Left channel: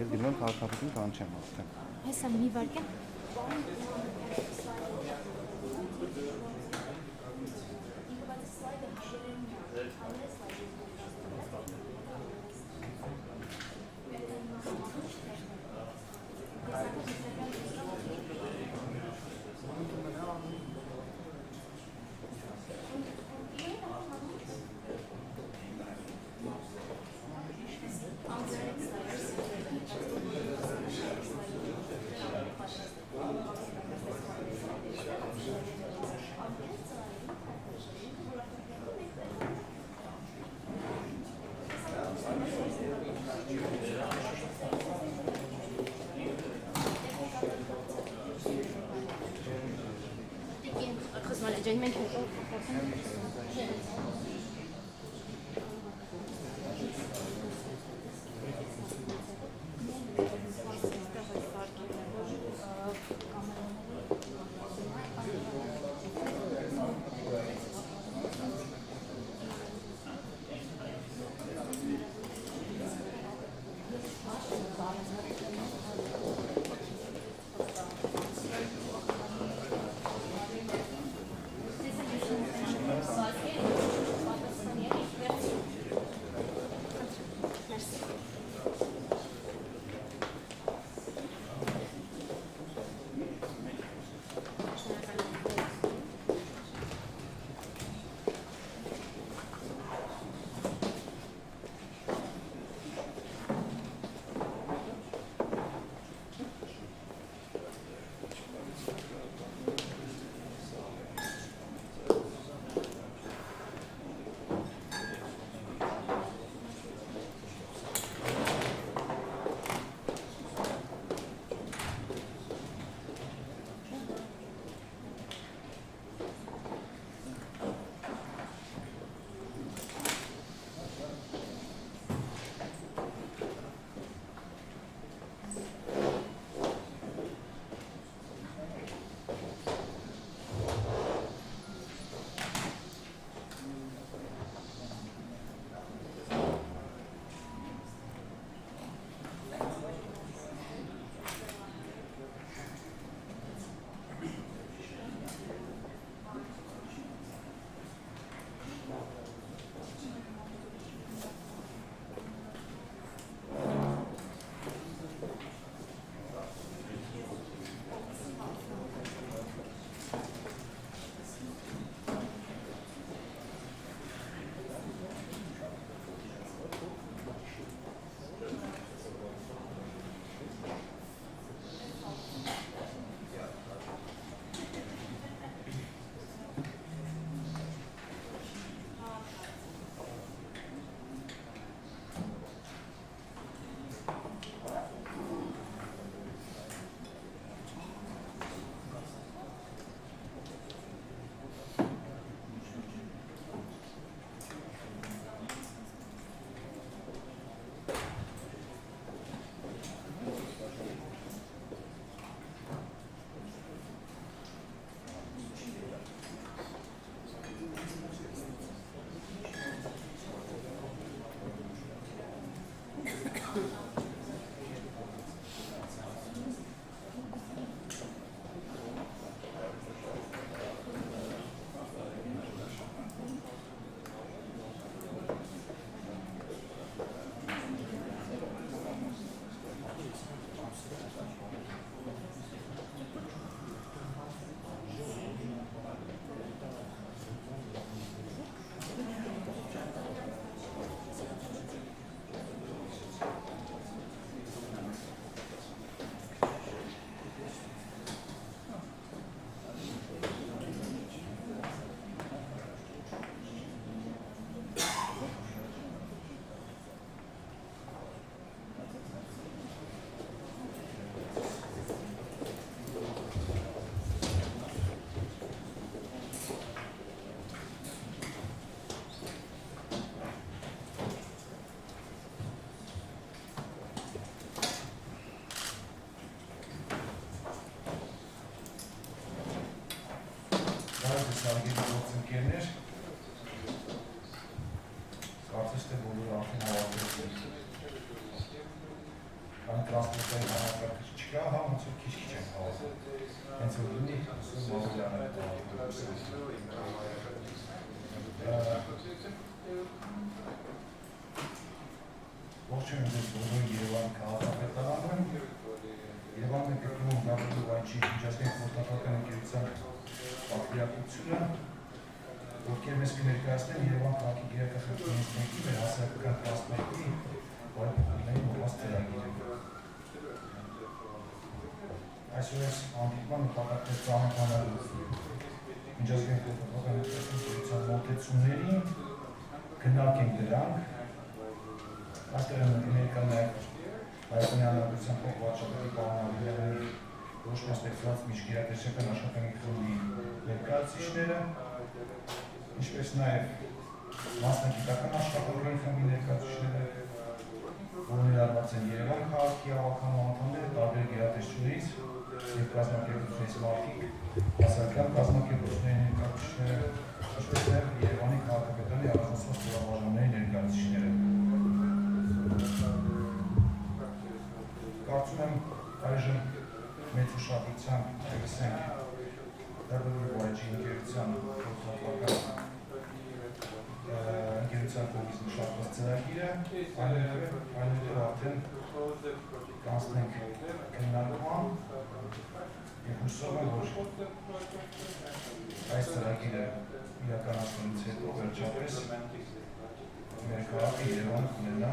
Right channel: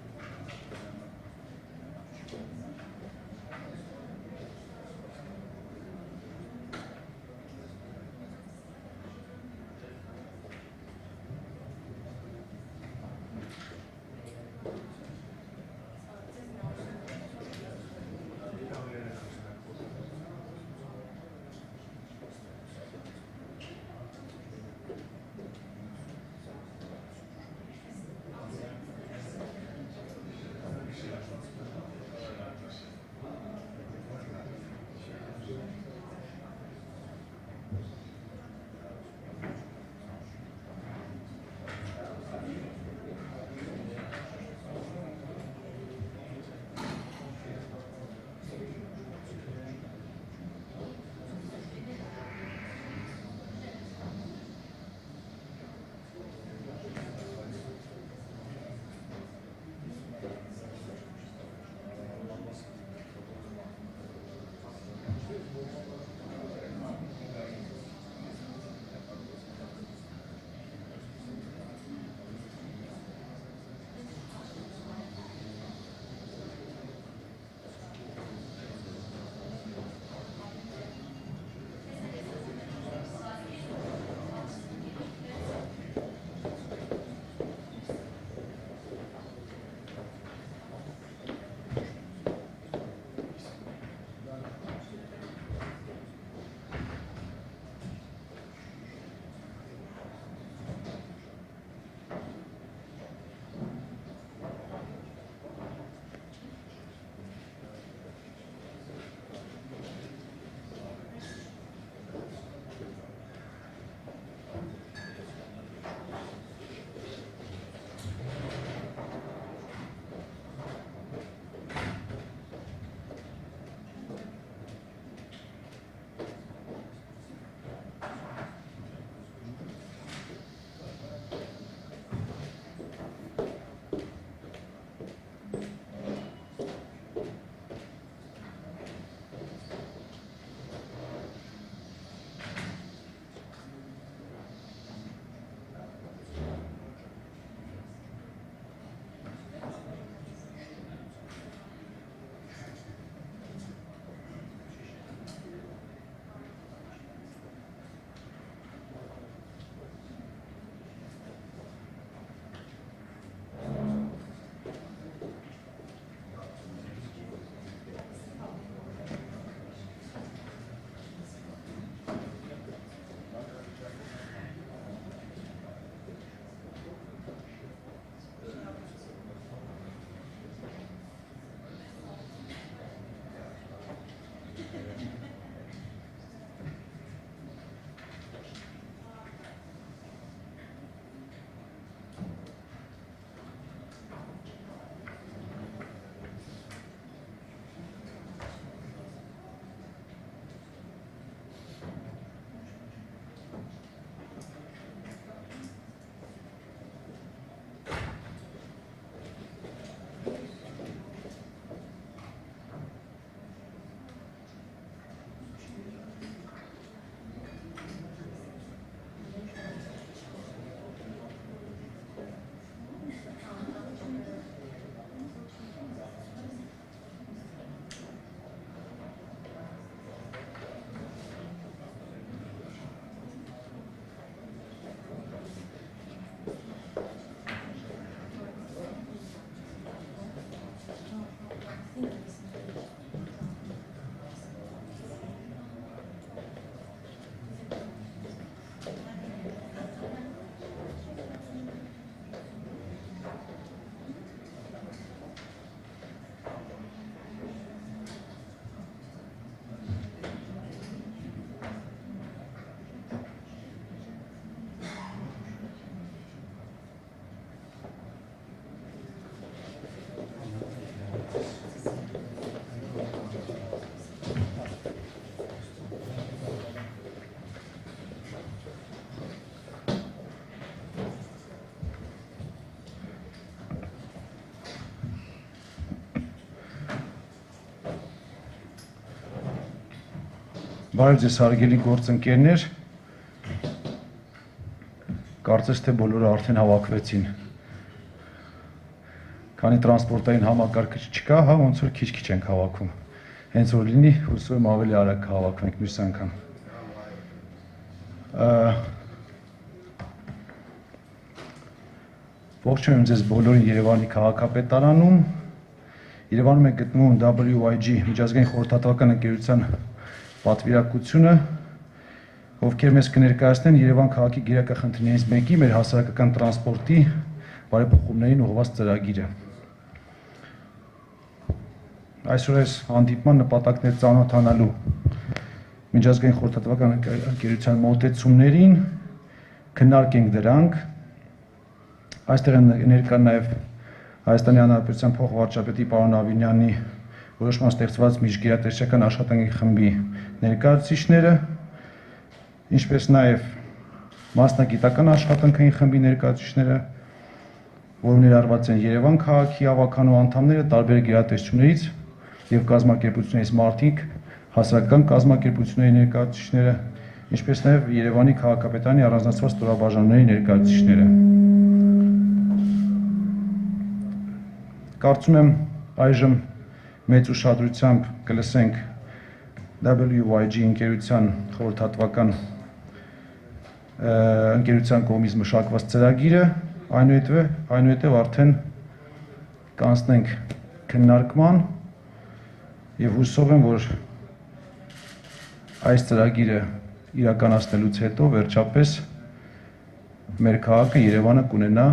Ես դիմեմ քաղաքապետին կանչեմ արդեն։ Հեսա մի վարկյա։ Բարև ձեզ հարգելի գործընկերներ, կարծես թե բոլորը արդեն հավաքվեցին։ Քանի տրանսպորտային համակարգը չկա, հա, ոնց որ քիչ-քիչ ենք հավաքում։ Հենց որ լինի, հուսով եմ ավելի արագ հավաքվենք մյուս անգամ։ Ողջունում ձեզ բոլորին Երևանի քաղաքապետարանում։ Երևանում է գտնվում WIG միջազգային խորհրդատվական ընկերության պատվիրակությունը, ովքեր մեզ կներկայացնեն Երևան քաղաքի գերակախնդիրներից մեկի մեր հասարակական տրանսպորտի բարեփոխումներին ուղղված ծրագիրը։ Այսօր այս հանդիպման նպատակն է ծանոթանալու միջազգային խորհրդատվական ընկերության մոտեցումներին, քննարկենք դրանք։ Այստեղ են ներկա նաև Հայաստանի Հանրապետության փոխվարչապետի պարոն Ավինյանի որոշման ստեղծված միջգերատեսչական աշխատանքային խմբի ներկայացուցիչները, ինչպես նաև մասնագիտական աշխատանքային խմբի ներկայացուցիչները, որ ներառված են Երևան քաղաքի ավականու անդամները տարբեր գերատեսչություններից եւ կազմակերպություններից մարդիկ, հասարակական կազմակերպությունների ներկայացուցիչները, ինչպես նաև Երևանի քաղաքապետարանի առանձնացված ստորաբաժանումների ներկայացուցիչները։ Կարծում եմ այժմ մեծ ուշադրությամբ կլսենք WIG ընկերության խորհրդատվական ընկերության կողմից մշակված ծրագիրը, այնուհետև արդեն կանցնենք քննարկման եւ հուսով եմ, որ այս ծրագիրը իրականացնելուց հետո վերջապես մեր քաղաքը Երևանը կունենա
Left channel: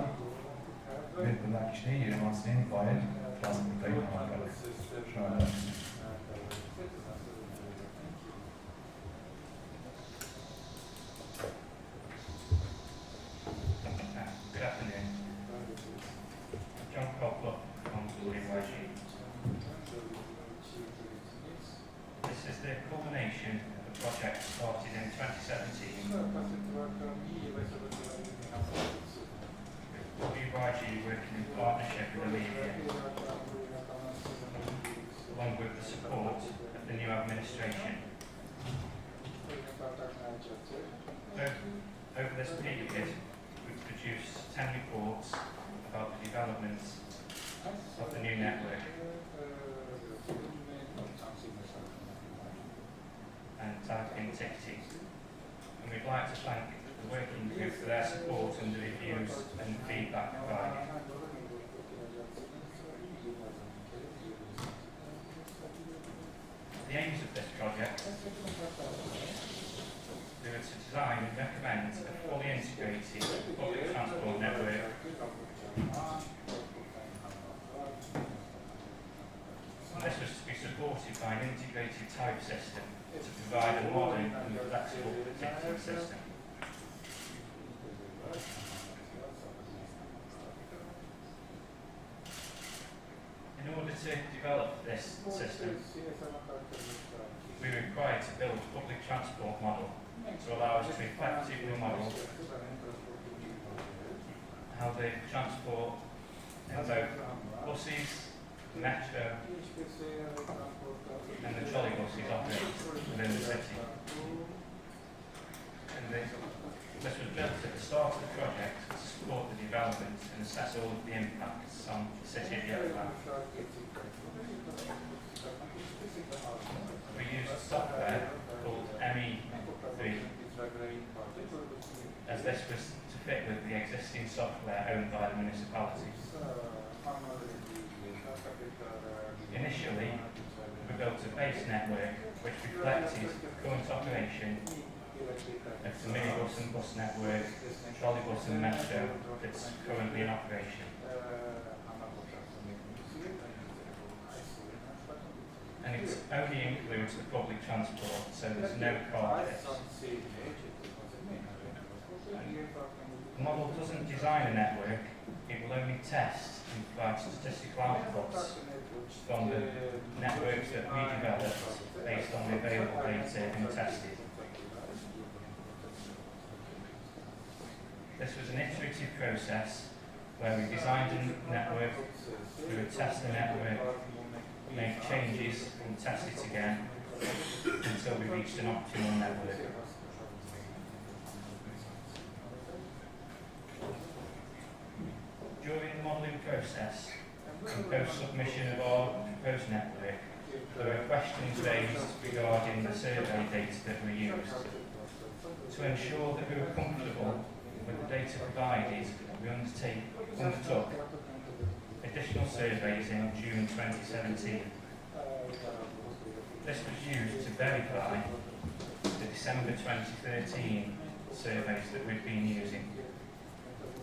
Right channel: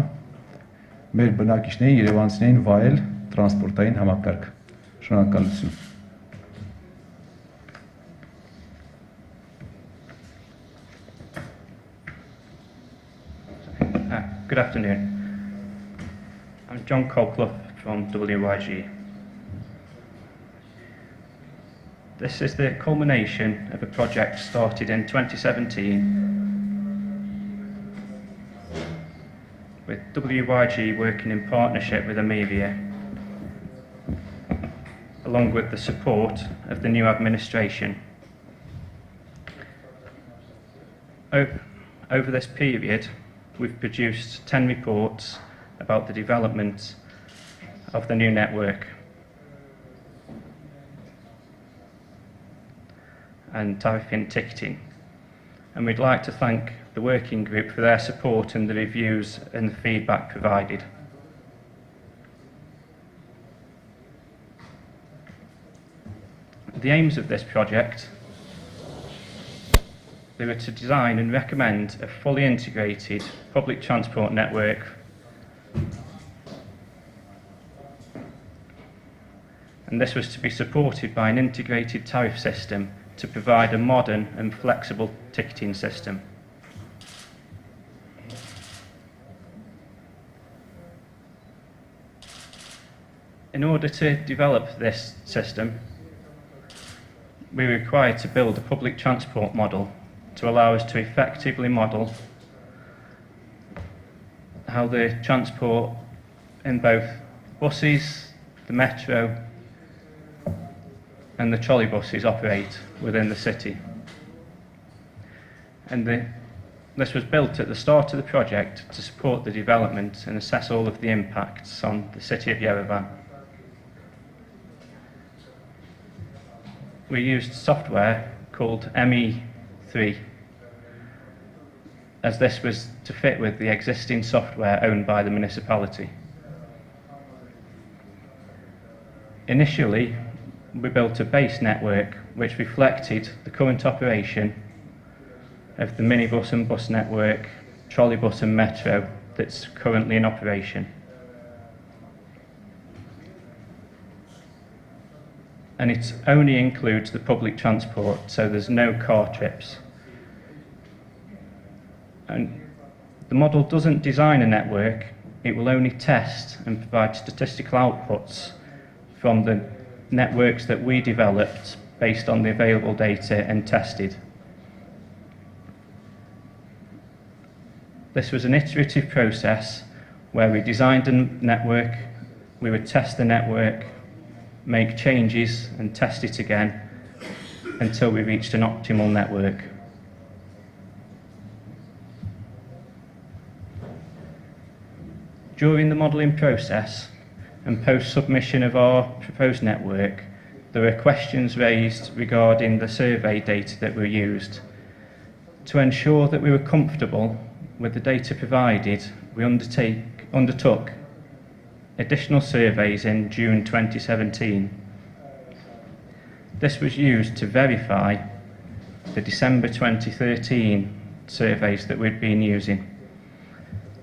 մեր բնակիչների երևանցիներին վայել տրանսպորտային համակարգ։ Շնորհակալություն։ Good afternoon. I'm John Colclough from WIG. This is the culmination of a project started in 2017 with WIG working in partnership with Amelia, along with the support of the new administration. Over this period, we've produced 10 reports about the development of the new network and tariff-in ticketing. And we'd like to thank the working group for their support and the reviews and the feedback provided. The aims of this project, they were to design and recommend a fully integrated public transport network and this was to be supported by an integrated tariff system to provide a modern and flexible ticketing system. In order to develop this system, we were required to build a public transport model to allow us to effectively model how the transport in both buses, the metro and the trolley buses operate within the city. And this was built at the start of the project to support the development and assess all of the impacts on the city of Yerevan. We used software called ME3, as this was to fit with the existing software owned by the municipality. Initially, we built a base network which reflected the current operation of the minibus and bus network, trolleybus and metro that's currently in operation. And it only includes the public transport, so there's no car trips. And the model doesn't design a network, it will only test and provide statistical outputs from the networks that we developed based on the available data and tested. This was an iterative process where we designed a network, we would test the network, make changes and test it again, until we reached an optimal network. During the modelling process and post-submission of our proposed network, there were questions raised regarding the survey data that were used. To ensure that we were comfortable with the data provided, we undertook additional surveys in June 2017. This was used to verify the December 2013 surveys that we'd been using.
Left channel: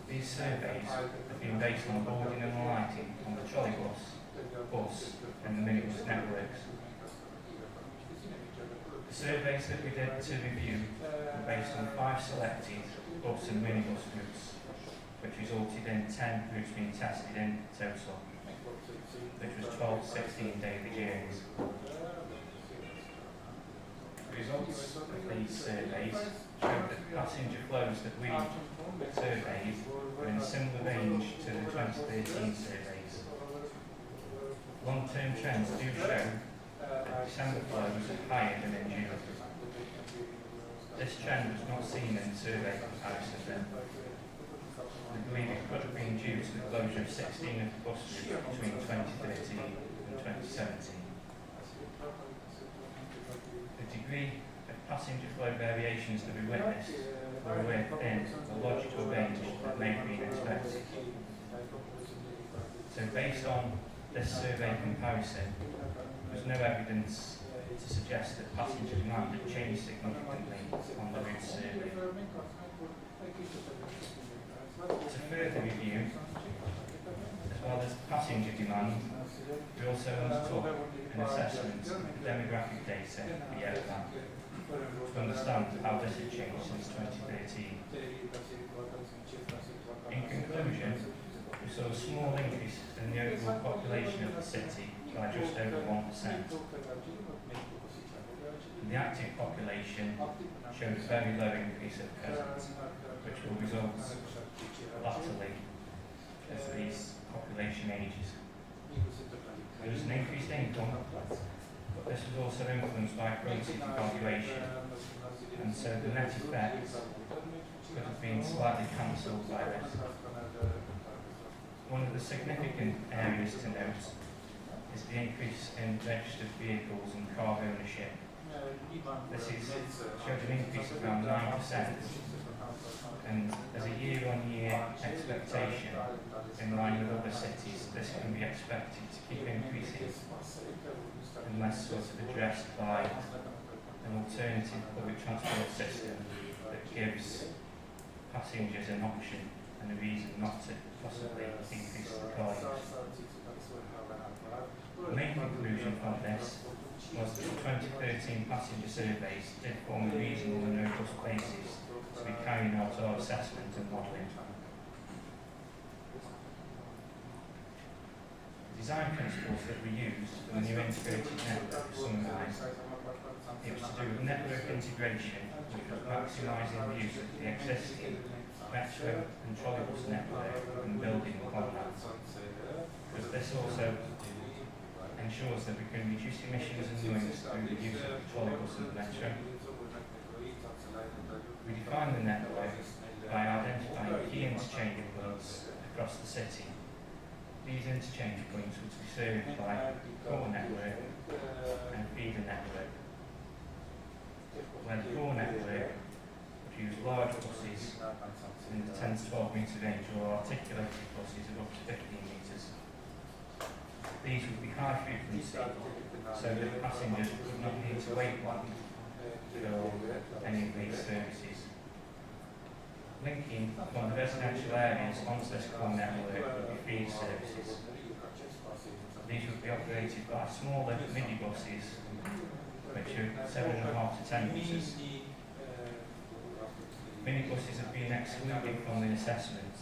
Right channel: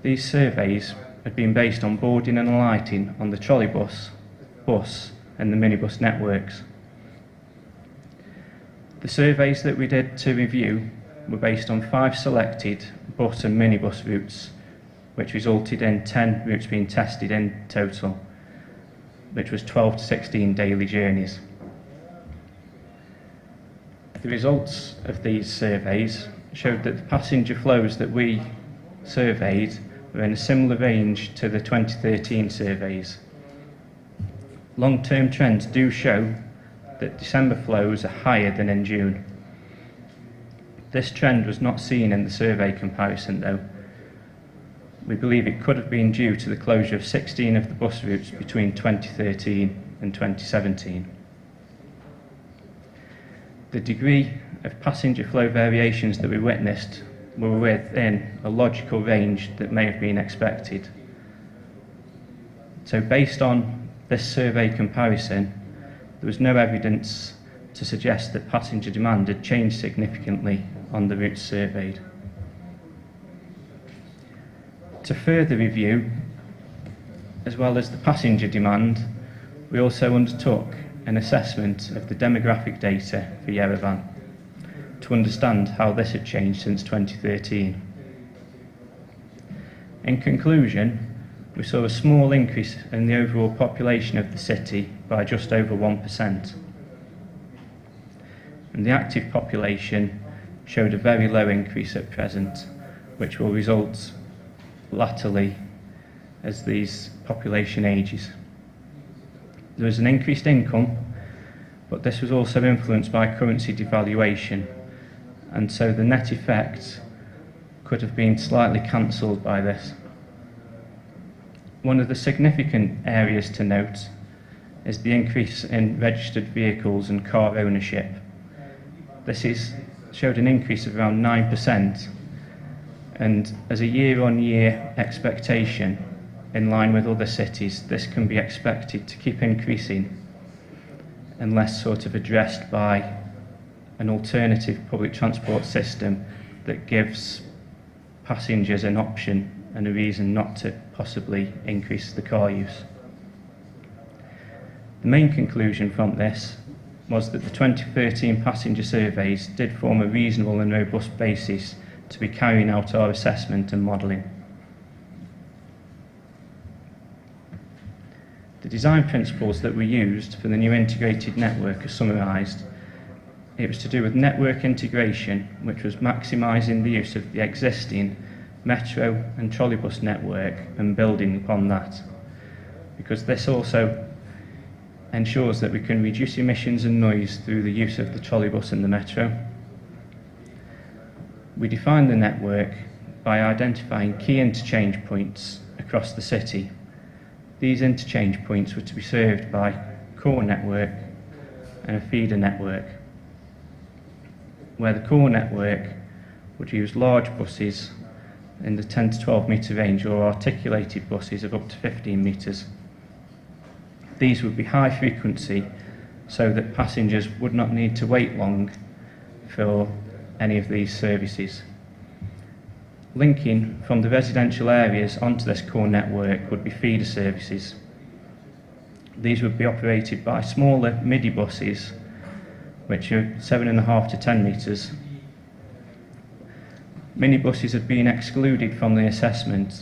These surveys had been based on boarding and alighting on the trolleybus, bus and the minibus networks. The surveys that we did to review were based on 5 selected bus and minibus routes, which resulted in 10 routes being tested in total, which was 12 to 16 daily journeys. The results of these surveys showed that the passenger flows that we surveyed were in a similar range to the 2013 surveys. Long-term trends do show that December flows are higher than in June. This trend was not seen in the survey comparison though. We believe it could have been due to the closure of 16 of the bus routes between 2013 and 2017. The degree of passenger flow variations that we witnessed were within a logical range that may have been expected. So based on this survey comparison, there was no evidence to suggest that passenger demand had changed significantly on the routes surveyed. To further review, as well as the passenger demand, we also undertook an assessment of the demographic data for Yerevan to understand how this had changed since 2013. In conclusion, we saw a small increase in the overall population of the city by just over 1%. And the active population showed a very low increase at present, which will result latterly as these population ages. There was an increased income, but this was also influenced by currency devaluation, and so the net effect could have been slightly cancelled by this. One of the significant areas to note is the increase in registered vehicles and car ownership. This showed an increase of around 9%, and as a year-on-year expectation, in line with other cities, this can be expected to keep increasing unless sort of addressed by an alternative public transport system that gives passengers an option and a reason not to possibly increase the car use. The main conclusion from this was that the 2013 passenger surveys did form a reasonable and robust basis to be carrying out our assessment and modelling. The design principles that were used for the new integrated network are summarised. It was to do with network integration, which was maximising the use of the existing metro and trolleybus network and building upon that, because this also ensures that we can reduce emissions and noise through the use of the trolleybus and the metro. We defined the network by identifying key interchange points across the city. These interchange points were to be served by a core network and a feeder network, where the core network would use large buses in the 10 to 12 metre range or articulated buses of up to 15 metres. These would be high frequency so that passengers would not need to wait long for any of these services. Linking from the residential areas onto this core network would be feeder services. These would be operated by smaller midi buses, which are 7.5 to 10 metres. Minibuses have been excluded from the assessment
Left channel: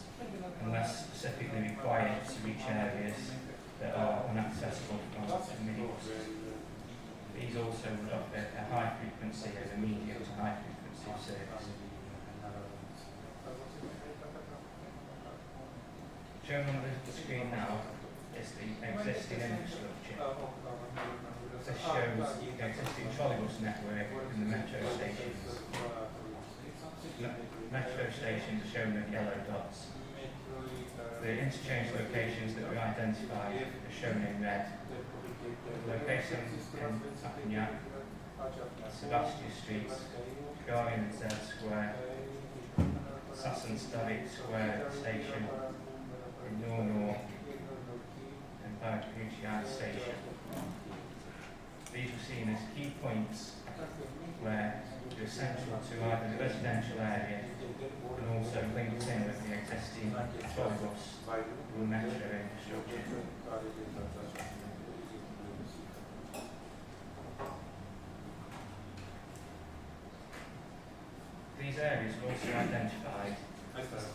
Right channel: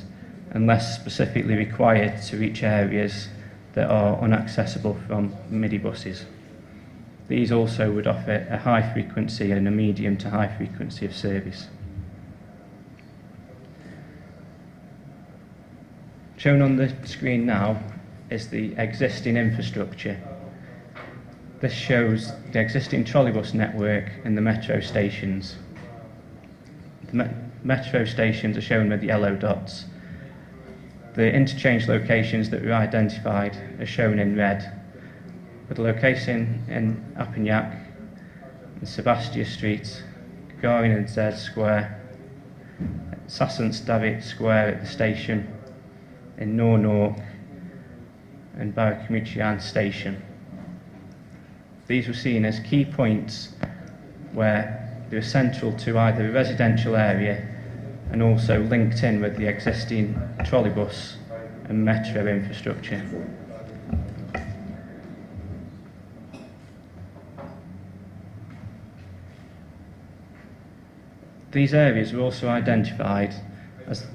unless specifically required to reach areas that are inaccessible from midi buses. These also would offer a high frequency and a medium to high frequency of service. Shown on the screen now is the existing infrastructure. This shows the existing trolleybus network in the metro stations. The metro stations are shown with the yellow dots. The interchange locations that were identified are shown in red, with the location in Apignac, and Sebastia Street, Gagarin and Z Square, Sassant David Square at the station, in Nor and Barracumichian Station. These were seen as key points where they were central to either a residential area and also linked in with the existing trolleybus and metro infrastructure. These areas were also identified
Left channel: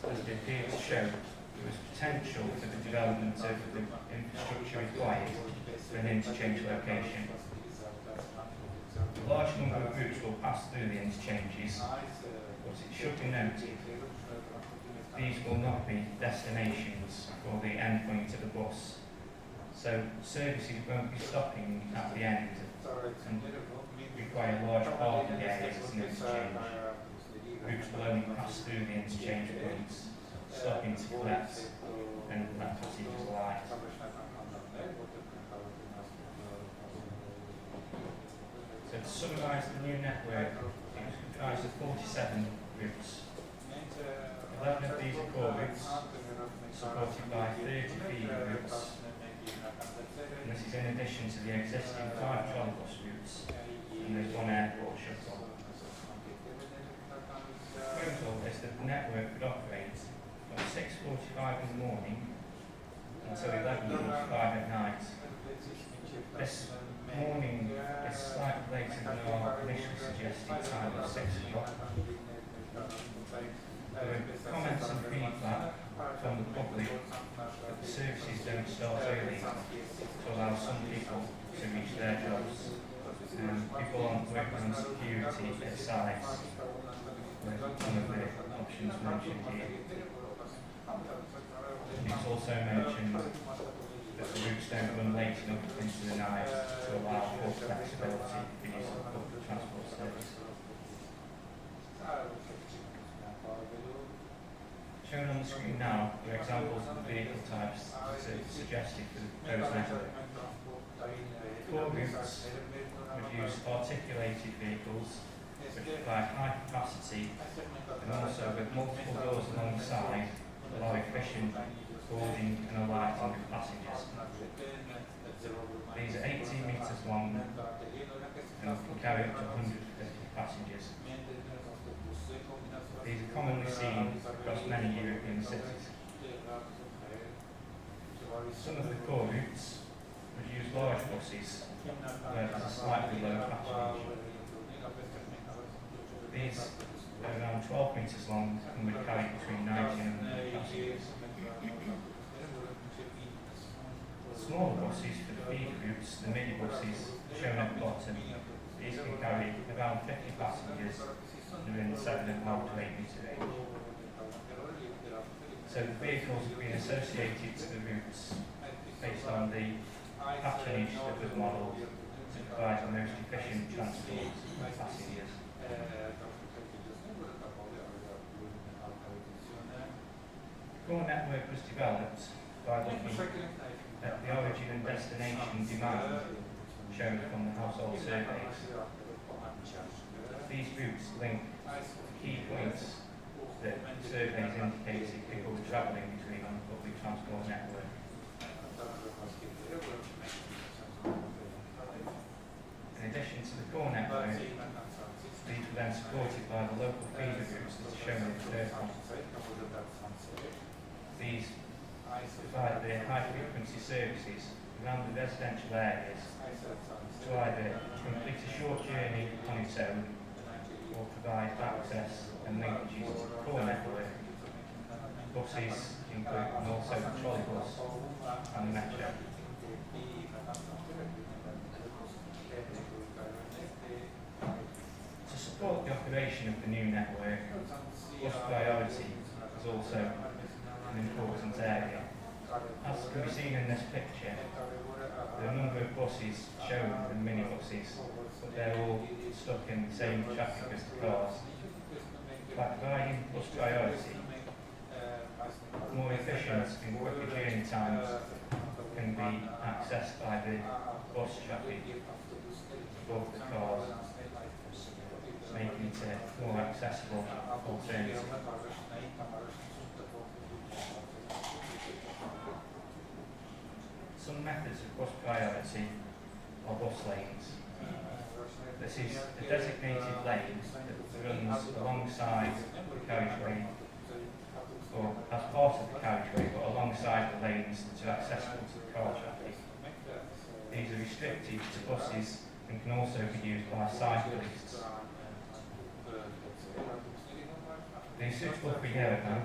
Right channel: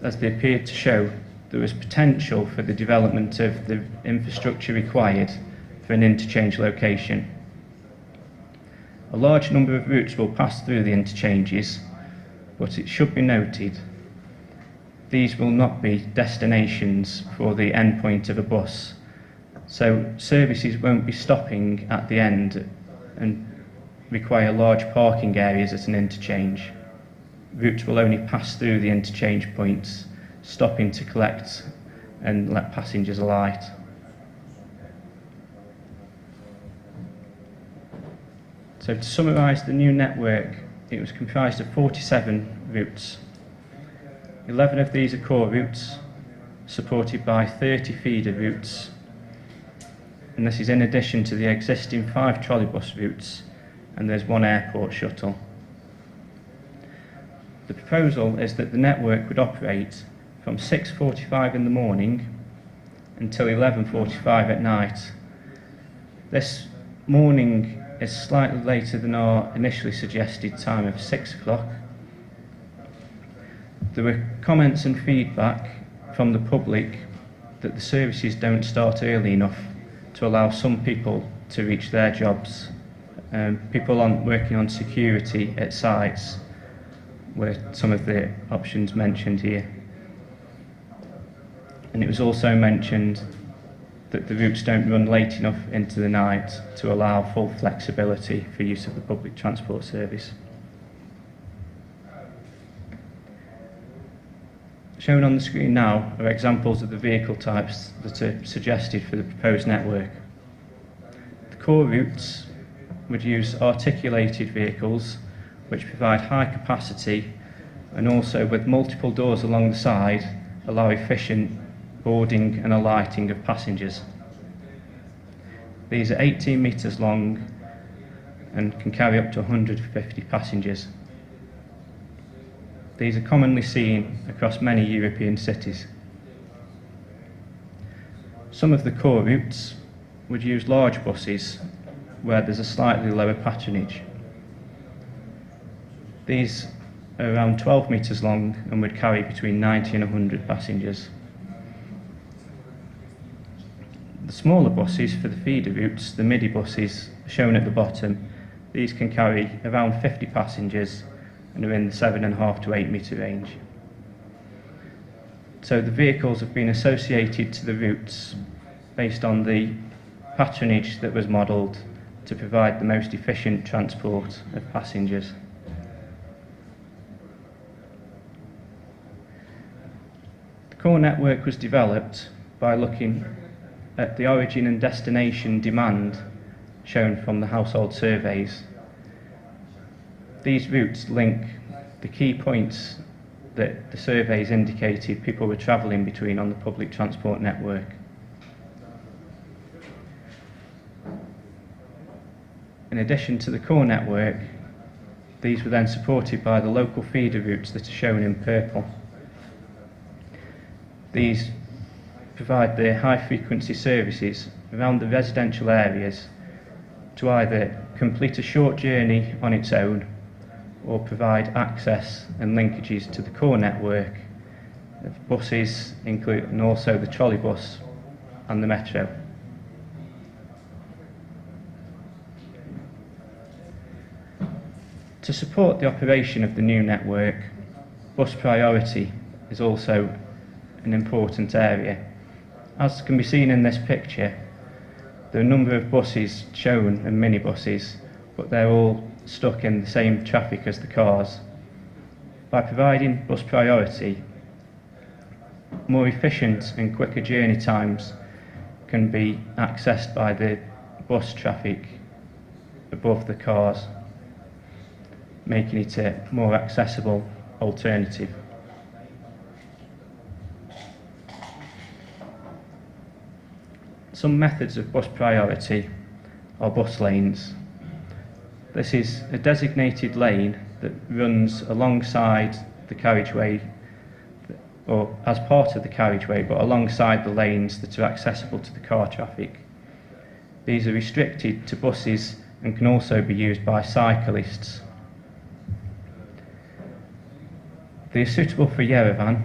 as they appeared to show there was potential for the development of the infrastructure required for an interchange location. A large number of routes will pass through the interchanges, but it should be noted these will not be destinations for the endpoint of a bus, so services won't be stopping at the end and require large parking areas at an interchange. Routes will only pass through the interchange points, stopping to collect and let passengers alight. So to summarise the new network, it was comprised of 47 routes. 11 of these are core routes, supported by 30 feeder routes, and this is in addition to the existing 5 trolleybus routes, and there's 1 airport shuttle. The proposal is that the network would operate from 6:45 in the morning until 11:45 at night. This morning is slightly later than our initially suggested time of 6 o'clock. There were comments and feedback from the public that the services don't start early enough to allow some people to reach their jobs. People working on security at sites were some of the options mentioned here. And it was also mentioned that the routes don't run late enough into the night to allow full flexibility for use of the public transport service. Shown on the screen now are examples of the vehicle types that are suggested for the proposed network. The core routes would use articulated vehicles which provide high capacity and also with multiple doors along the side allow efficient boarding and alighting of passengers. These are 18 metres long and can carry up to 150 passengers. These are commonly seen across many European cities. Some of the core routes would use large buses where there's a slightly lower patronage. These are around 12 metres long and would carry between 90 and 100 passengers. The smaller buses for the feeder routes, the midi buses shown at the bottom, these can carry around 50 passengers and are in the 7.5 to 8 metre range. So the vehicles have been associated to the routes based on the patronage that was modelled to provide the most efficient transport of passengers. The core network was developed by looking at the origin and destination demand shown from the household surveys. These routes link the key points that the surveys indicated people were travelling between on the public transport network. In addition to the core network, these were then supported by the local feeder routes that are shown in purple. These provide the high-frequency services around the residential areas to either complete a short journey on its own or provide access and linkages to the core network of the buses, and also the trolleybus and the metro. To support the operation of the new network, bus priority is also an important area. As can be seen in this picture, there are a number of buses shown and minibuses, but they're all stuck in the same traffic as the cars. By providing bus priority, more efficient and quicker journey times can be accessed by the bus traffic above the cars, making it a more accessible alternative. Some methods of bus priority are bus lanes. This is a designated lane that runs alongside the carriageway, or as part of the carriageway, but alongside the lanes that are accessible to the car traffic. These are restricted to buses and can also be used by cyclists. They are suitable for Yerevan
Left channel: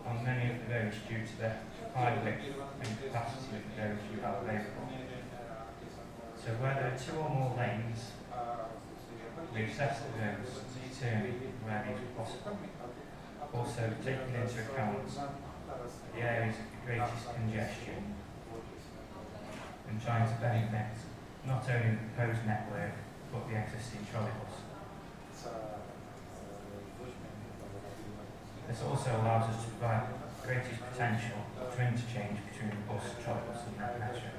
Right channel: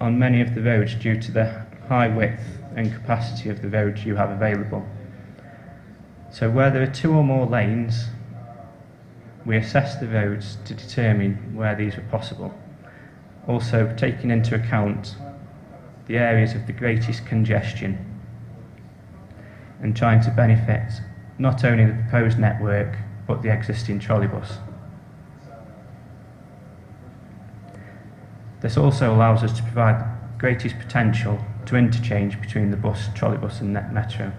on many of the roads due to the high width and capacity of the roads you have available. So where there are 2 or more lanes, we assess the roads to determine where these are possible. Also taking into account the areas of the greatest congestion and trying to benefit not only the proposed network but the existing trolleybus. This also allows us to provide the greatest potential to interchange between the bus, trolleybus and metro.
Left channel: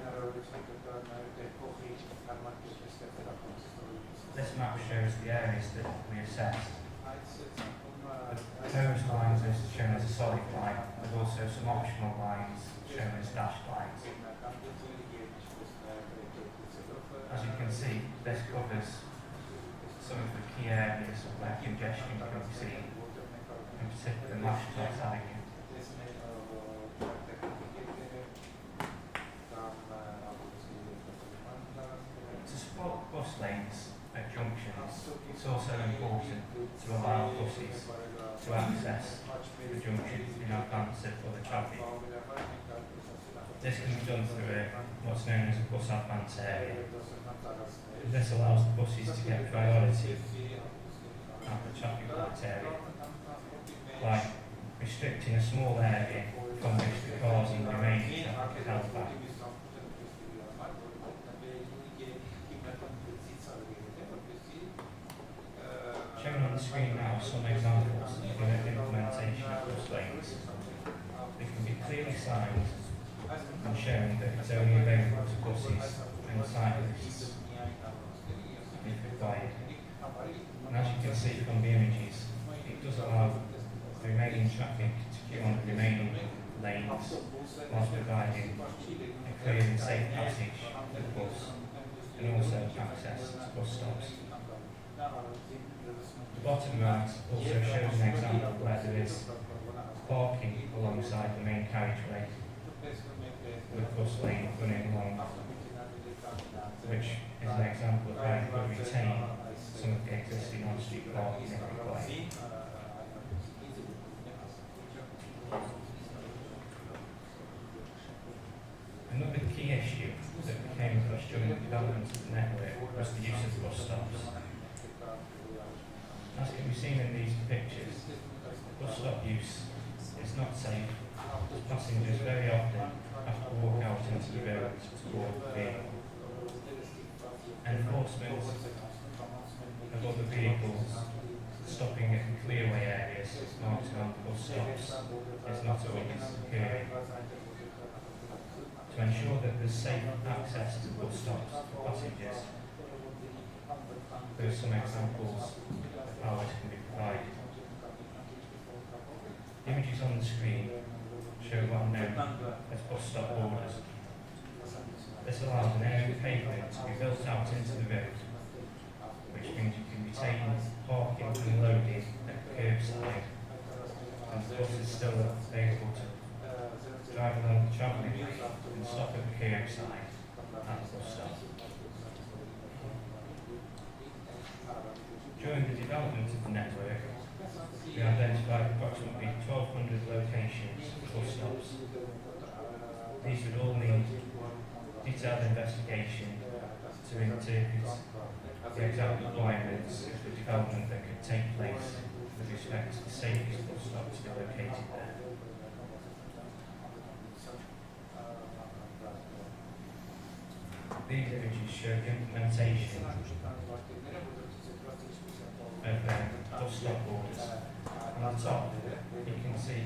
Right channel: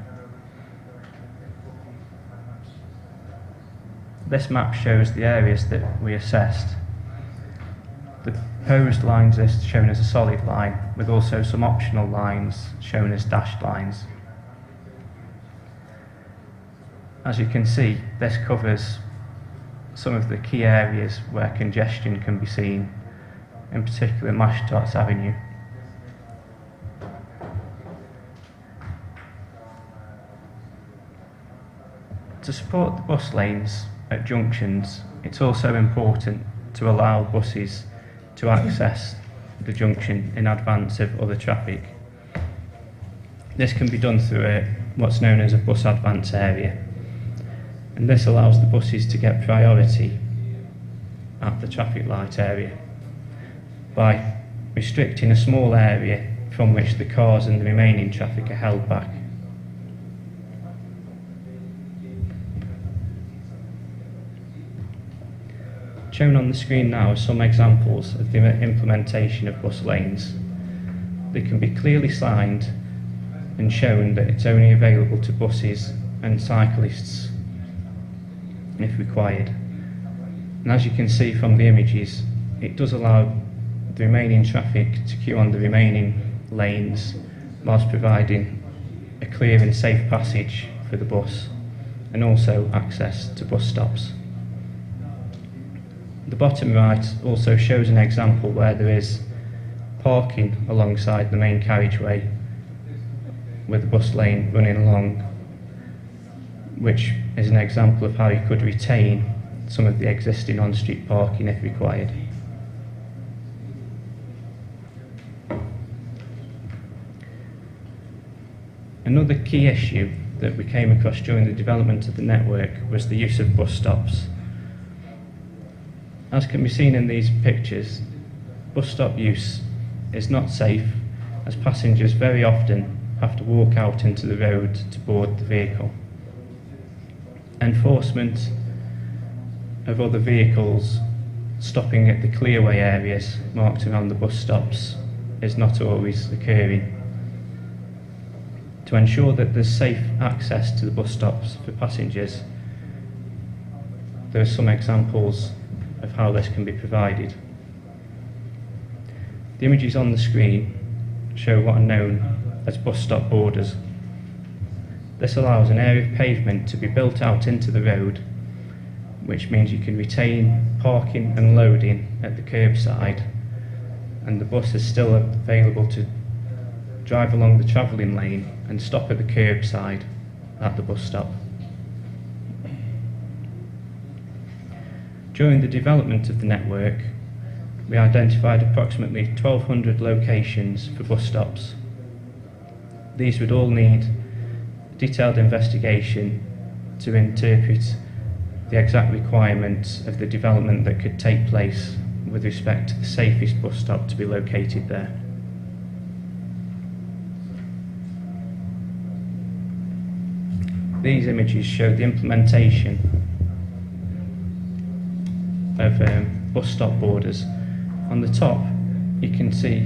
This map shows the areas that we assessed. The proposed lines list shown as a solid line, with also some optional lines shown as dashed lines. As you can see, this covers some of the key areas where congestion can be seen, in particular Mashtots Avenue. To support the bus lanes at junctions, it's also important to allow buses to access the junction in advance of other traffic. This can be done through what's known as a bus advance area, and this allows the buses to get priority at the traffic light area by restricting a small area from which the cars and the remaining traffic are held back. Shown on the screen now are some examples of the implementation of bus lanes. They can be clearly signed and shown that it's only available to buses and cyclists if required. And as you can see from the images, it does allow the remaining traffic to queue on the remaining lanes whilst providing a clear and safe passage for the bus and also access to bus stops. The bottom right also shows an example where there is parking alongside the main carriageway with the bus lane running along, which is an example of how you could retain some of the existing on-street parking if required. Another key issue that we came across during the development of the network was the use of bus stops. As can be seen in these pictures, bus stop use is not safe, as passengers very often have to walk out into the road to board the vehicle. Enforcement of other vehicles stopping at the clearway areas marked around the bus stops is not always occurring. To ensure that there's safe access to the bus stops for passengers, there are some examples of how this can be provided. The images on the screen show what are known as bus stop borders. This allows an area of pavement to be built out into the road, which means you can retain parking and loading at the curbside, and the bus is still available to drive along the travelling lane and stop at the curbside at the bus stop. During the development of the network, we identified approximately 1,200 locations for bus stops. These would all need detailed investigation to interpret the exact requirements of the development that could take place with respect to the safest bus stop to be located there. These images show the implementation of bus stop borders. On the top, you can see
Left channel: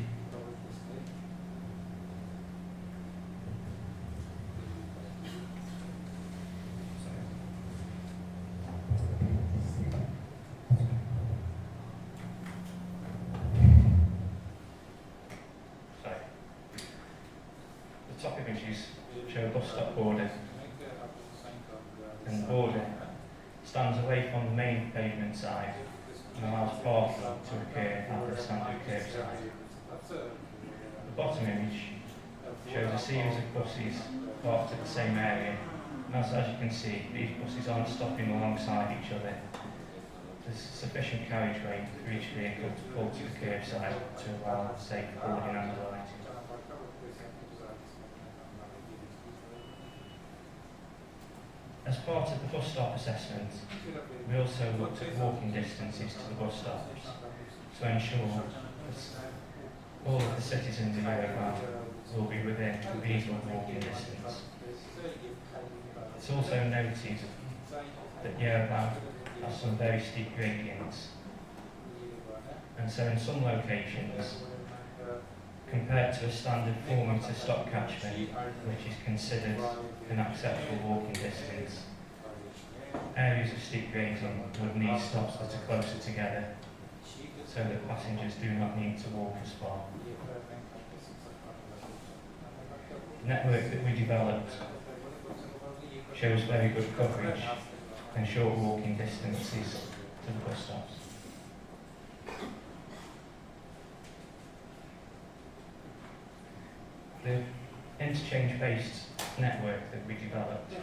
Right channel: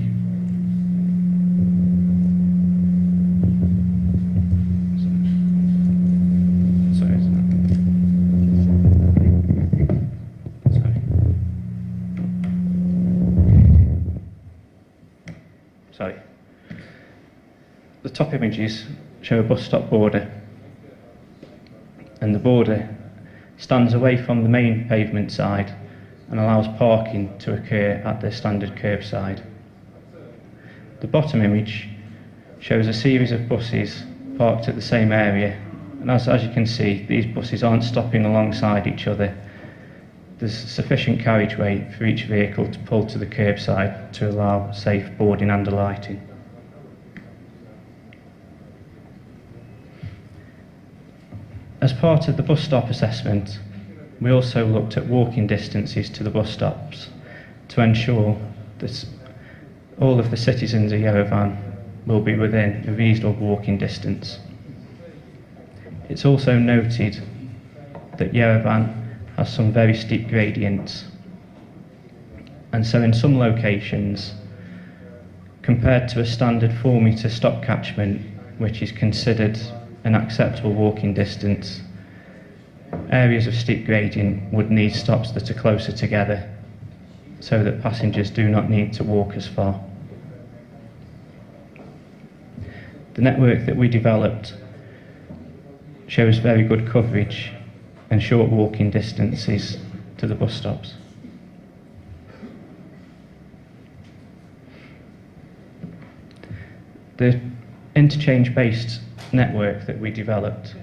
the top images show a bus stop border, and the border stands away from the main pavement side and allows parking to occur at the standard curbside. The bottom image shows a series of buses parked at the same area, and as you can see, these buses aren't stopping alongside each other. There's sufficient carriageway for each vehicle to pull to the curbside to allow safe boarding and alighting. As part of the bus stop assessment, we also looked at walking distances to the bus stops to ensure that all of the citizens of Yerevan will be within a reasonable walking distance. It's also noted that Yerevan has some very steep gradients, and so in some locations, compared to a standard 4-metre stop catchment, which is considered an acceptable walking distance, areas of steep gradient would need stops that are closer together so that passengers do not need to walk as far. The network that we developed shows very good coverage and short walking distances to the bus stops. The interchange-based network that we developed,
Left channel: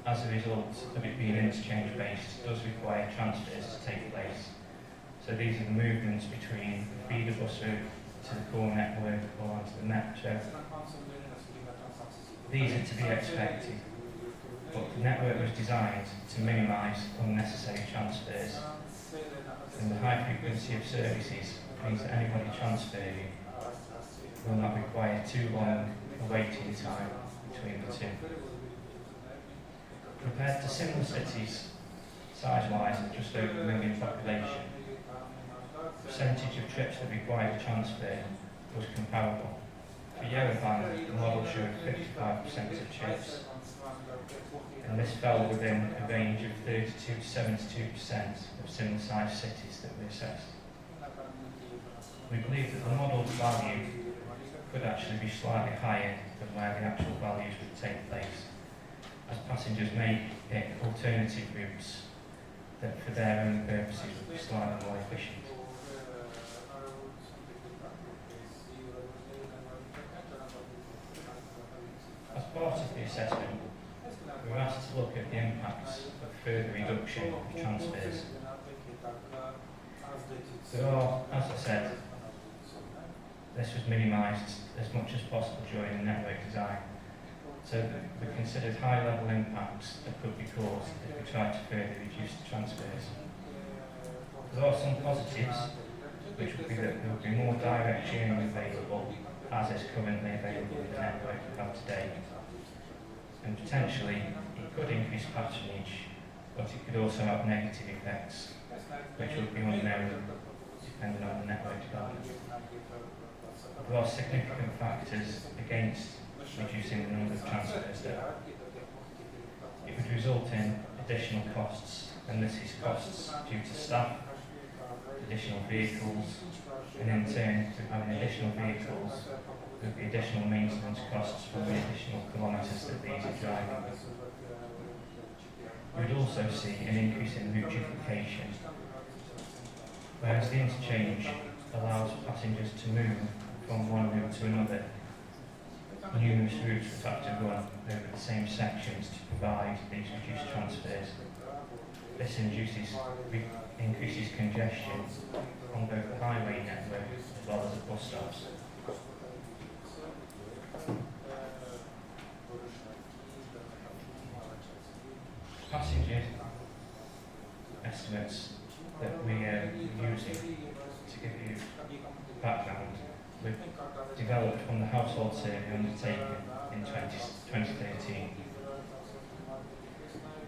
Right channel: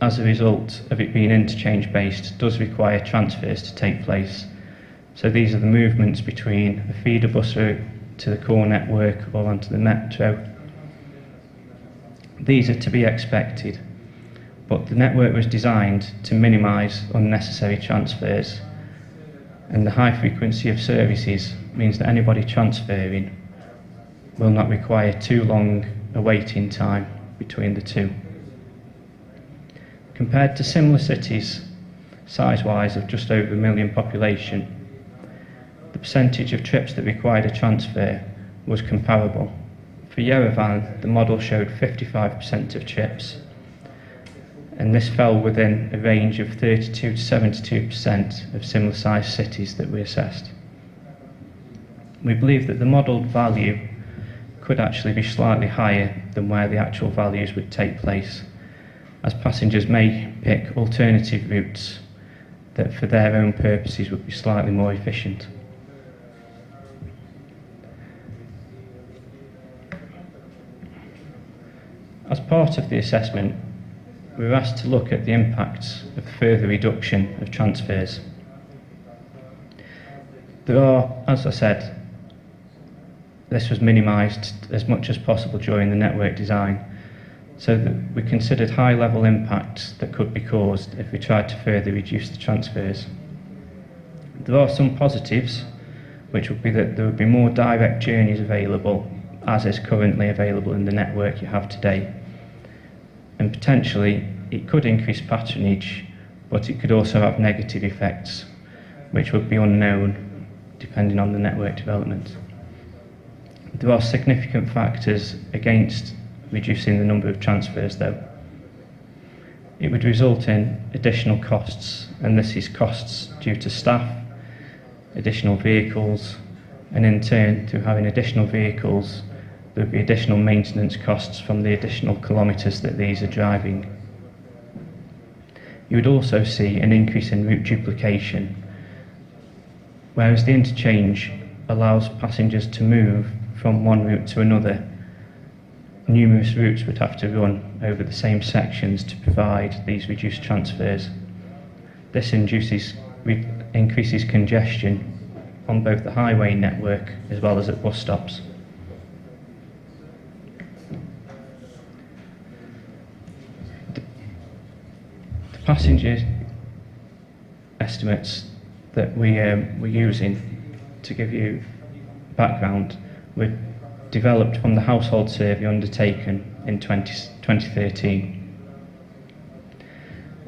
as a result of it being interchange-based, does require transfers to take place. So these are the movements between the feeder bus route to the core network or onto the metro. These are to be expected, but the network was designed to minimise unnecessary transfers, and the high frequency of services means that anybody transferring will not require too long a waiting time between the two. Compared to similar cities, size-wise of just over 1 million population, the percentage of trips that required a transfer was comparable. For Yerevan, the model showed 55% of trips, and this fell within a range of 32 to 72% of similar-sized cities that we assessed. We believe that the modelled value could actually be slightly higher than where the actual values would take place, as passengers may pick alternative routes that for their own purposes would be slightly more efficient. As part of the assessment, we were asked to look at the impacts of further reduction of transfers. There are, as I said, this was minimised as much as possible during the network design, so that we considered high-level impacts that could be caused if we tried to further reduce the transfers. There are some positives, which would be that there would be more direct journeys available, as is currently available in the network you have today. And potentially, it could increase patronage, but it could also have negative effects, which would be unknown depending on the network development. There are significant factors against reducing the number of transfers, though. It would result in additional costs, and this is costs due to staff, additional vehicles, and in turn, through having additional vehicles, there would be additional maintenance costs from the additional kilometres that these are driving. You would also see an increase in route duplication, whereas the interchange allows passengers to move from one route to another. Numerous routes would have to run over the same sections to provide these reduced transfers. This increases congestion on both the highway network as well as at bus stops. The passenger estimates that we're using, to give you background, were developed from the household survey undertaken in 2013.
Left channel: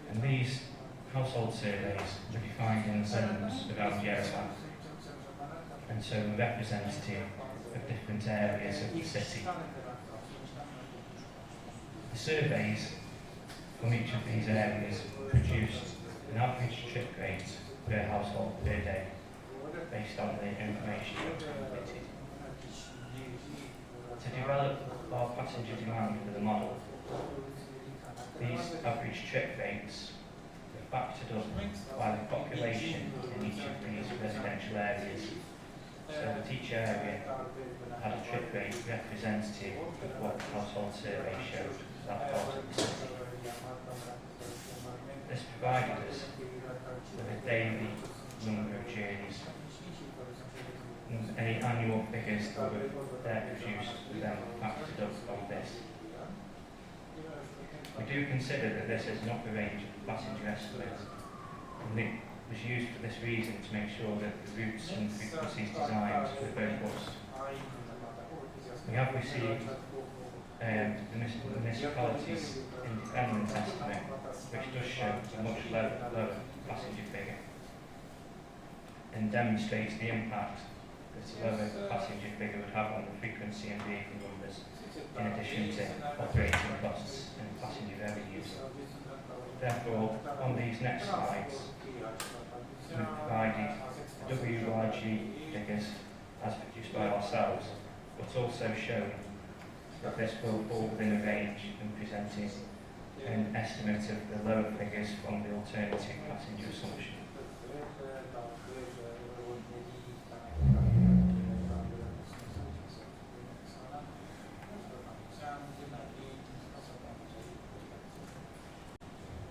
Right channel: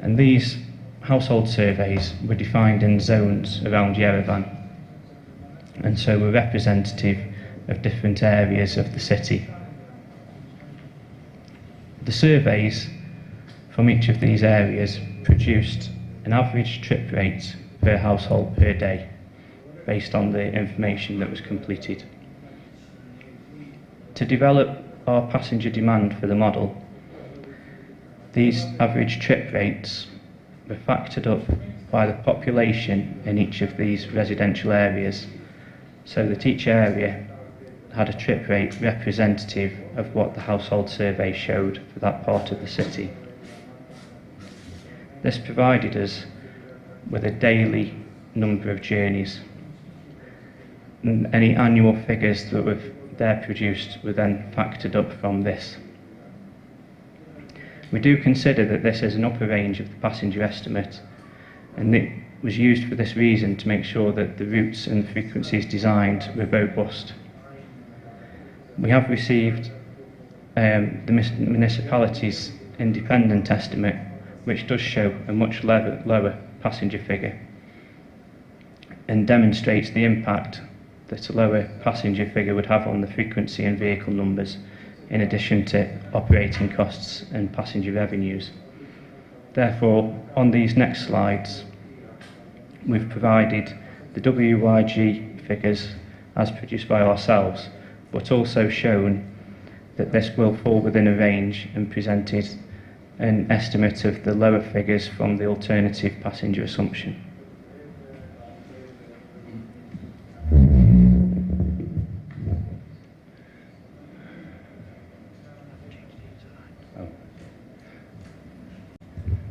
And these household surveys were defined in zones around Yerevan, and so were representative of different areas of the city. The surveys from each of these areas produced an average trip rate per household per day, based on the information that was completed. To develop our passenger demand for the model, these average trip rates were factored up by the population in each of these residential areas, so that each area had a trip rate representative of what the household survey showed for that part of the city. This provided us with a daily number of journeys, and any annual figures that were there produced were then factored up from this. We do consider that this is an upper range of the passenger estimate, and it was used for this reason, to make sure that the routes and frequencies designed were robust. We have received the municipality's independent estimate, which does show a much lower passenger figure, and demonstrates the impact that a lower passenger figure would have on the frequency and vehicle numbers, in addition to operating costs and passenger revenues. Therefore, on these next slides, we've provided the WYG figures as produced by ourselves, but also shown that this will fall within a range, and presented an estimate of the lower figures from the alternative passenger assumption.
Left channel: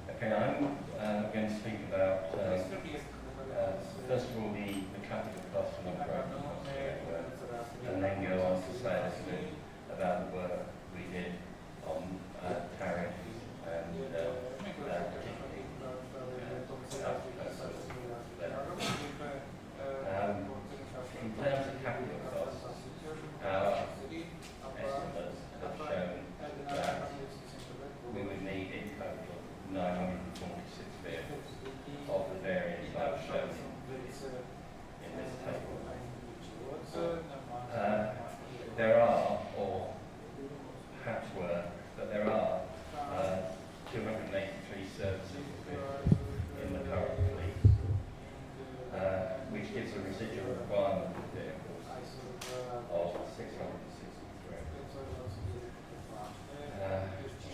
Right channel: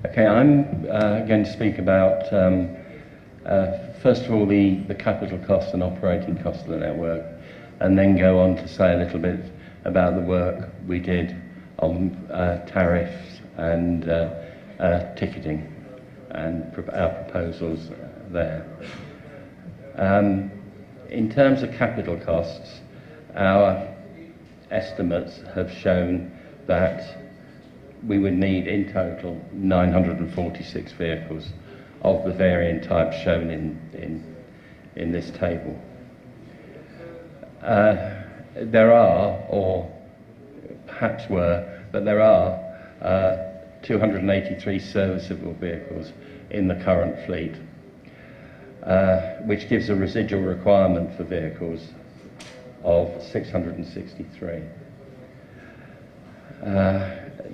Okay, I'm going to speak about, first of all, the capital costs and operating costs of the network, and then go on to say a little bit about the work we did on tariffs and ticketing, and our proposals there. In terms of capital costs, our estimates have shown that we would need in total 946 vehicles of the varying types shown in this table. There are, or perhaps were, but there are 283 serviceable vehicles in the current fleet, which gives a residual requirement for vehicles of 663.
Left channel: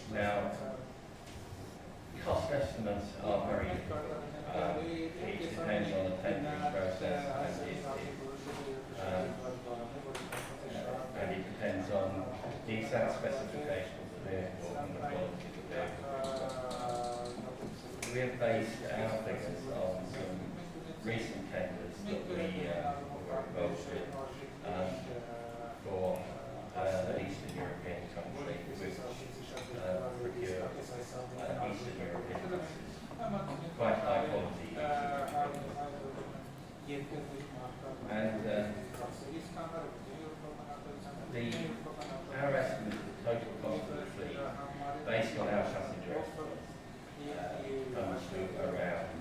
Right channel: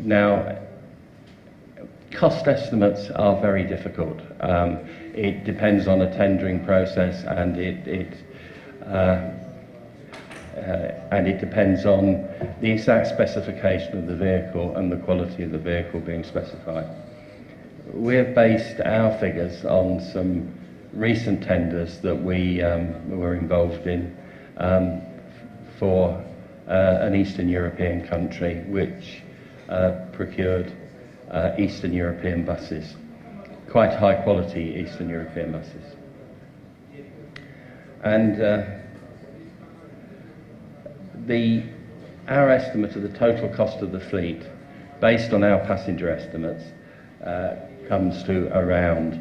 Now, cost estimates are very difficult. It depends on a tendering process, and it depends on the exact specification of the vehicle and the quality of the vehicle being specified. We have based our figures on some recent tenders that we were involved in for an Eastern European country which procured Eastern European buses, quite high quality Eastern European buses. And our estimate of the total cost of the fleet, based on our passenger estimates, comes to around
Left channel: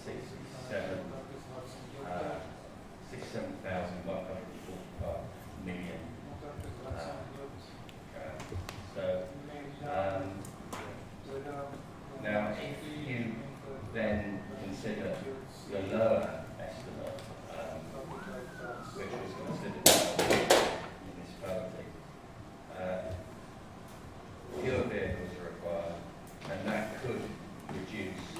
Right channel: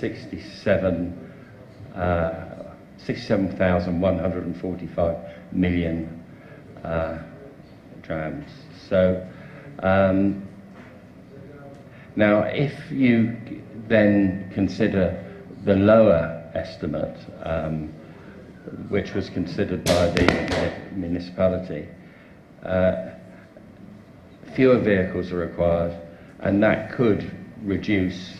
67,145 million drams. So now, if you then consider the lower estimate, which was considered by the municipality, fewer vehicles are required, and that could reduce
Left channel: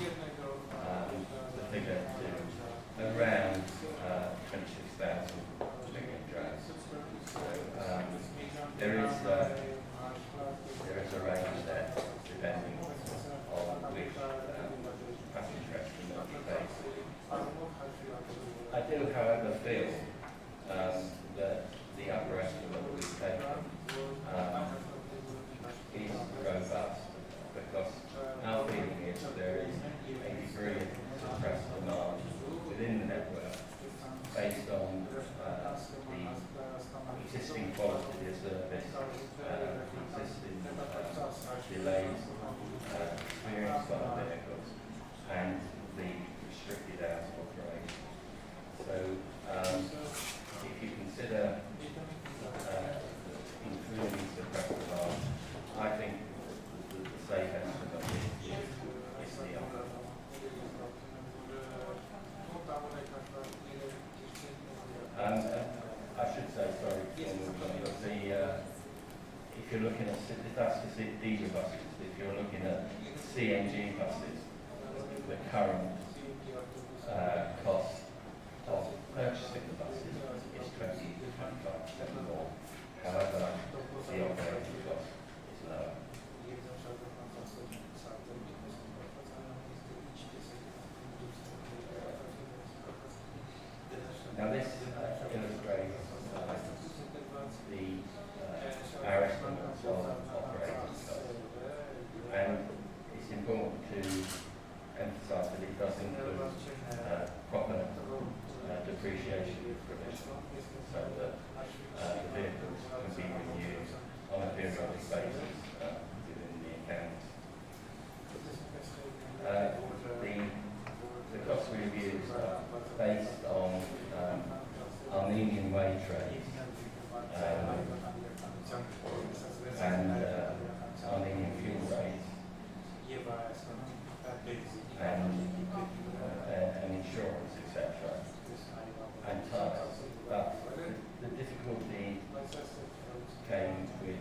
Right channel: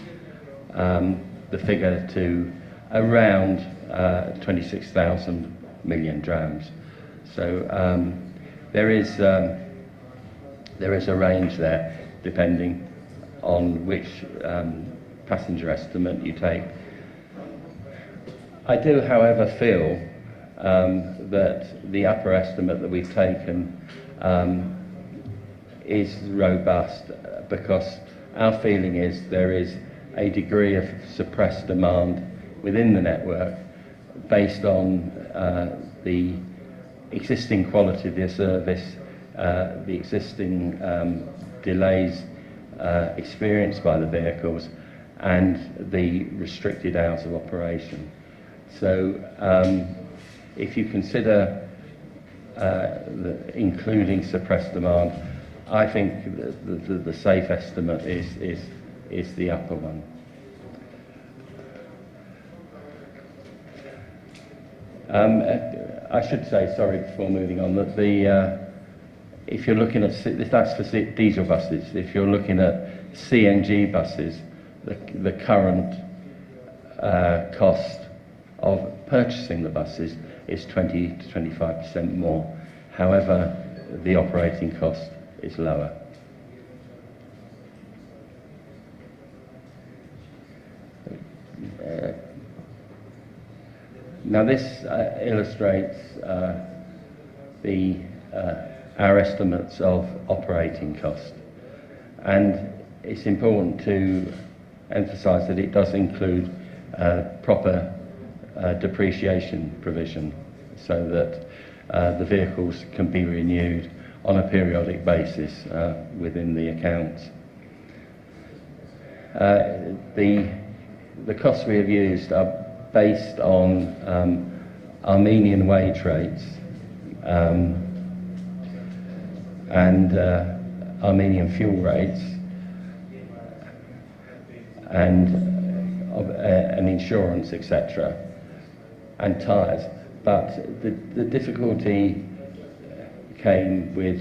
the figure to around 26,000 million drams. So there is a range there, depending on which passenger estimate you take. I do, however, feel that the upper estimate that we've taken is robust, because our feeling is there is a degree of suppressed demand within the network based on the existing quality of the service, the existing delays experienced by the vehicles and the restricted hours of operation. So if you consider including suppressed demand, I think the safe estimate is the upper one. I should say, sorry, before moving on, that if you're looking at, that's for diesel buses, if you're looking at CNG buses, the current cost of purchasing the buses is 20 to 25% more. However, the operating cost is lower. Now this illustrates our estimates of operating cost, and it's important to emphasise that it does include proper depreciation provision, so that the vehicles can be renewed on a periodic basis within the accounts. The costs we have used are based on Armenian wage rates and Armenian fuel rates and insurance, etc., and tyres. But the difficulty came with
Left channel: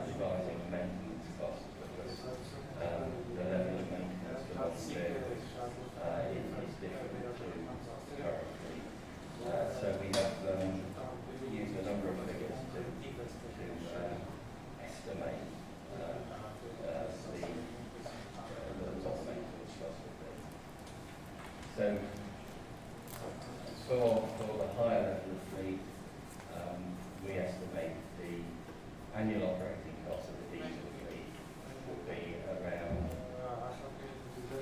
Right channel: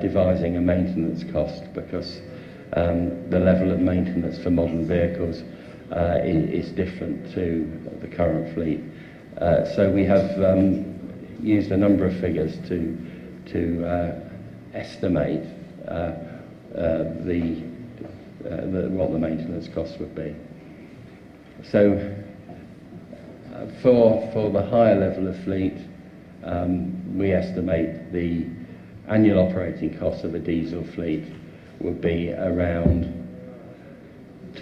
devising a maintenance cost, because the level of maintenance for modern vehicles is different to the current fleet. So we have used a number of figures to estimate what the maintenance costs would be. So for the higher level of fleet, we estimate the annual operating cost of a diesel fleet would be around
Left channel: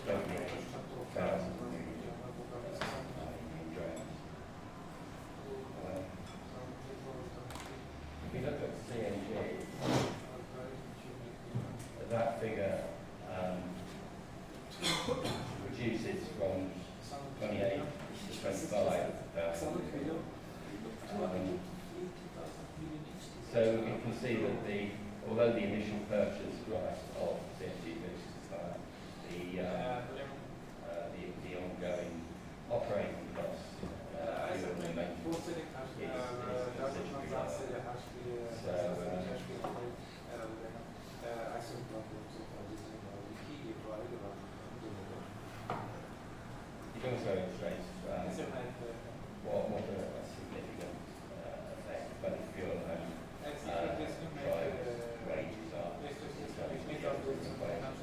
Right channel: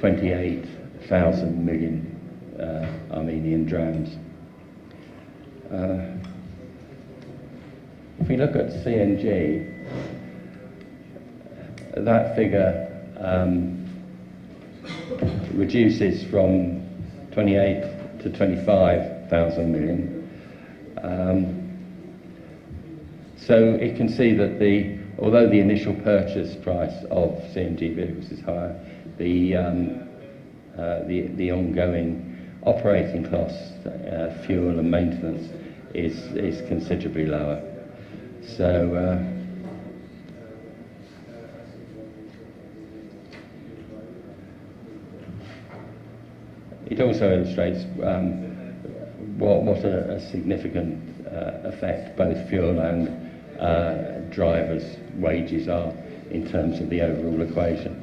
28,000 million Armenian drams. If we look at CNG, that figure reduces from 28 to 25,000 million. So it can see that although the initial purchase price of CNG vehicles is higher, the ongoing operating costs, fuel and maintenance, is considerably lower. So it also illustrates what a significant effect both fuel and drivers' wages are in terms of the overall equation.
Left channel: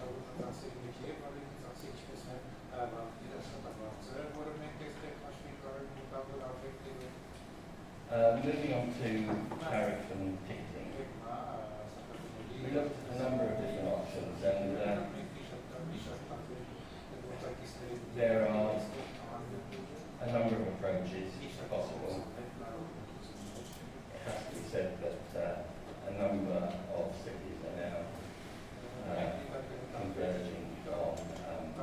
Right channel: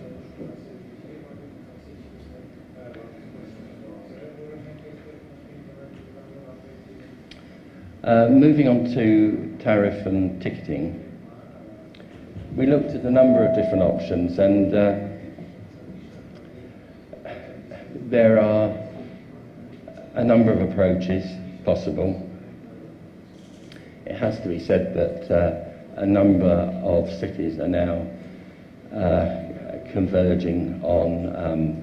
Moving on to tariff and ticketing, we looked at a number of different options, and there are a number of approaches possible. It has to be said that a number of cities are now converging on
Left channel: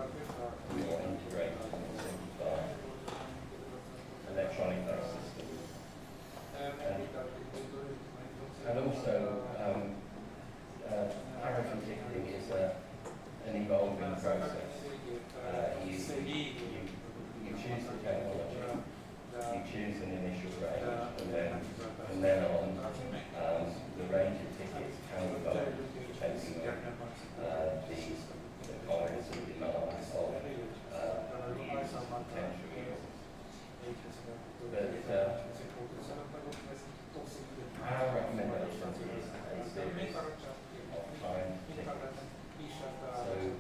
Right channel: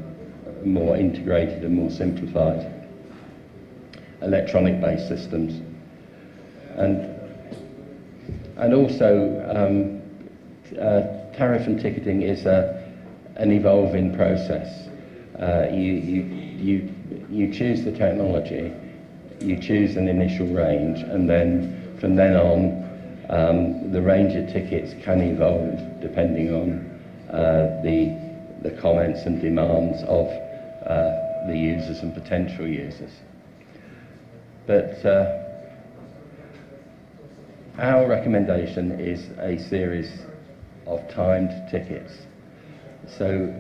more integrated and more simplified electronic-based systems. And also, tariff and ticketing is an evolving process. You choose the technology, you choose an initial range, and then from then on, the range of tickets can evolve depending on the comments and demands of the users and potential users. But our recommendation is a series of timed tickets. So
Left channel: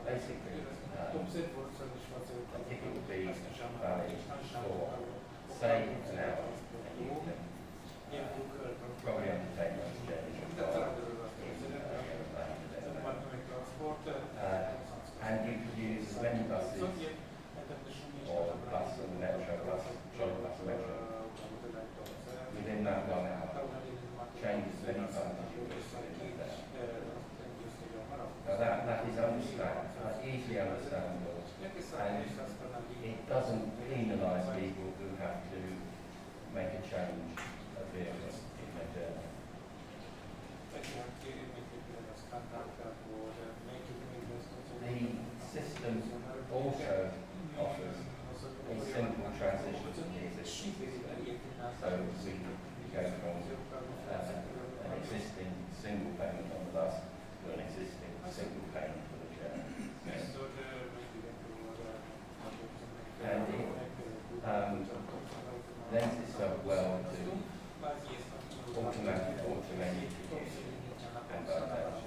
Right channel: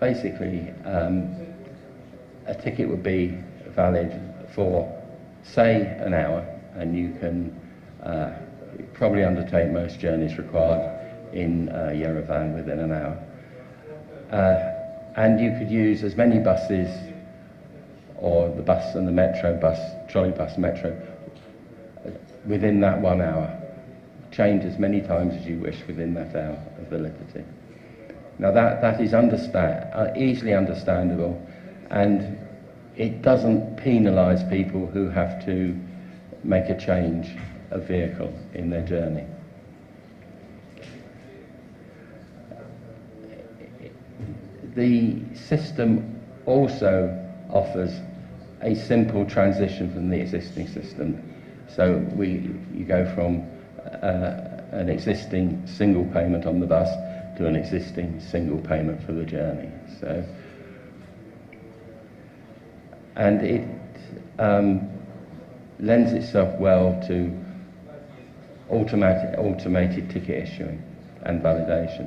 basically, a ticket would be valid for, say, an hour, and you can probably undertake most journeys required in Yerevan within an hour. And you could use as many buses, or the bus and the metro bus, trolley bus, metro, within that 1 hour. Change as many times as you wish within that hour of validity. Now that is easily understandable, and it doesn't penalise people who have to make a change of vehicle in their journey. The system also offers a simple transition from the existing system. So you go from an existing single payment on the bus to an existing single payment for the journey. So, and it lends itself well to automated ticket issuing and validation.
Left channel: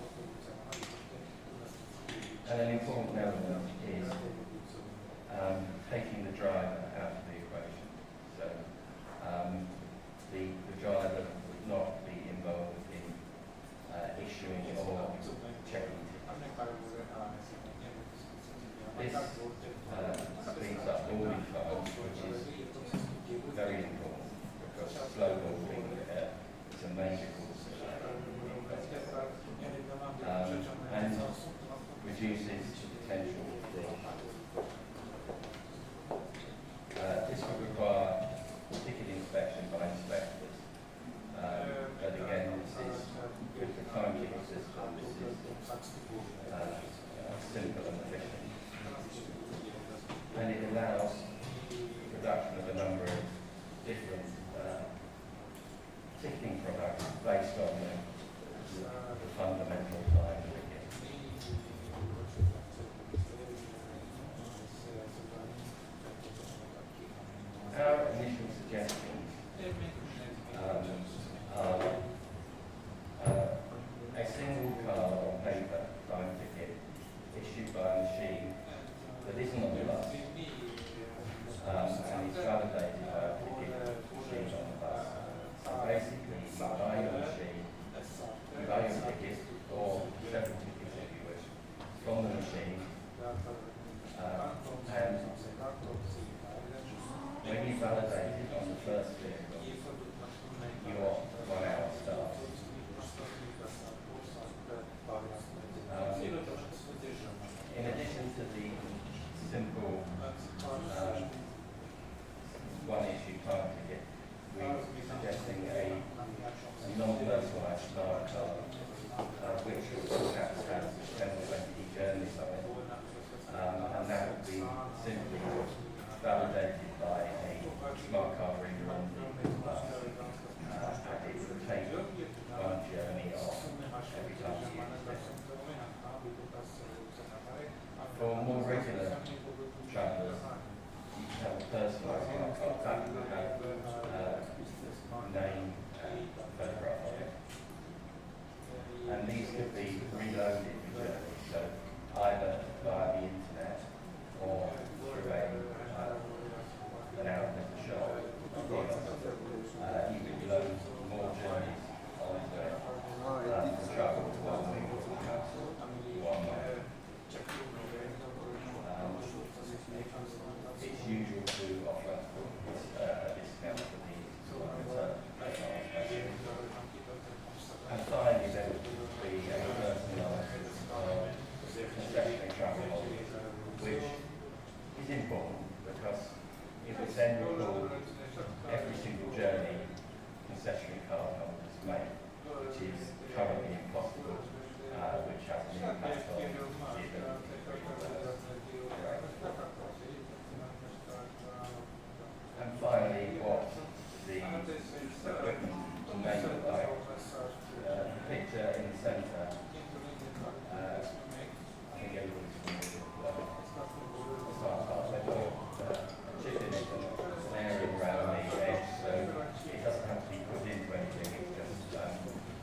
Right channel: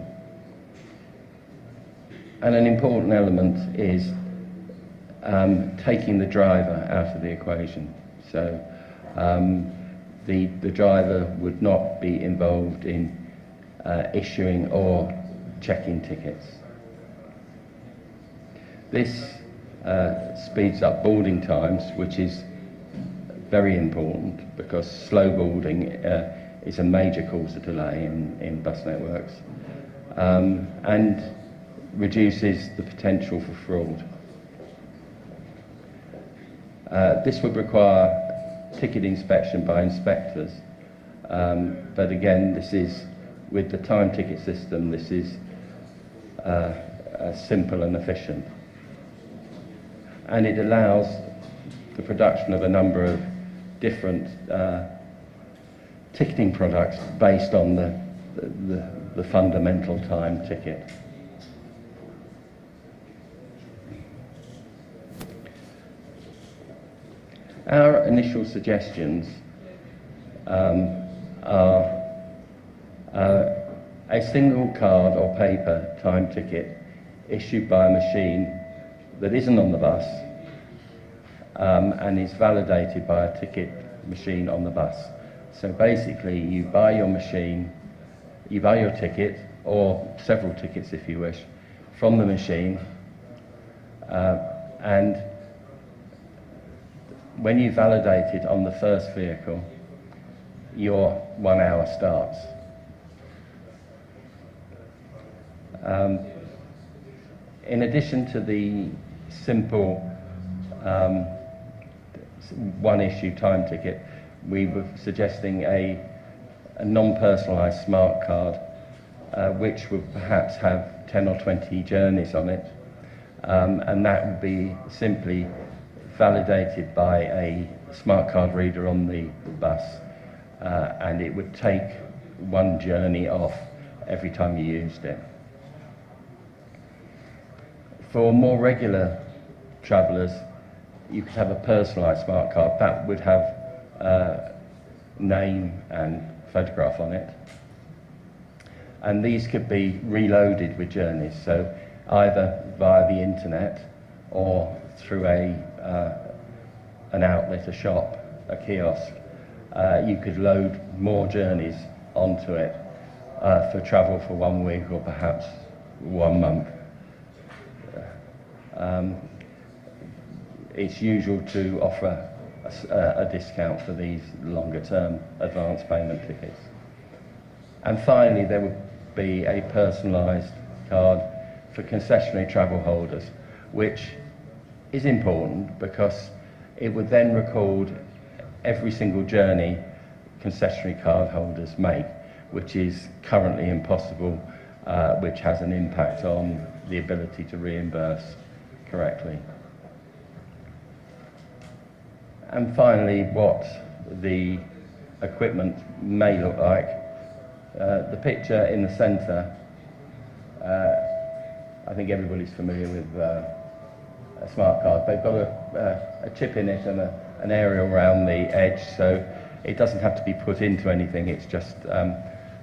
And an important element is taking the driver out of the equation. So the driver would not be involved in issuing or checking tickets. This speeds up boarding times, which is very important because slow boarding is a major cause of delay in bus networks, and reduces the potential for fraud. This would require ticket inspection by inspectors, but again, this is, with the time ticket system, this is simple and efficient. And it allows the production of a number of different ticketing products based on the fundamental time ticket. Our initial suggestions are a single card or paper time ticket issued by a machine that isn't on the bus and is validated by a ticket machine on the bus. So basically you buy your machine, you buy your ticket, or several tickets if you wish, from the machine, and when you validate it on the first vehicle, your 1 hour starts. In addition to the simple one-issue time ticket, we were suggesting a non-personalised smart card, which would perhaps have 10 or 20 journeys on it, and that would be simply validated by a smart card reader on the bus, and it would take one journey off every time you used it. For more regular travellers, you could have a personalised smart card that would have name and photograph on it, and these could be reloaded with journeys, so either via the internet or through an outlet, a shop, a kiosk. You could load more journeys onto it for travel for 1 week or perhaps 1 month. It's usual to offer a discount for these longer term advance payment tickets. And finally, there would be a personalised card for concessionary travel holders, which is important because it would then record every single journey concessionary card holders make, which is currently impossible, which has an impact on the ability to reimburse correctly. And finally, what the equipment may look like. The picture in the centre, I think everybody's familiar with a smart card. They've got a chip in it and an aerial around the edge, so it doesn't have to be put into anything, it's just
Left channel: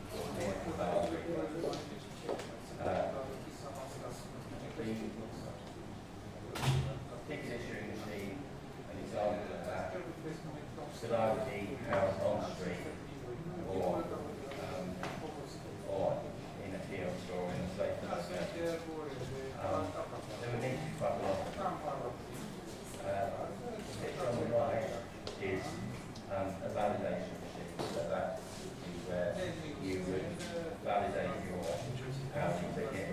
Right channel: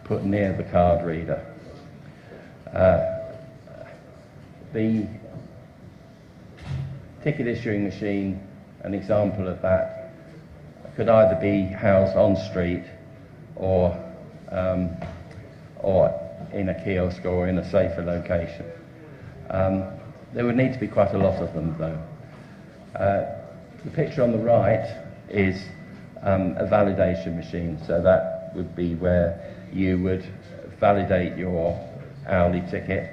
put near the card reader. The ticket issuing machine, an example of that, could either be housed on street or in a kiosk or in a safer location. There would need to be quite a lot of them though. The picture on the right is a validation machine, so that would be where you would validate your hourly ticket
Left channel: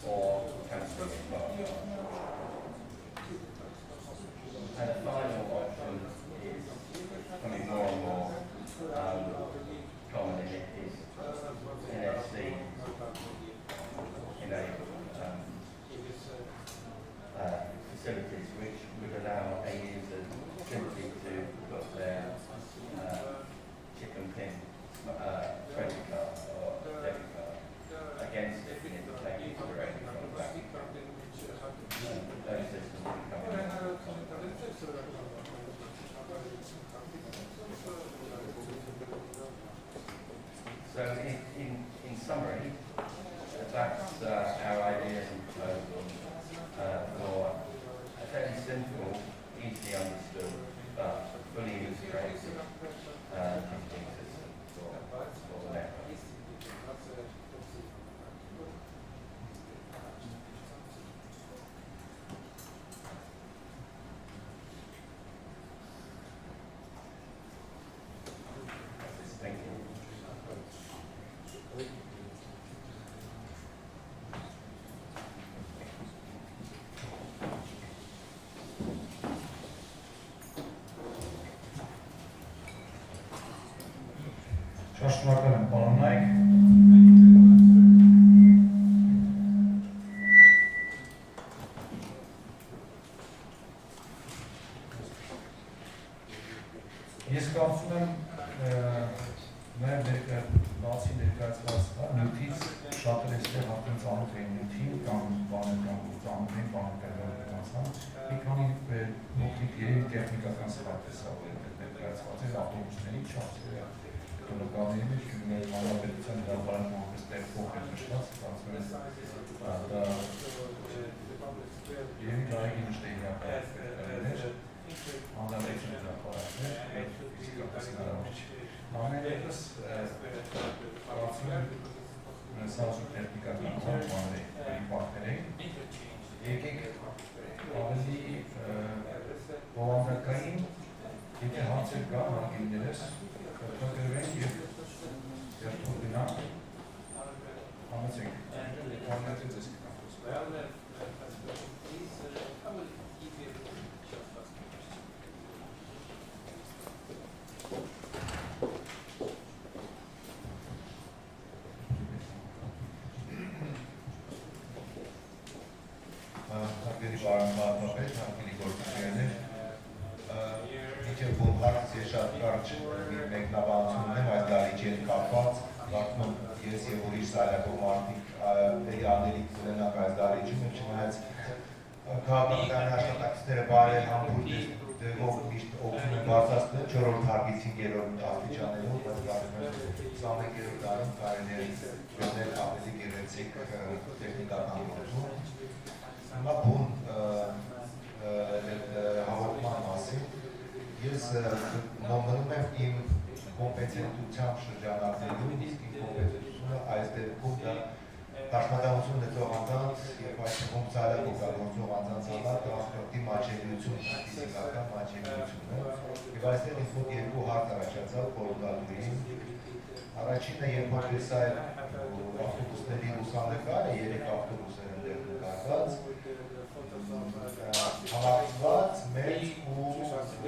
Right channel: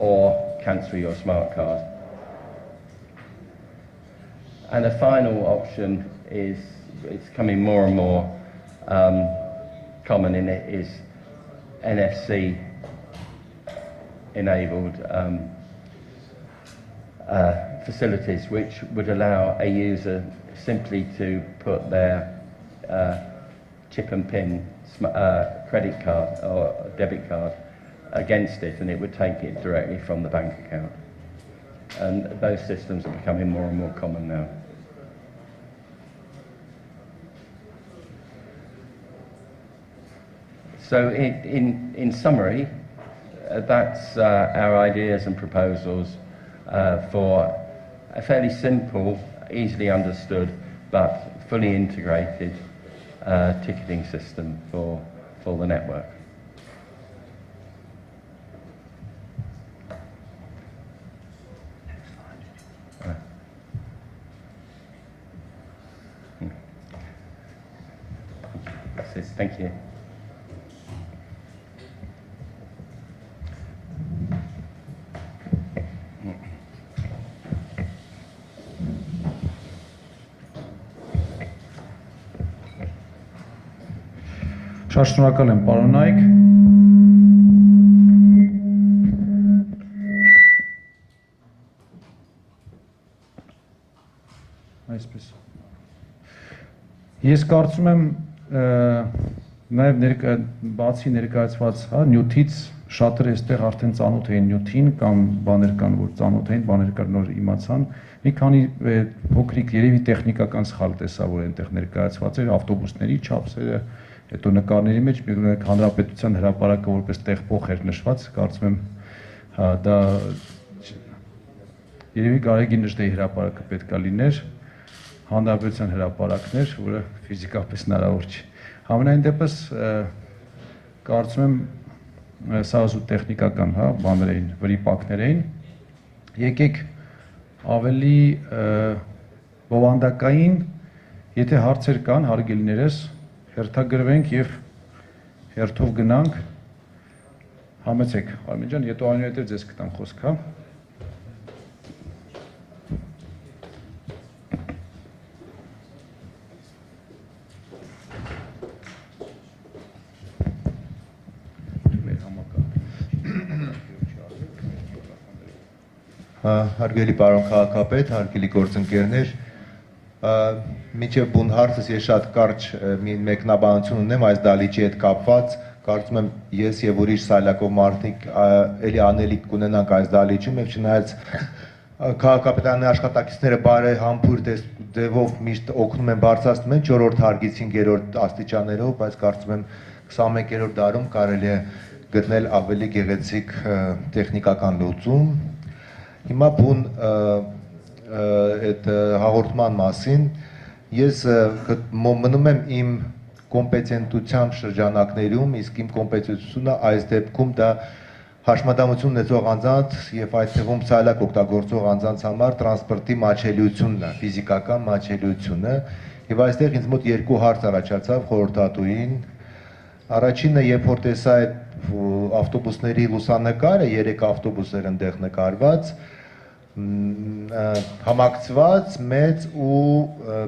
or cancel your smart card. And a final option is, it's coming more and more common in it, is NFC enabled facilities, which would allow a user simply to put their chip and pin credit card or debit card against it, and it would take it directly from the bank account. And those systems are becoming more and more common now. So in summary, that's our ideas and proposals for a fairly simple, easily understood, but fully integrated ticketing system for the network. That's it. Thank you. Շատ շնորհակալ եմ, պարոն Նայք։ Ես կարծում եմ, նաև բացի ներկայացված նյութից շատերը այստեղ արդեն ծանոթ էին նյութին կամ բաներ կան, որ ծանոթ էին, բաներ կան, նոր իմացան։ Մի քանի փոքրիկ երևի տեխնիկական սխալ տեսա, որ այնտեղ ներկայացված էր ավտոբուսների չափսերը, հետո նկարների մեջ հանրապետության հրապարակը որպես տեղփոխ էր նշված, կարծում եմ դա երևի Գարեգի Նժդեի հրապարակը պետք է լիներ, հանրապետության հրապարակներ, որը ֆիզիկապես հնարավոր չի։ Համենայն դեպս կարծում եմ սա զուտ տեխնիկական բաներ էին, վրիպակներ էին։ Եկեք ավելի բովանդակային, եթե հարցեր կան, հարգելիներս, հերթագրվենք և հերթով գնանք, համեցեք, Արմեն ջան, եթե անյութ է ձեզ կտան խոսք, հա։ Հարգելի պարոն քաղաքապետ, հարգելի գործընկերներ, մինչև բուն հարցս ես շատ կարճ մի մեկնաբանություն ունեմ այս դալիճի հետ կապված, կարծում եմ ես եւ ուրիշ սայլակով մարդիկ էլի անելիք կունենանք այս դալիճում, եւ չնայած քաղաքապետարանի աշխատակիցները բարեհամբույր ձևով միշտ օգնում են բարձրացնում են 4-րդ հարգից 5-րդ աստիճաններով, բայց կարծում եմ 21-րդ դարում կարելի է գտնել ավելի գեղեցիկ տեխնիկական լուծում։ Հիմա բուն այդ հաղորդման մասին ես մնում եմ իմ կոմպետենտության շրջանակներում, իսկ իմ կոմպետենտությունը այս դեպքում դա հաշմանդամություն ունեցող անձանց եւ այդ թվում սայլակ օգտագործող անձանց համար տրանսպորտի մատչելիությունն է, ֆիզիկական մատչելիությունը, եւ այստեղ ինձ մոտ երկու հարց առաջացավ խորհրդատուին։ Առաջինը, երբ որ տեսա այդ ավտոբուսների լուսանկարը, 3 ավտոբուսներ ընդեղ նկարված, համակցված մեծ ու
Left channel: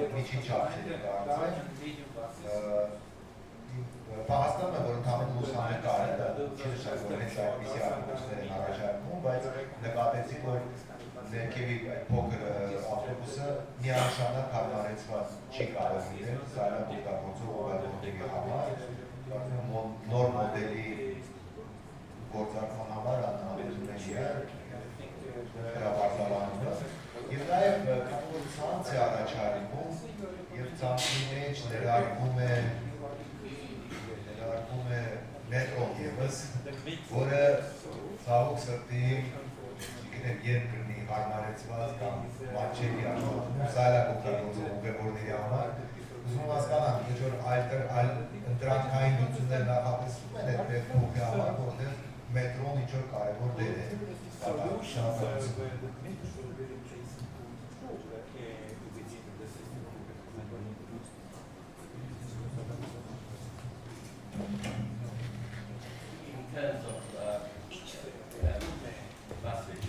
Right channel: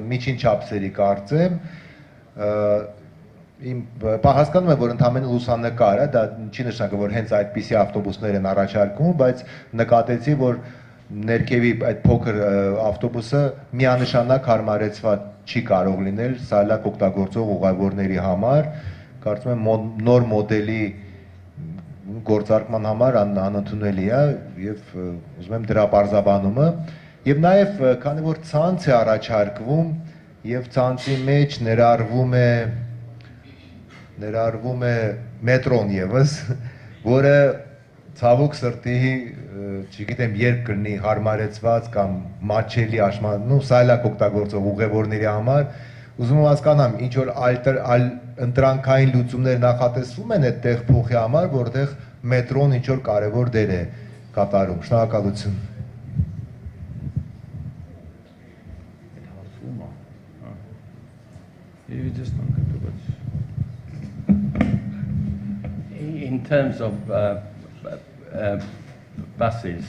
միջին չափսերի կարծեմ, հասկանում եմ, որ ընդամենը լուսանկար է, դա չի նշանակում, որ հենց այդպիսի ավտոբուսներ են առաջարկում, բայց նկատեցի, որ ներքևի այդ փոքր ավտոբուսը միանշանակ հարմարեցված չի կարող լինել սայլակ օգտագործող ուղևորների համար, կարծում եմ նոր մոդելի գործարկման համար անընդունելի է եւ ուզում եմ դրա պարզաբանումը եւ նաեւ քանի որ ցանց է առաջարկվում եւ ցանցի մեջ ներառվում է մետրոն եւս, որը ցավոք սրտի չգիտեմ երբ կլինի հարմարեցված կամ մատչելի սայլակ օգտագործող ուղևորների համար, ուզում եմ հասկանամ ինչ որ ընտրանքային լուծումներ նախատեսվում են այդ տեղ փոխի համար, որտեղ մետրոն ինչ որ կարևոր դեր է կատարում։ Շնորհակալություն։ In terms of buses.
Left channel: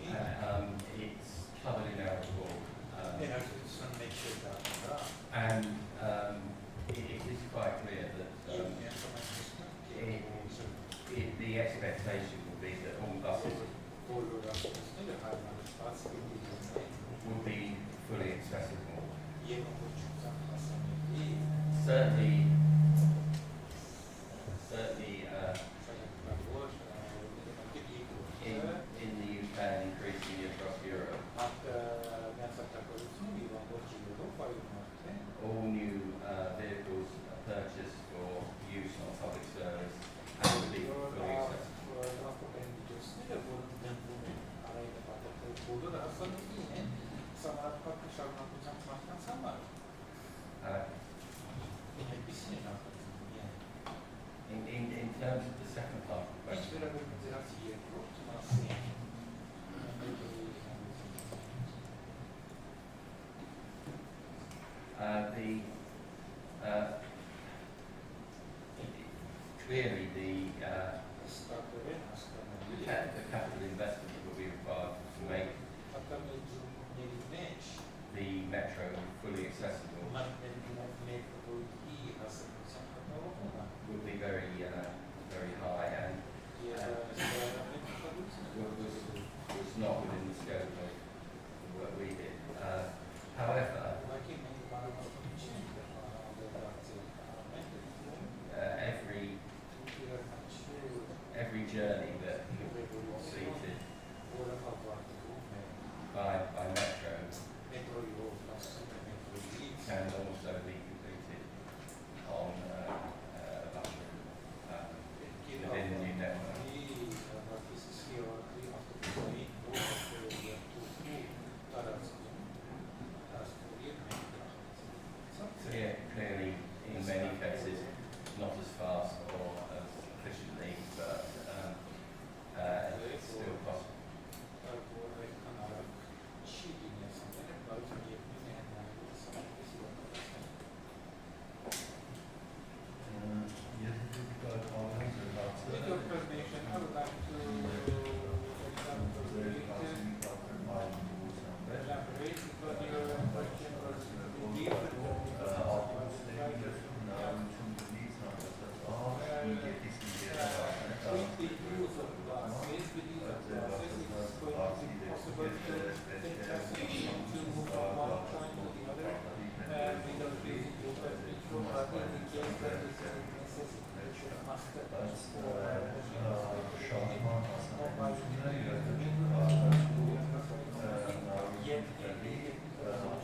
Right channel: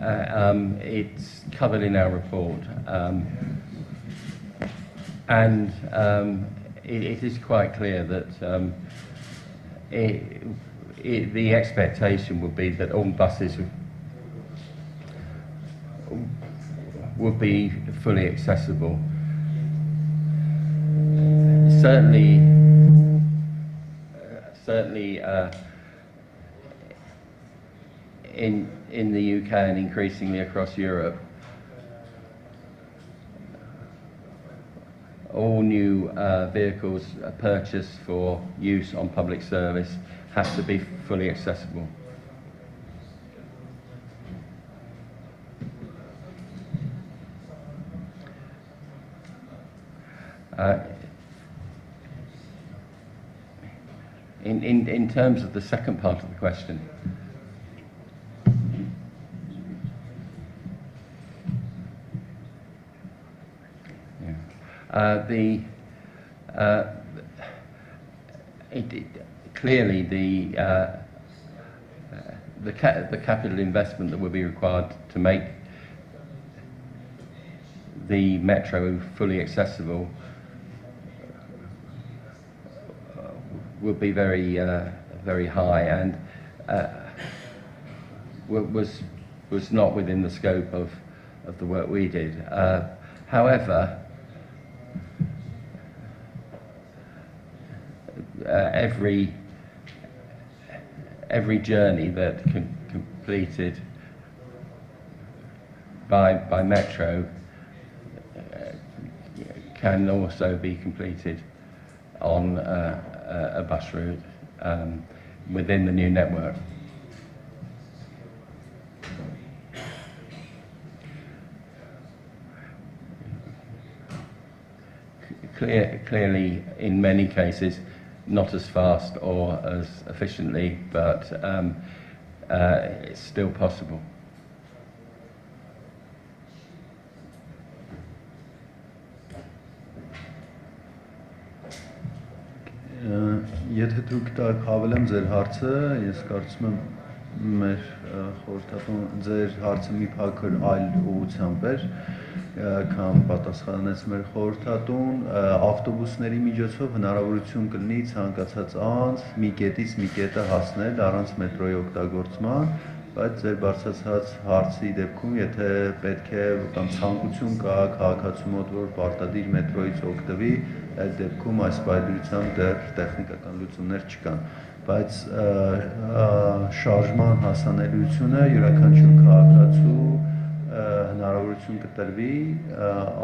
It's covered in our report, and it is quite clear that the expectation would be that all buses would be fully accessible. Certainly, in the UK and increasingly across Europe, all new vehicles purchased for use on public service have to be fully accessible. In terms of the second part of the question, clearly the capital investment that will be required to make the metro fully accessible will be very high, and was not within the scope of the work we did. However, every journey that completed by metro can also be completed on a bus route within the new network. Clearly, in many cases, not as fast or as efficiently, but it's still possible. Եթե դուք հավելեմ ձեր հարցը, ես կարծում եմ մեր խորհրդատուն ձեր հարցը մի փոքր այլ ուղղությամբ էր, քան պատասխանեց մեր խորհրդատուն, ավտոբուսների միջոցով հնարավորություն կլինի ցանկացած անձ մի կետից մի կետը հասնել առանց մետրոյի օգտագործման, բայց ձեր բարձրացած հարցի դեպքում, եթե պետք է կամ ցանկություն կա քաղաքացու մոտ, որ պարտադիր մետրոյից օգտվի, այդ դեպքում այս պայմանությամբ դեռ տեխնիկական լուծումներ չկան, բայց շարժման հասանելիությունը յուրաքանչյուր քաղաքացու հնարավորություն կտրվի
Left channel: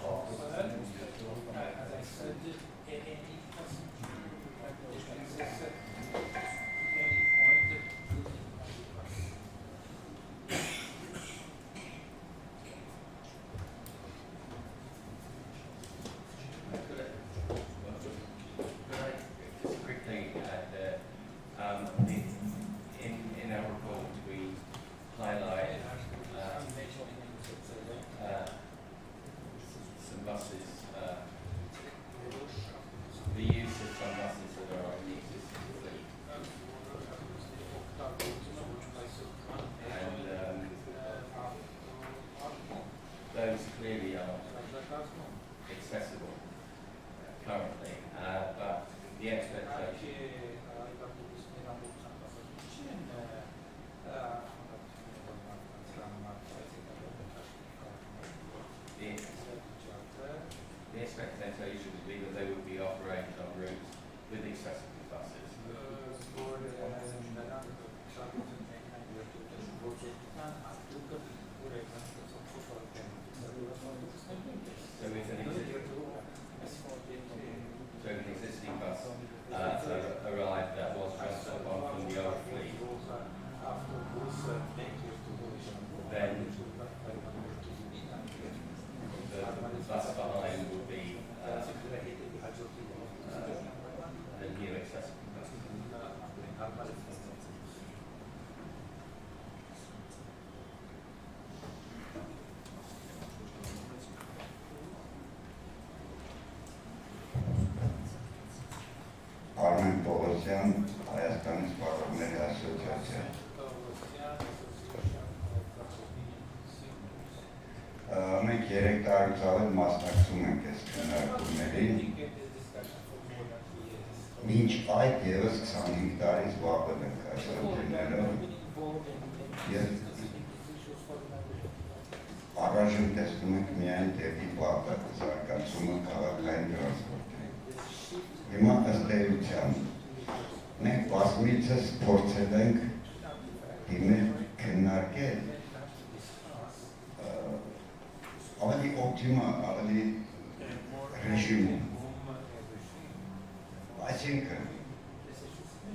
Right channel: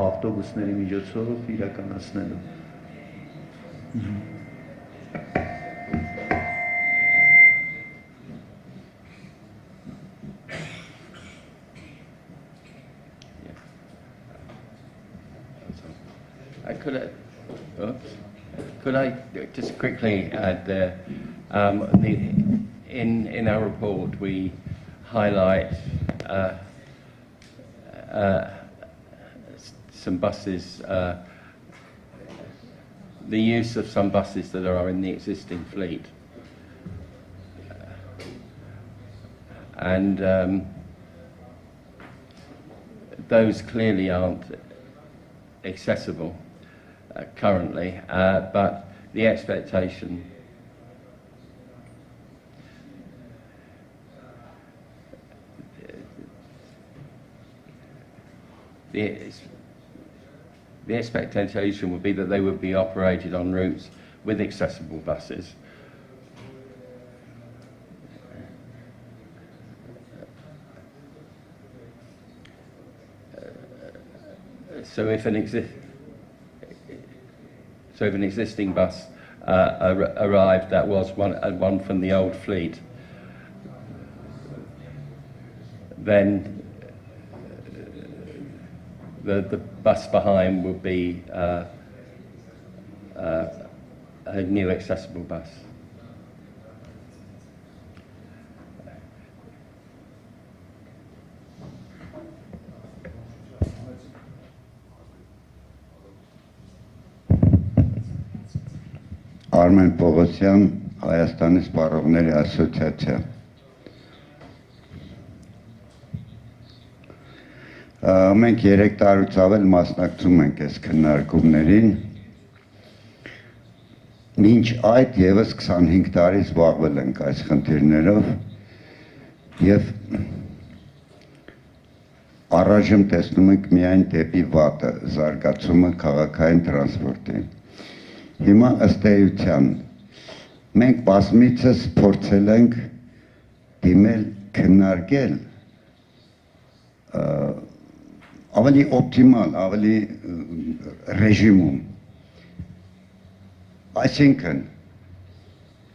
ավտոբուսների միջոցով իրականացնելու։ Could I just quickly add there, in our report we highlight some buses, the use of some buses that are in the existing fleet, and those clearly aren't accessible currently, but the expectation the expectation would be that they would be operated on routes with accessible buses. So if an existing bus arrived that was one from the old fleet, then the bus behind would be a new accessible bus. Արմեն Պողոսյան, Հայաստանի Սպառողների ասոցիացիա։ Մենք 3 տարուց ավել մասնակցում ենք այս քննարկումներին։ Մինչ այդ եւս 25 տարի զբաղվել ենք այս խնդիրներով եւ առայժմ տեսնում ենք միայն դեպի վատը զարգացումը քաղաքային տրանսպորտի։ Հիմա ըստ էության մենք բազմիցս փորձել ենք դիմել քննարկել ավելի օպտիմալ, ավելի ռեժիմում։ Այսինքն,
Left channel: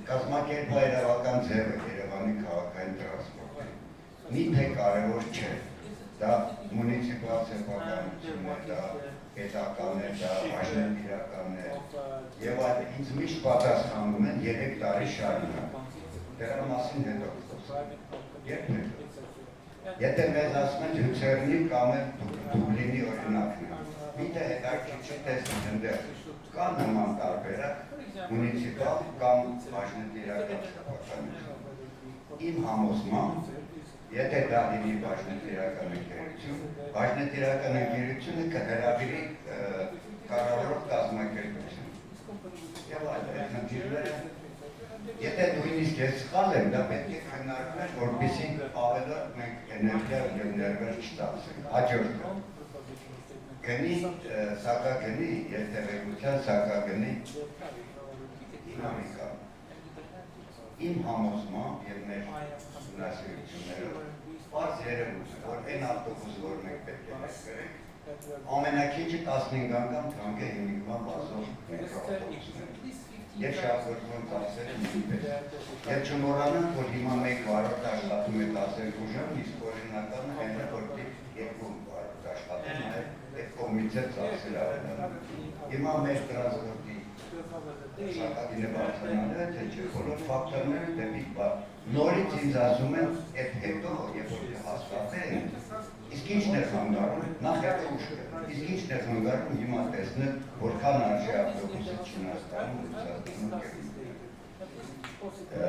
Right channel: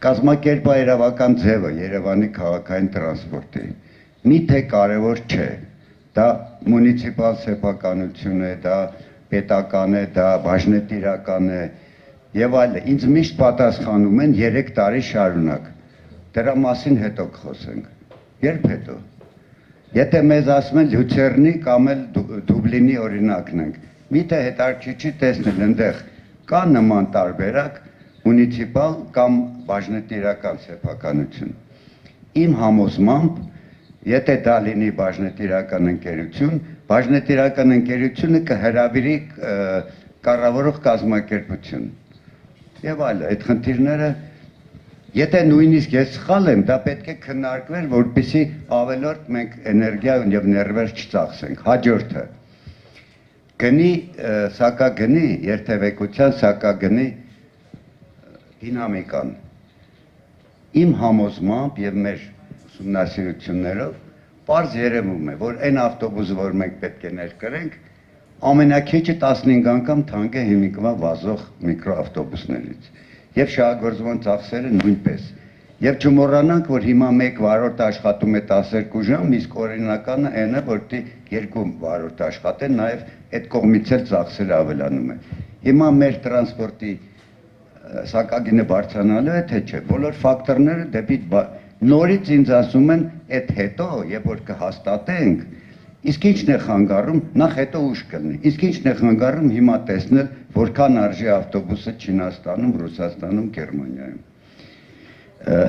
կազմակերպահայրավական ձևը Երևանի քաղաքային տրանսպորտի միթե կարևոր չէ, դա մունիցիպալ սեփականություն է, դա պետական է, դա բաժնետիրական է եւ այլն։ Ինձ միշտ պատասխանում են 3 տարի շարունակ։ Դրա մասին հետո կխոսենք։ Երբ հետո։ Եթե մեզ ասում են Լյուցերնի կամ էլ Դուբլինի օրինակն ենք, միթե հետաքրքիր տեսնել այնտեղ կա նման տարբերակ մունիցիպալ կամ բաժնետիրական սեփականություն։ Իմ համոզմամբ, եթե դա լինի բաժնետիրական ընկերություն, բաժնետիրական ընկերությունը կհրավիրի կառավարող կազմակերպություն։ Եվ այլն, այդ խնդիրները, եթե նույնիսկ ես սխալ եմ, դա պետք է քննարկվեր, որպեսզի ավելորդ մենք էներգիա եւ ներվեր չծախսենք։ Հաջորդը գնի սակագնի, երթևեկության սակագնի դինամիկան։ Իմ համոզմամբ եւ մեր ուսումնասիրություններով պարզ երևում է, որ այն ավտոբուսը, որ մենք պետք է ներկրենք, ամենակիչը 15 անգամ թանկ է հիմիկվա վազող միկրոավտոբուսներից եւ շահագործման ծախսերը նույնպես։ Եվ չմոռանանք, որ հիմա 1 վարորդ աշխատում է 12 ժամ, իսկ օրինականը այն է, որ 2 վարորդ աշխատեն, նաեւ այդ կողմից էլ ծախսերը ավելանում են։ Հիմա մեր տրանսպորտի սակագինը բարձրանալու է, թե չէ, բոլոր ֆակտորները դեպի նորից ինձ ասում են, այդ հետո, երբ որ կհաստատենք, իսկ ինչն է խանգարում, նախ հետո ուշ կլինի, իսկ ինչն է խանգարում հիմա տեսնել, որքան արժի ավտոբուսը Չինաստանում, Ռուսաստանում, Գերմանիայում։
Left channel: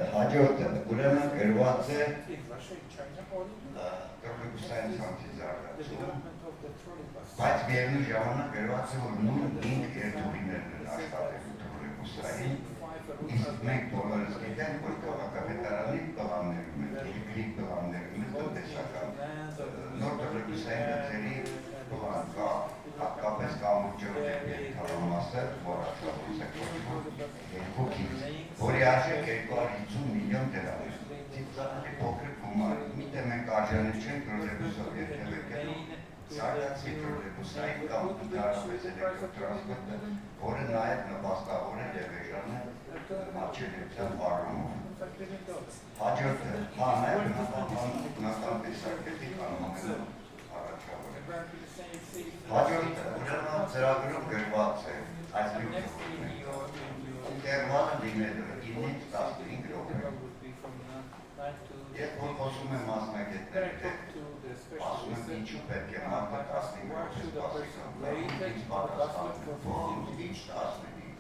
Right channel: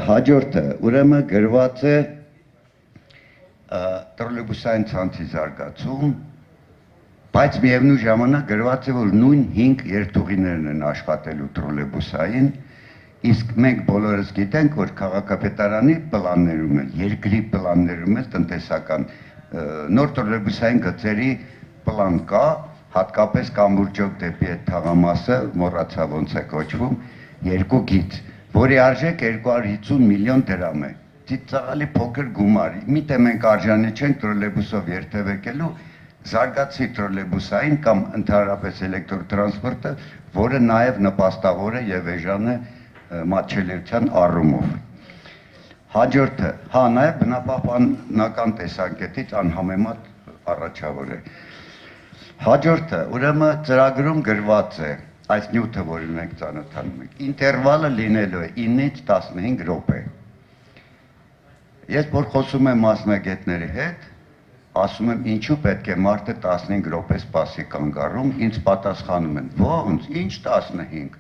Հաջորդը, ուրեմն գրված է տրոլեյբուսային ցանցի զարգացում, բայց միևնույն ժամանակ գրված է, որ նույն 5 երթուղիներն են աշխատելու տրոլեյբուսային, իսկ մենք բոլորս գիտենք, որ քաղաքապետարանի պլաններում են, երկրի պլաններում են տնտեսական նոր տրոլեյբուսային գծերի պլան կա, հատկապես կամուրջով դեպի այդ թաղամասը, մոռացա ոնց է կոչվում, 2 գիծ, որի արժեք 250 միլիոն դրամ է։ Ծիծաղալի փոքր գումար։ Միտե մենք արժանի չենք տրոլեյբուսով երթևեկելու, զարգացի տրոլեյբուսային կամ ընդհանրապես էլեկտրոտրանսպորտը, որը նաև նպաստավոր է եւ էժան է մատչելիության առումով։ Հաջորդը, նաև բնապահպանական տեսանկյունից անհամեմատ առաջավոր է։ Հաջորդը, ուրեմն ծրագրում գրված է այս նյութը, որին մենք ծանոթանում ենք, ինտերվալը լինելու է 9-ից 15 րոպե։ Ես որ խոսում եմ մասնագետների հետ, ասում եմ ինչու պետք է մարդը 15 րոպե սպասի կանգառում, ինձ պատասխանում են, ո՞նց, ինչ 15։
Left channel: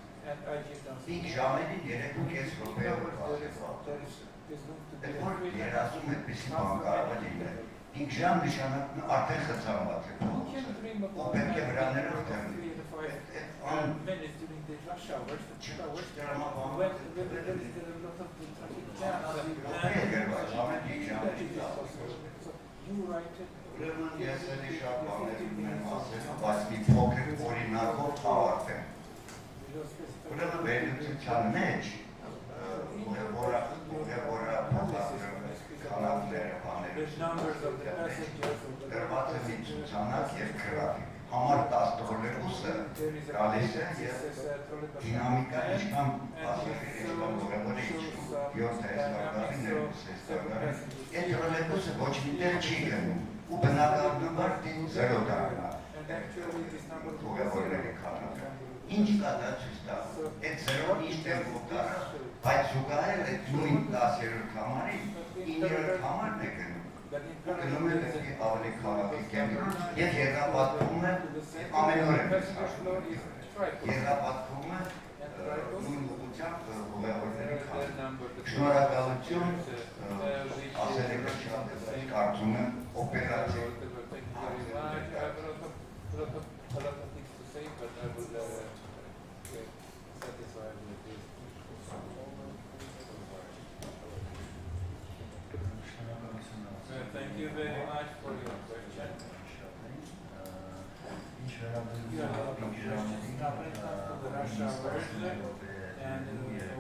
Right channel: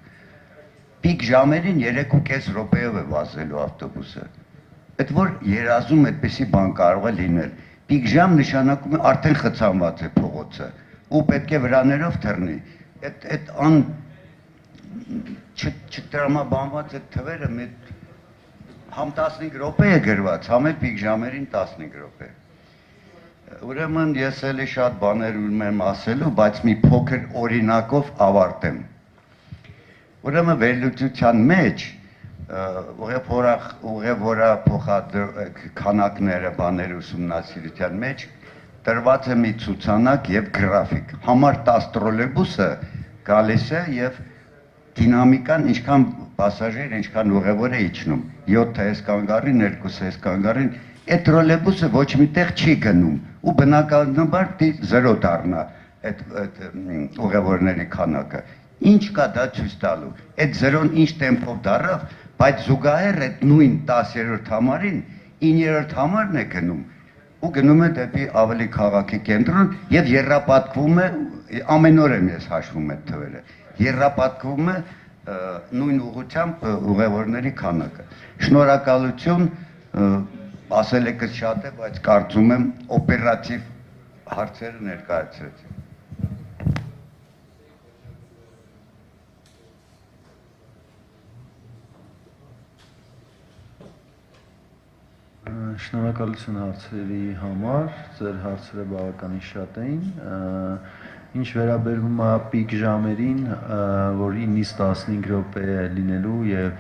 Պիկ ժամերին 3.5 րոպեով է վազելու ավտոբուսը։ Այդ որ երազում այդպեսի բան կարող է լինել։ Պիկ ժամ նշանակում է արդեն խցանված է փողոցը ու պետք է վրաներով թռնի։ Այդ չտրամաբանված այդ թվերը համ 15 րոպե է գրված, համ էլ պիկ ժամերին 15 րոպե։ Ուրեմն ես էլի շատ բաներ ուզում եմ ասելու, բայց մի փոքր օրինակով ավարտեմ։ Ուրեմն վերլուծության մեջ ուղևորա քանակները բաներ ուսումնասիրության մեջ տրված է մի ցուցանակ եւ գրաֆիկ։ Համար 10 տրոլեյբուսը գալիս է եւ դինամիկան ինչքան պասաժիր, ինչքան ուղևոր է իջնում։ 7 էս կանգառին, 2 էս կանգառին, այդ տրոլեյբուսը ոչ միտեղ չի գնում ու բնականաբար 0 դառնա այդ ուղևորների քանակը։ Ինչ կա դա ցույց տալու։ Այդ 0-ն ինչ տեմպով դառավ, բայց զուգահեռ այդ նույն 10-րդ համարին 9-րդ համարն է գնում ու գնում է դեպի ավելի քաղաքի կենտրոն եւ երրապատկվում է, ամեն օր եմ ես հաշվում այդ թվերը, երրապատկվում է նույն ուղղությամբ ուղևորների քանակը։ Շնորհակալություն, ասել եք շատ է, բայց կարծում եմ օպերատիվ հարցերը ներկայացրեց։ Շնորհակալություն հարցերի համար, ձեր հարցերը բավականին շատ էին։ Ինչ վերաբերում է պիկ ժամերին, որ 9-ից 15 րոպե է լինելու եւ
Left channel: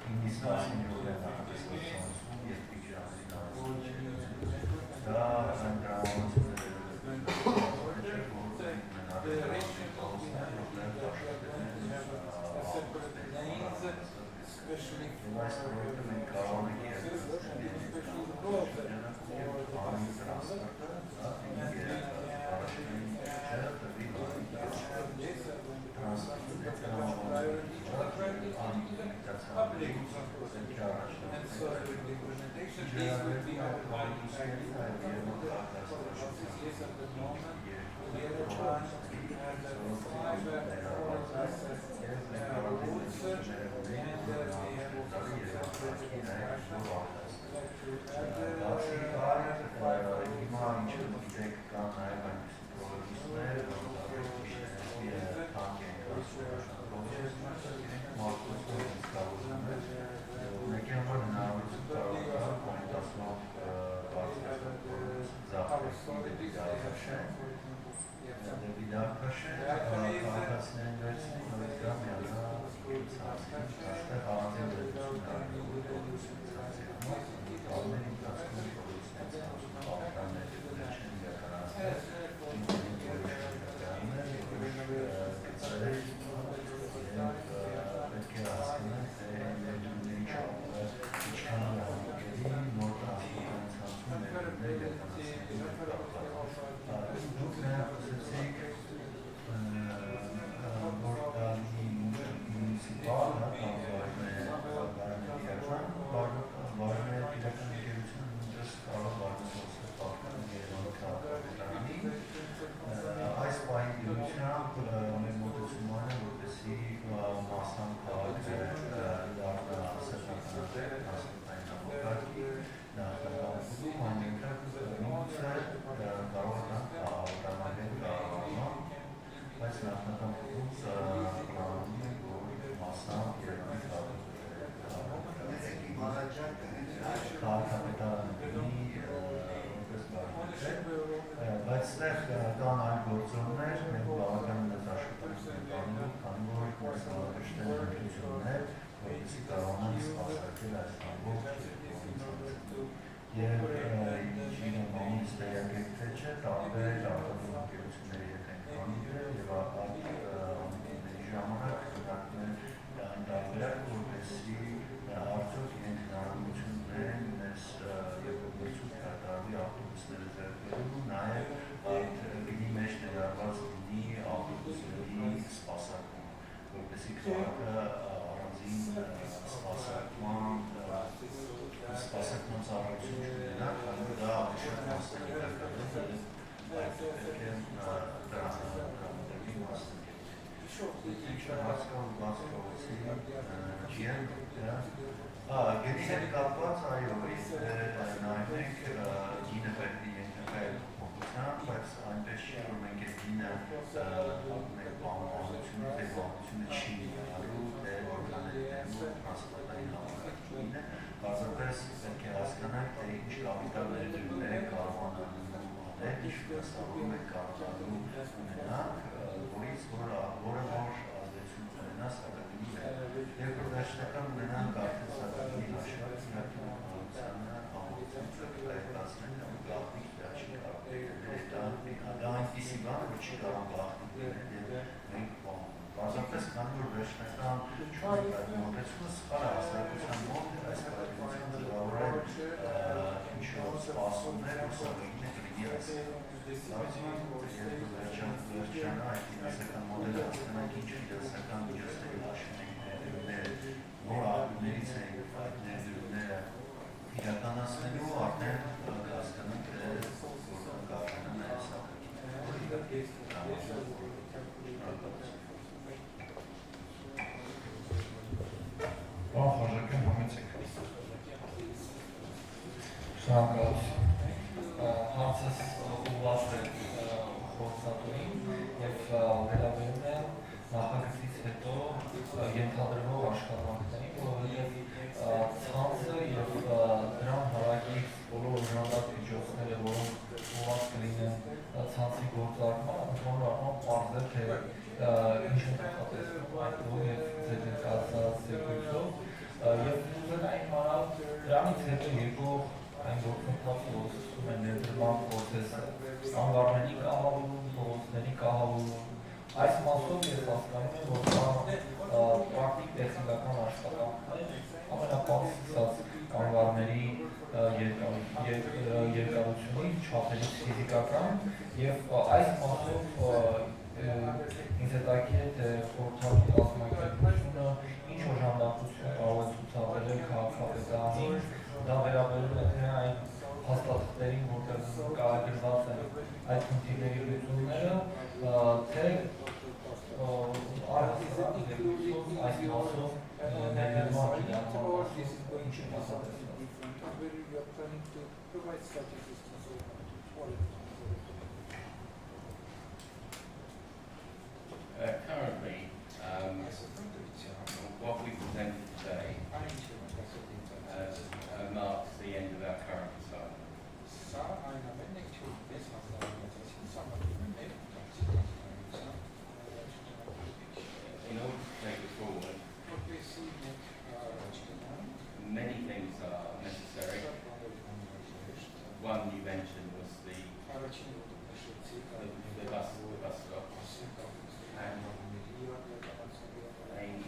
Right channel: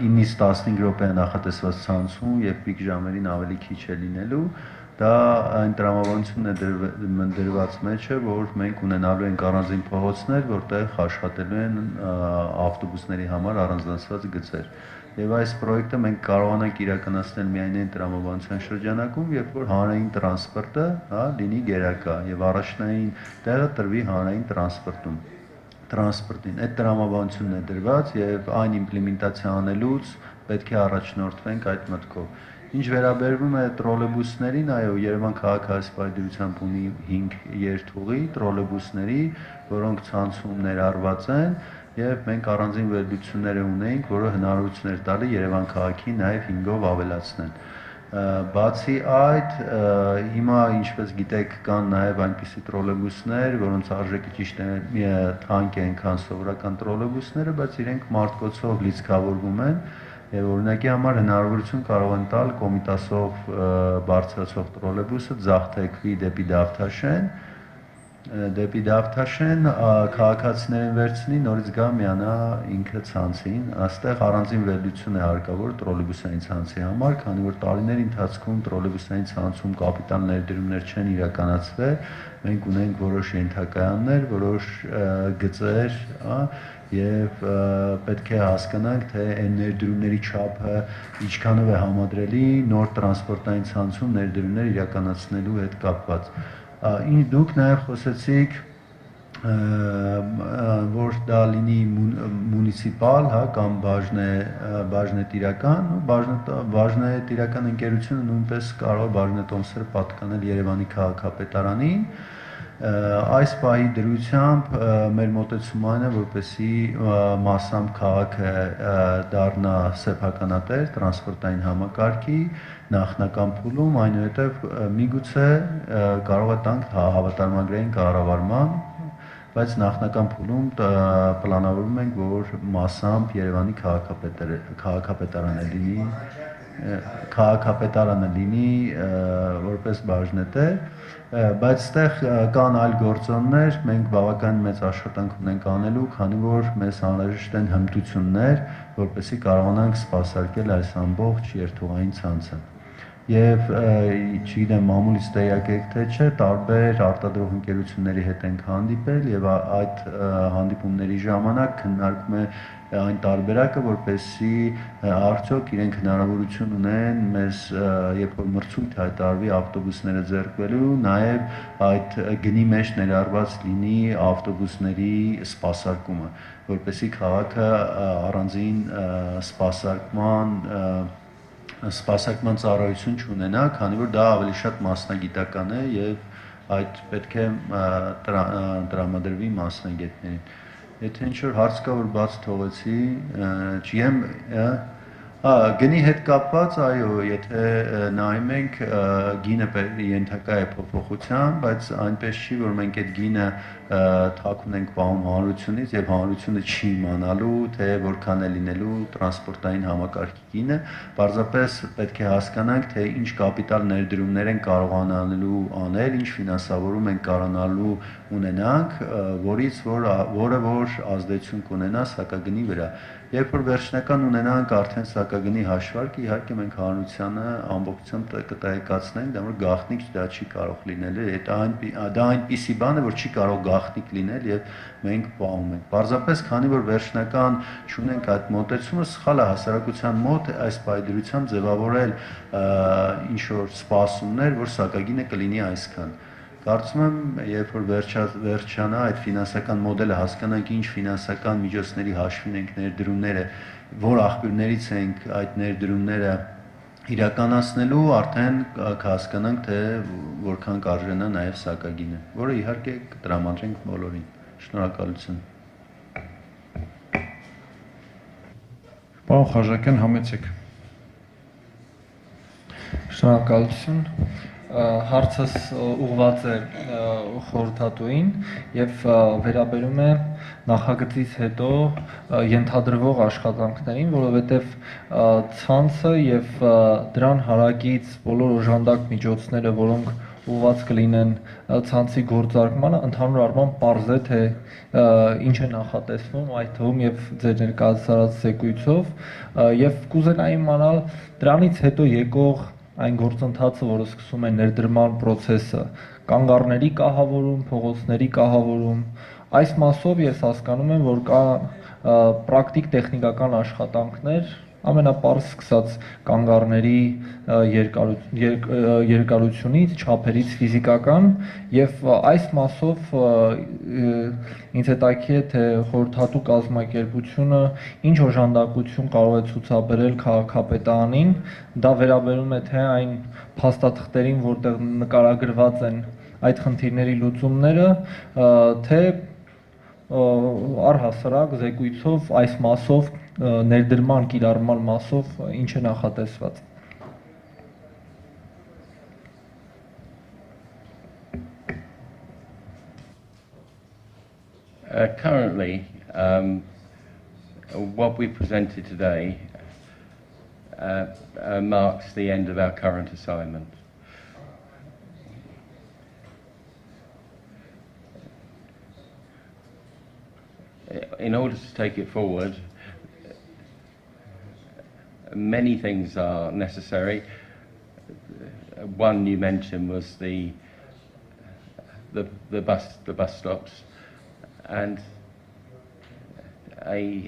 9-ից 15 րոպե է նախատեսված ցանցում եւ պիկ ժամերին ավելի քիչ է լինելու, դա այն տրամաբանությունն է դրված մեջը, որ մենք ունենալու ենք առանձին փողոցներ, որտեղ աշխատելու են ավտոբուսների համար առանձնացված գծեր։ Եվ այս պրոյեկտը մենք կարողանանք իրականացնել միայն այն տրամաբանության շրջանակում, երբ որ հանրային տրանսպորտը լինի գերակա եւ առաջնային տեղը տրվի հանրային տրանսպորտին։ Այդ տրամաբանությունն է դրված եւ այն իմպլեմենտացիա անելուց պետք է առաջնորդվենք այդ մտքով։ Ինչ վերաբերվում է տրոլեյբուսներին, այո, Երևան քաղաքահասպայդությամբ ունի 5 երթուղի տրոլեյբուսների, որոնք ցանցում ներառված են, եւ մենք առանձին վերլուծություններ ունենք, որը հնարավորություն էր տալի Երևան քաղաքի նաեւ 5-ով ավելացնել։ Բացի այդ, հիմա ինչպես գիտեք, կան նաեւ այնպիսի տրոլեյբուսներ, որոնց արժեքը ճիշտ է թանկ է, քան սովորական տրոլեյբուսները, բայց իրենք մարտկոցով լիցքավորվում են եւ օրինակի համար հնարավորություն կարող են տալ Կոմիտասով բարձրացող տրոլեյբուսը ձախթեկվի դեպի Դավթաշեն, քաղաքացիներին վերցնի, նորից գա միանա ինքը ցանցին, այստեղ առանձին վերլուծություն է հարկավոր տրոլեյբուսային ցանցի համար, քանի որ տարիների ընթացքում տրոլեյբուսային ցանցում կապիտալ ներդրումներ չեն իրականացվել, մենք ունենք որոշ ենթակայաններ, որոշ գծեր, եւ պետք է հասկանանք, թե այն ներդրումների չափը ինչքանով է համադրելի նոր տրանսպորտային ցանցում ներդրումներ իրականացնելու հետ կապված։ Դուք նաև խոսեցիք, որ դա լինի մունիցիպալ, կամ բաժնետիրական, բաժնետիրական ընկերությունը նույնպես կարող բաժնետոմսերը պատկանել Երևանի քաղաքապետարանին։ Այս պահի դրությամբ մեր մոտեցումը այն է, որպեսզի մասամբ քաղաքը դառնա սեփականատեր տրանսպորտային համակարգի նախնական փուլում, այնուհետև միգուցե կարող է տանք հավատարմագրային կառավարման, բայց նախնական փուլում պլանավորում ենք, որ մասամբ Երևանի քաղաքապետարանը լինի որպես բաժնետեր, բայց այստեղ կան այլ գործոններ, մենք բավական մեծ աշխատանք ունենք անելու, քանի որ մեզ անհրաժեշտ են հմտություններ, որպեսզի կարողանանք սպասարկել այս ամբողջ երթուղային ցանցը։ Եվ չգիտեմ, մամուլից տեղյակ եք թե չէ, տարբեր արտադրող ընկերությունների հետ ենք հանդիպել եւ այդ հանդիպումների ժամանակ քննարկվում է այն տարբերակը, որպեսզի արդյոք իրենք հնարավորություն ունեն մեզ, երբ որ մրցույթ հայտարարվի ավտոբուսները ձեռքբերելու, նաեւ այդ գնի մեջ ներառված լինի ավտոբուսների սպասարկումը, որպեսզի քաղաքը առանձին սպասարկման ծառայություն չունենա, քանի որ դա ավելի շատ մասնագիտական է եւ այդ պետք է տրամադրվի մասնագետներին։ Եթե ինչ-որ հարց կա, որ բաց թողեցի, չգիտեմ, գնի հետ կապված, այո, եթե նայում ենք, գինը ենթակա է փոփոխության, բայց այնպես չի, որ մենք այդ գինը թաքուն ենք պահում հանրությունից եւ հանրությունը չի իմանալու, թե որքան է լինելու տրանսպորտային համակարգի գինը, պարզապես պետք է հասկանանք, թե ինչ կապիտալ ներդրումներ են կարողանալու անել, ինչ ֆինանսավորում են կարողանալու ունենանք, որը ազդեցություն կունենա սակագնի վրա։ Երբ որ վերջնական ունենանք արդեն սակագնի հաշվարկ, իհարկե մենք հանրությանը ամբողջությամբ կտեղեկացնենք, դա որ գաղտնիք դա չի կարող լինել, դա այնպիսի բան է, որ չի կարող գաղտնիք լինել եւ մենք պահում ենք։ Պարզապես քանի որ վերջնական չունենք այդ մոտեցումը, սխալ է հասարակության մոտ այս պայդրությամբ ձևավորել ինչ որ սպասումներ, որ սակագինը կլինի այսքան։ Կարծում եմ, երբ որ վերջանա այդ ֆինանսական մոդելը, հասկանանք ինչ ֆինանսական միջոցների հաշվին ենք ներդրումները, որ աղբյուրներից ենք այդ ներդրումները իրականացնելու, արդեն կհասկանանք, թե որքան կարժենա նաև սակագինը, որը իհարկե կտրամադրենք բոլորին։ Շնորհակալություն։ Պարոն Խաչատուրյան, համեցեք։ Շնորհակալություն։ հարցս ուղղված է խորհրդատուին եւ վերաբերում է նախագծից հետո ենթադրվող աշխատանքներին, որովհետեւ ցանցը եւ դրան հարակից բոլոր օժանդակ միջոցները, որոնք ուղղված կլինեն ցանցի գործարկմանը, ընդհանուր առմամբ պարզ է, թե ինչ է նախատեսվում, այդ թվում եւ ձեր ներկայացրած զեկույցով եւ կուզենայի իմանալ դրանից հետո եկող այն գործընթացը, որը սկսում է ներդրման process-ը, կանգառների կահավորում, փողոցների կահավորում, այս մասով ես հասկանում եմ, որ կա պրակտիկ տեխնիկական աշխատանքներ, ամենապարզ սկսած կանգառների երկարությունից, չափերից ֆիզիկական եւ այս մասով ինձ հետաքրքիր է, թե խորհրդատու կազմակերպությունը ինչ օժանդակություն կարող է ցուցաբերել քաղաքապետարանին, դա վերաբերում է թե այն փաստաթղթերին, որտեղ նկարագրված են այդ խնդիրների լուծումները, թե առհասարակ զեկույցով այս մասով ներդրման կիրառման մասով ինչ է նախատեսված։ Currently, what we presented today marks the end of our current assignment. In order to take it forward, many things are necessary. One you mentioned was the bus stops, and a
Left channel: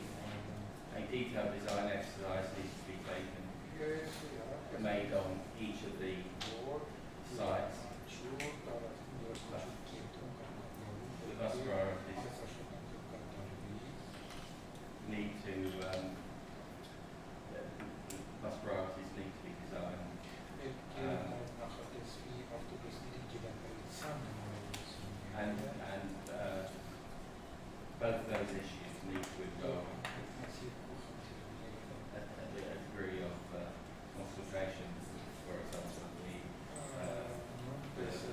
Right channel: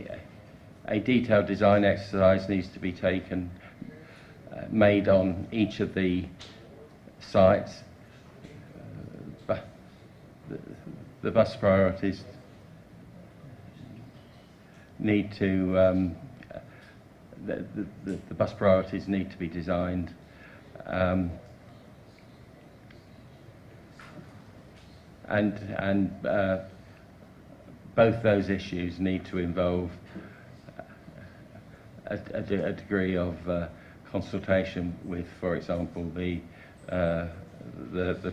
detailed design exercise needs to be taken, made on each of the sites. The bus priorities need to the bus priorities need to be designed, and both those issues need to involve a degree of consultation with, for example, the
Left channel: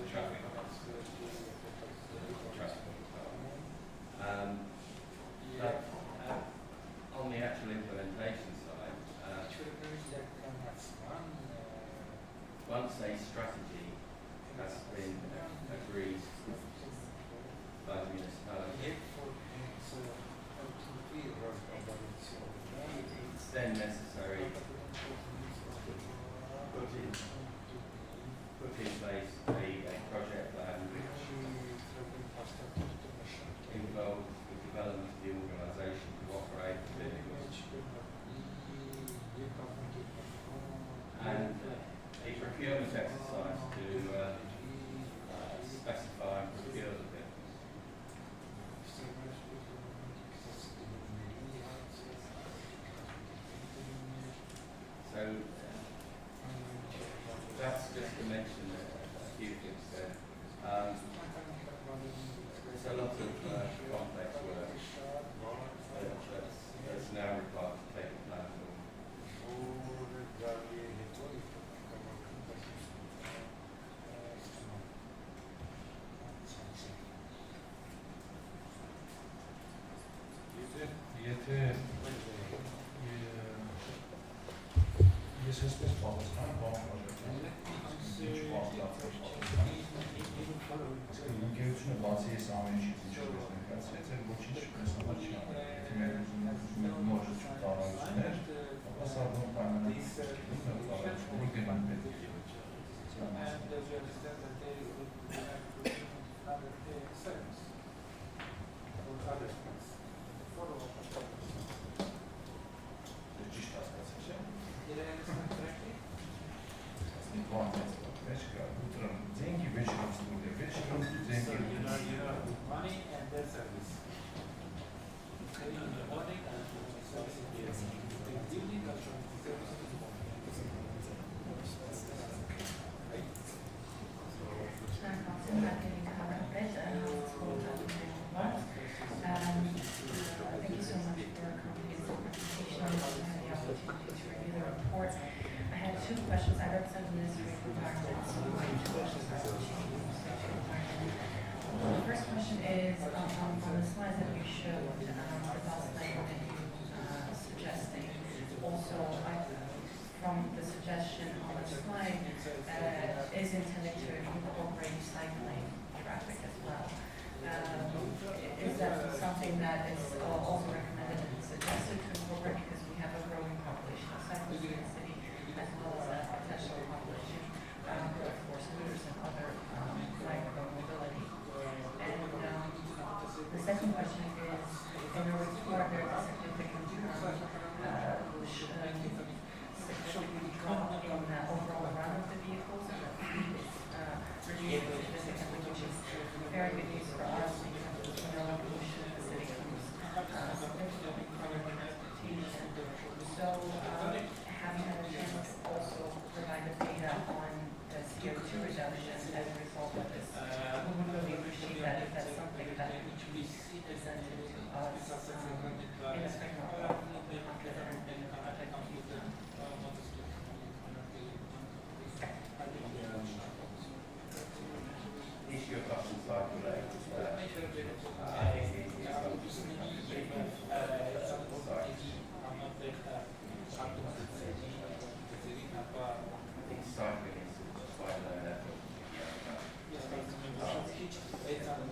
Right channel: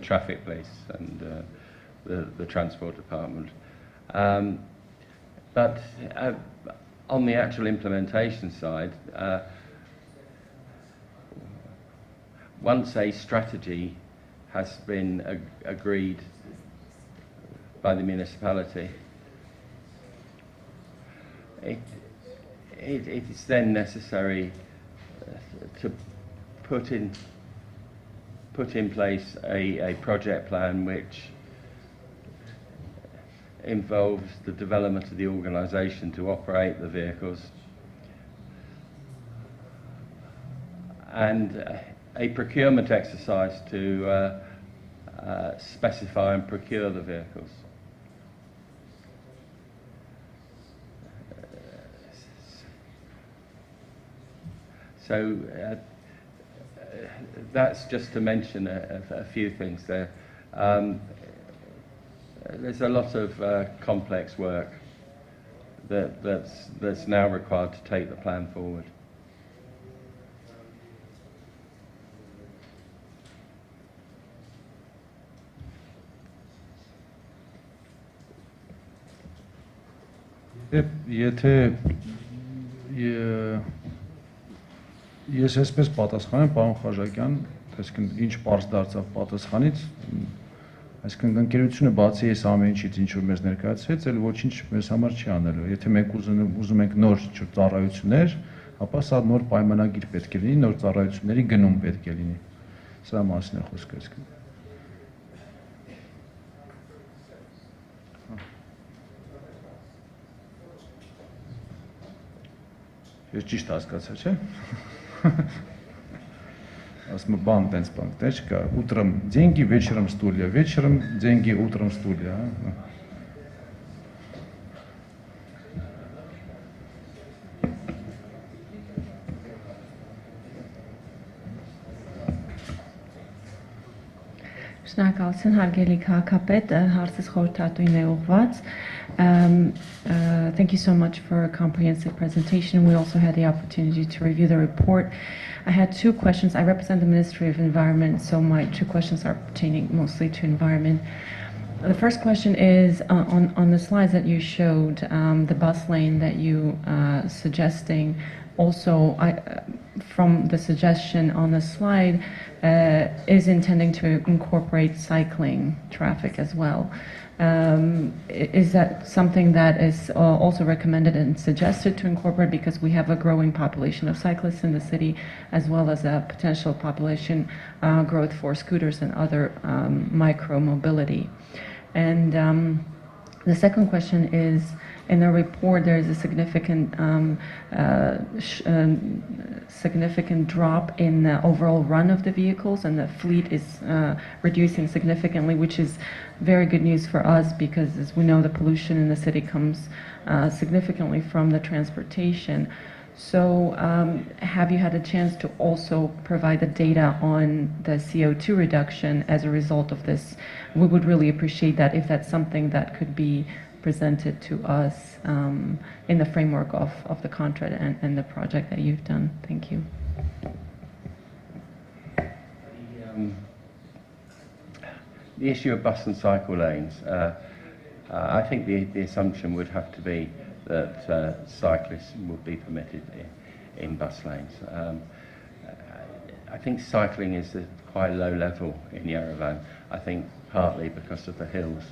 traffic police and the transport department. But on the actual implementation side, once a strategy has been agreed by the municipality, it is then necessary to put in place a project plan which involves the development of the organisation to operate the vehicles, and a procurement exercise to specify and procure the vehicles. So that's just to mention a few things there. There's a lot of complex work that's now required to take the plan forward. Ես այսպես պատասխանեմ, պարոն Խաչակյան, այսինքն ինչ պարզ դարձավ պատասխանից, այսինքն ընկերությունը բացի այս ամեն ինչից ինչ որ մեզ ներկայացրեց, էլ ոչինչ մեզ համար չի անելու։ Եթե մենք ուզում ենք նոր ծառայություններ, ապա սա նոր պայմանագիր պետք է լինի, նոր ծառայությունների գնում պետք է լինի։ Սրա մասին է խոսքը այսինքն։ Ես ճիշտ հասկացա, չէ՞։ Ասում բան տենց բան, թե չկա, утром деньги, вечером стулья, вечером деньги, утром стулья, Շնորհակալություն հարգելի քաղաքապետ, հարցս խորհրդատուին է ուղղված։ Thank you so much for a comprehensive presentation. We also had the opportunity to review the report. I had two questions. I represent the Ministry of Environment, so my two questions are pertaining mostly to environment. The first question is on the slides that you showed, the bus lane that you suggesting. Also, from the suggestion on the slide, is intending to incorporate cycling traffic as well. Is that something that is also recommended and suggested to incorporate, because we have a growing population of cyclists in the city, as well as a potential population growth for scooters and other micro-mobility? And the second question is, in the report there is a significant drop in the overall run of the vehicles, and the fleet is reducing significantly, which is very good news for us, because as we know, the pollution in the city comes significantly from the transportation. So have you had a chance to also provide the data on the CO2 reduction as a result of this? We would really appreciate that if that's something that could be presented to us in the framework of the contract and the project that you've done. Thank you. The issue of bus and cycle lanes, I think the assumption would have to be that cyclists would be permitted in bus lanes. I think cycling is at quite a low level in Yerevan, I think partly because of the hills.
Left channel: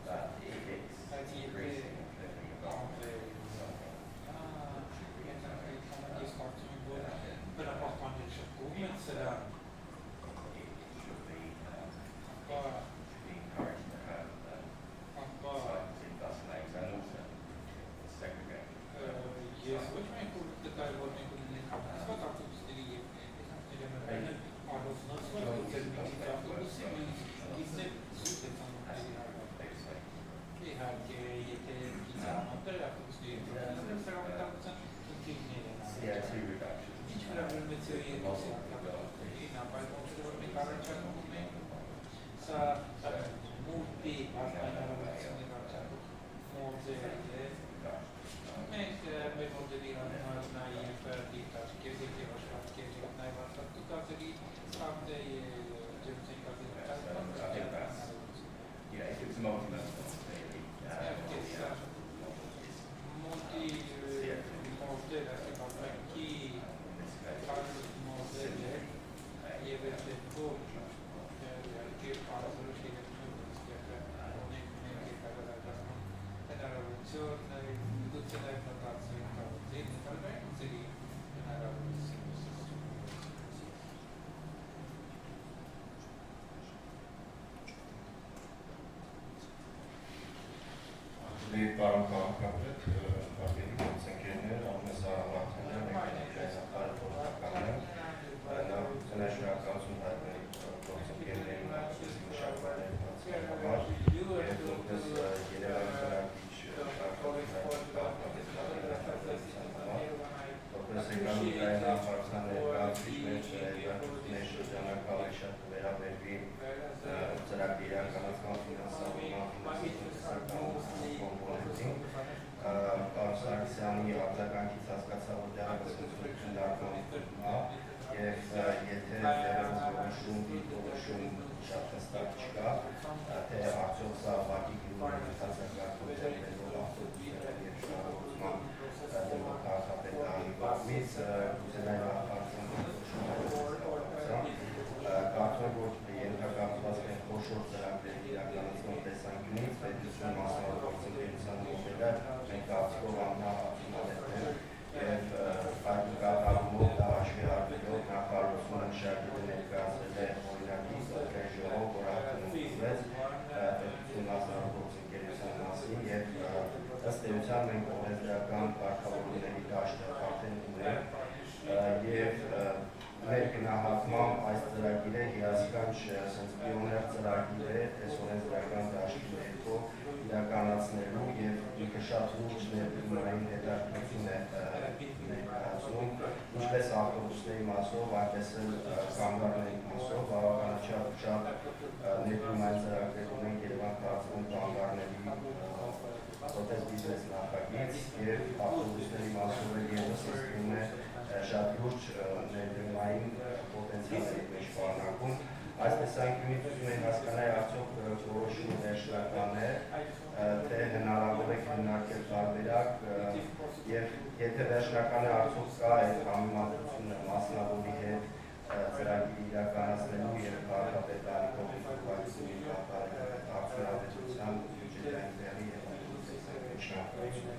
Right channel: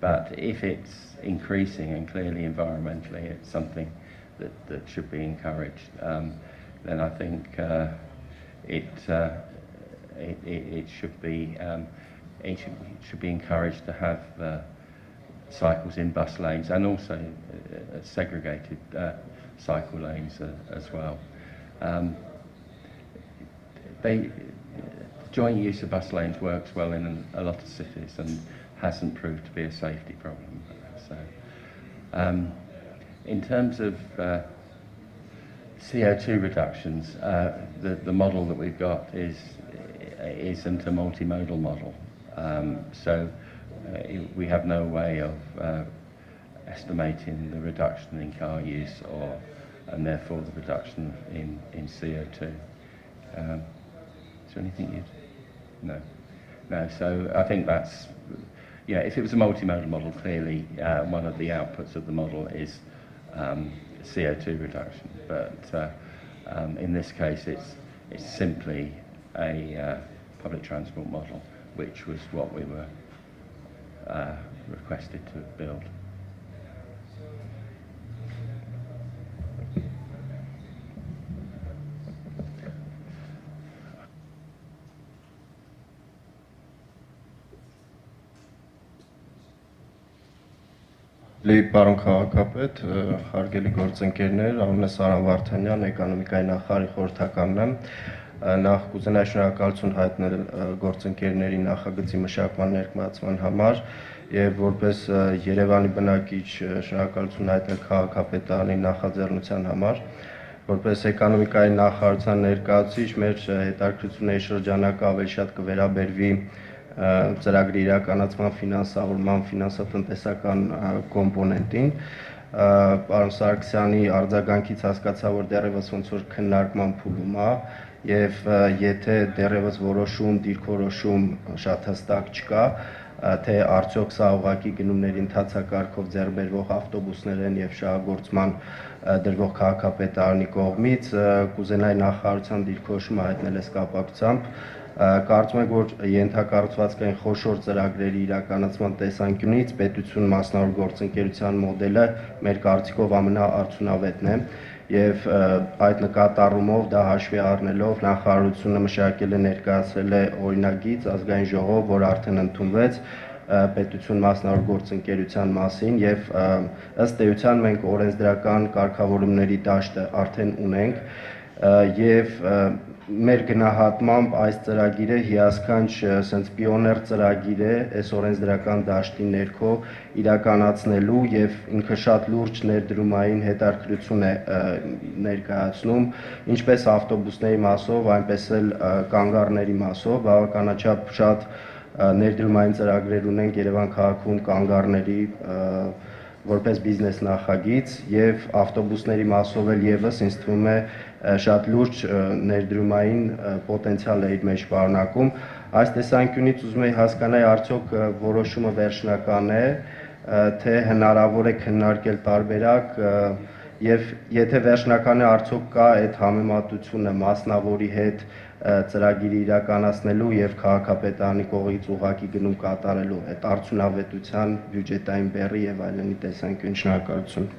But if it's increasing, and clearly environmentally it's something that should be encouraged, then I think it should be encouraged to have cycles in bus lanes, and also segregated cycle lanes as well. Joint use of bus lanes works well in a lot of cities and hasn't proved to be a safety problem. So, in terms of CO2 reductions, the model that we've got isn't a multimodal model. So we have no way of estimating the reduction in car use and therefore the reduction in CO2. Is there anything you... No, so I think that's... Yeah, if it was a multimodal model, clearly one of the outputs of the model is CO2 reduction. But in this case, it's simply a public transport model, which was what we were requested to build. Պարոն քաղաքապետ, հարգելի գործընկերներ, անունս Սարան Վարդանյան, էկոնոմիկայի նախարարի խորհրդականն եմ, նախ կուզենայի շնորհակալություն հայտնել գործընկերների նախագծի մշակման ներկայացման համար եւ որպես Երևանի բնակիչ շնորհակալություն հայտնել քաղաքապետարանի նախաձեռնության համար, որպես էկոնոմիկայի նախարարության ներկայացուցիչ մեր հետաքրքրությունների շրջանակը ավելի շատ կվերաբերվի ծրագրի իրականացման ֆինանսավորման ֆինանսատնտեսական կոմպոնենտին, պարոն Սարգսյանի արձագանքից հասկացա, որ դեռևս ոնց որ քննարկման փուլում է եւ եթե դեռևս որոշում, դիրքորոշում շատ հստակ չկա, թե արդյոք սա ուղղակի գնումների ընթացակարգով ձեռբերվող ավտոբուսներ են եւ շահագործման դրվող քաղաքապետարանի կողմից, կուզենայի նախարարության դիրքորոշումը հայտնել այս կապակցությամբ. Կարծում եմ, որ ենթակառուցվածքային խոշոր ծրագրերի իրականացման տեսանկյունից պետություն մասնավոր գործընկերության մոդելը մեր կարծիքով ամենաարդյունավետն է եւ այդ նկատառումով դա հաշվի առնելով նախարարությունը մշակել է ներկայացրել է օրինագիծ ազգային ժողով, որ արդեն ընդունվեց պետություն մասնավոր գործընկերության մասին եւ ըստ էության մենք օրենսդրական կարգավորումների դաշտը արդեն ունենք եւ մեր գնահատմամբ այս ծրագիրը հիասքանչ sense պիոներ ծրագիր է այս օրենսդրական դաշտի ներքո իրականացնելու եւ ինքը շատ լուրջ ներդրումային հետաքրքրություն է ներկայացնում ինչպես ավտոբուսների մասով այնպես էլ կանգառների մասով բավականաչափ շատ ներդրումային ծրագրեր ունենք Երևան քաղաքում կանգառների որպես բիզնես նախագիծ եւ ավտոբուսների մասով էլ եւս ինձ թվում է շատ լուրջ ներդրումային պոտենցիալ է իր մեջ պարունակում։ Այս տեսանկյունից ուզում եի հասկանալ արդյոք որոշումը վերջնական է, թե հնարավոր է քննարկել տարբերակ եւ եթե վերջնական է արդյոք կա այդ համեմատությունը մասնավորի հետ ծրագիրը իրականացնելու եւ քաղաքապետարանի կողմից ուղղակի գնում կատարելու այդ արդյունավետության, բյուջետային բեռի եւ այլնի տեսանկյուն շնորհակալություն։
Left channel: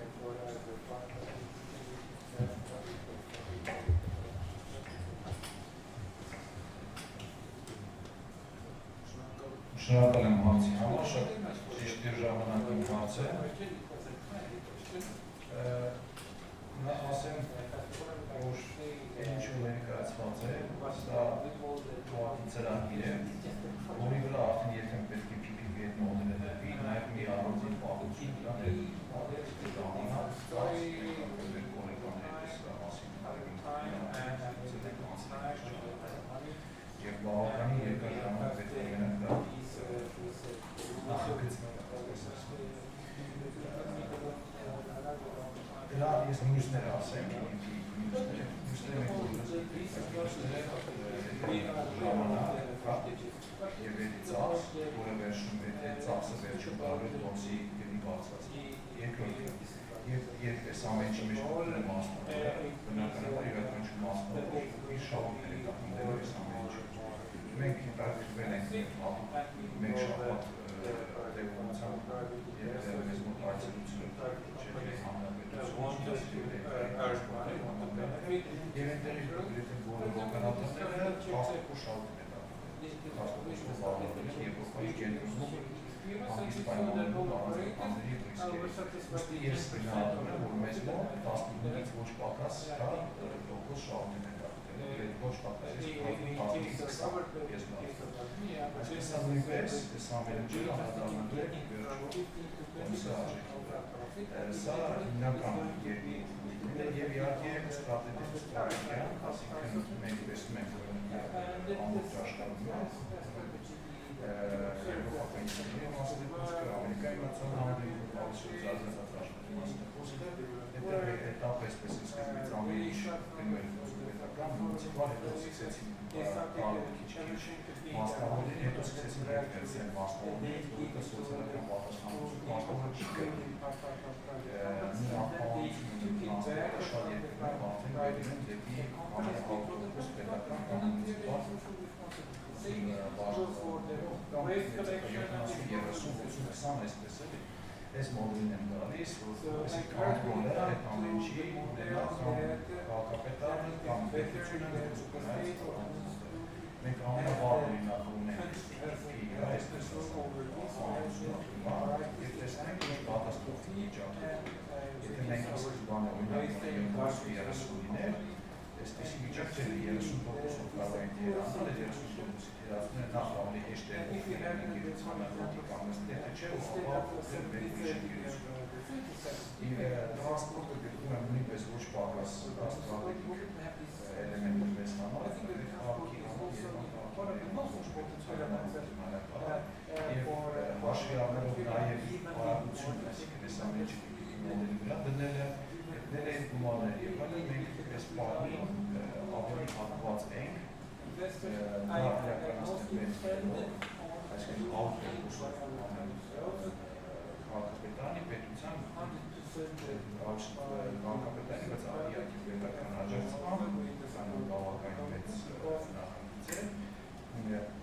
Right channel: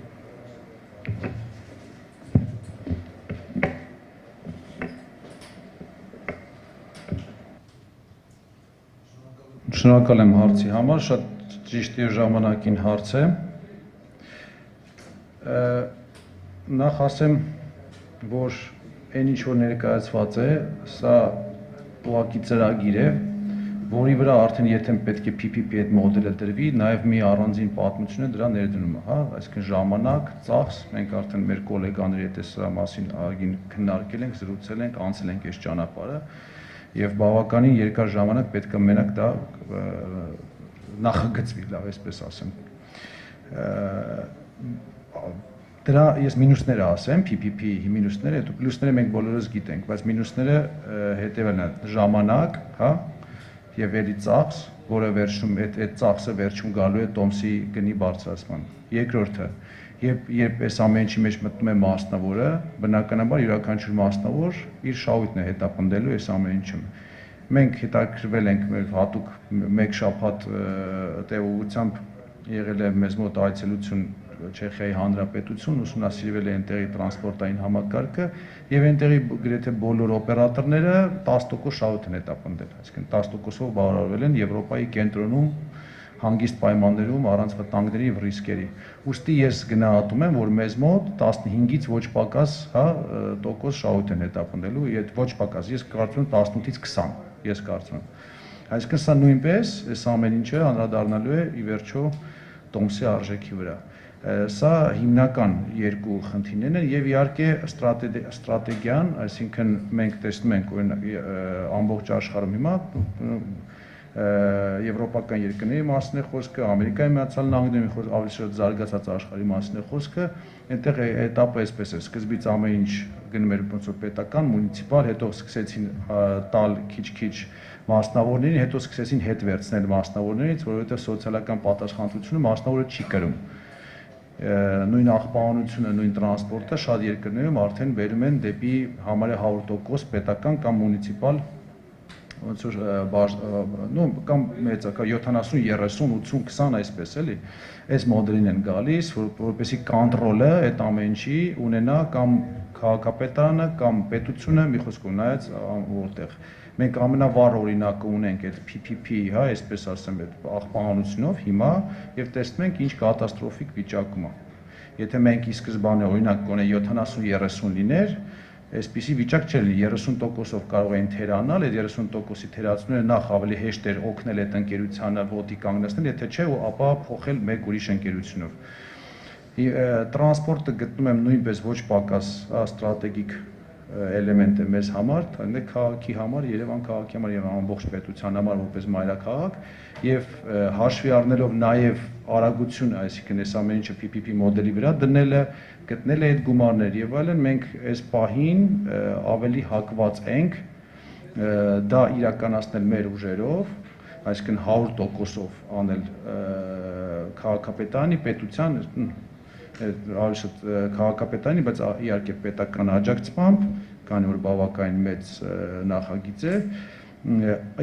Շնորհակալ եմ հարցի համար, շատ ճիշտ եւ ժամանակին հարց է։ Նախ ասեմ, որ այն ինչ որ ներկայացված է, սա ուղղակի ծրագիր է, որի վրա արդեն եթե պետք է PPP այդ մոդելը դրվի, նաև մի առանձին պատմություն է դրա ներդրումը, հա, այսինքն ժամանակ, ծախս, մենք արդեն մեր գոլեգաների հետ սրա մասին արգին քննարկել ենք, զրուցել ենք, անցել ենք այս ճանապարհը եւ բավականին երկար ժամանակ պետք է մենակ դա նախագծվի, լավ այսպես ասեմ։ Դրա ես մինուսները ասեմ, PPP-ի մինուսները, հետո պլյուսները մենք բոլորս գիտենք, բայց մինուսները հետևն են ժամանակ, հա, եւ ելի ծախս, որը վերջում այդ ծախսը վերջում գալու է տոմսի գնի բարձրացման։ Երկրորդը, երբ այս ամեն ինչի մեջ մտնում է մասնավորը, բնականաբար յուրաքանչյուր մասնավոր իր շահույթն է հետապնդելու այս ամեն ինչում։ Մենք հետաքրվել ենք մեր հատուկ մեկ շաբաթ տևողությամբ եղել է մեզ մոտ այցելություն Չեխիայի Հանրապետություն, ուսումնասիրվել է այնտեղի տրանսպորտային համակարգը եւ այնտեղի գրեթե բոլոր օպերատորները 10% շահույթ են հետապնդել, այսինքն 10%-ով բավարարվել են Եվրոպայի կենտրոնում հանգիստ պայմաններում առանց վտանգների եւ ռիսկերի։ Ուստի ես գնահատում եմ, որ մեզ մոտ 15-ից ոչ պակաս, հա, տոկոս շահույթ են հետապնդելու, եւ ոչ պակաս, ես կարծում եմ 15-ից 20, ես կարծում եմ։ Այսինքն սա նույնպես այս ամեն ինչը անդրադառնալու է ի վերջո տոմսի արժեքի վրա։ Սա հիմնական երկու խնդիրներն են եւ իհարկե ստրատեգիան, այսինքն մենք տեսնում ենք օրինակ ամբողջ աշխարհում հիմա եվրոպական երկրների մասին է խոսքը, Ամերիկայի Միացյալ Նահանգների ավելի շատ զարգացած աշխարհի մասին է խոսքը, այնտեղ этаպը այսպես է, սկզբից ամեն ինչ գնում էր ոնց որ պետական, մունիցիպալ, հետո սկսեցին տալ քիչ-քիչ մասնավորներին, հետո սկսեցին հետ վերցնել մասնավորներից, որովհետեւ սոցիալական պատասխանատվությունը մասնավորը չի կրում։ Նույն աղբանությունը, նույն տրանսպորտը շատ երկրներում արդեն բերում են դեպի համարյա 100% պետական կամ մունիցիպալ ոնց որ կամ մեծ, կամ 70, 30, 80, 20 այսպես էլի, այս մոդելին են գալիս, որպեսզի կոնտրոլը այդ ամեն ինչի ունենա կամ քաղաքապետարանը կամ պետությունը, մի խոսքով նայած որտեղ։ Մենք ամենավառ օրինակը ունենք այդ PPP, հա, այսպես ասեմ, այդ աղբանությունով հիմա եւ տեսնում ենք ինչ կատաստրոֆիկ վիճակում է։ Եթե մենք ի սկզբանե օրինակ գոնե 70-30 լիներ, այսպիսի վիճակ չէր լինի, 30%-ով կարող էին թերանալ, այդ 30%-ի թերացնելը նախ ավելի հեշտ էր օգնել այդ ընկերությանը ոտի կանգնեցնել, եթե չէ, ապա փոխել մեկ ուրիշ ընկերությունով։ Տրանսպորտը գտնում եմ նույնպես ոչ պակաս ստրատեգիկ էլեմենտ է մեզ համար, քաղաքի համար, Երևան քաղաքի համար եւ ամբողջ պետության համար որպես մայրաքաղաք եւ հաշվի առնելով նաեւ արագությունը, այսինքն այս ամեն ինչը PPP մոդելի վրա դնելը, գտնել է այդ գումարներ եւ այլն, մենք այս պահին ավելի հակված ենք դա իրականացնել մեր ուժերով, այսինքն 100%-ով անել քաղաքապետարանի, պետության, քաղաքապետարանի, բայց իհարկե պետական աջակցությամբ, քանի որ բավականին մեծ նախագիծ է,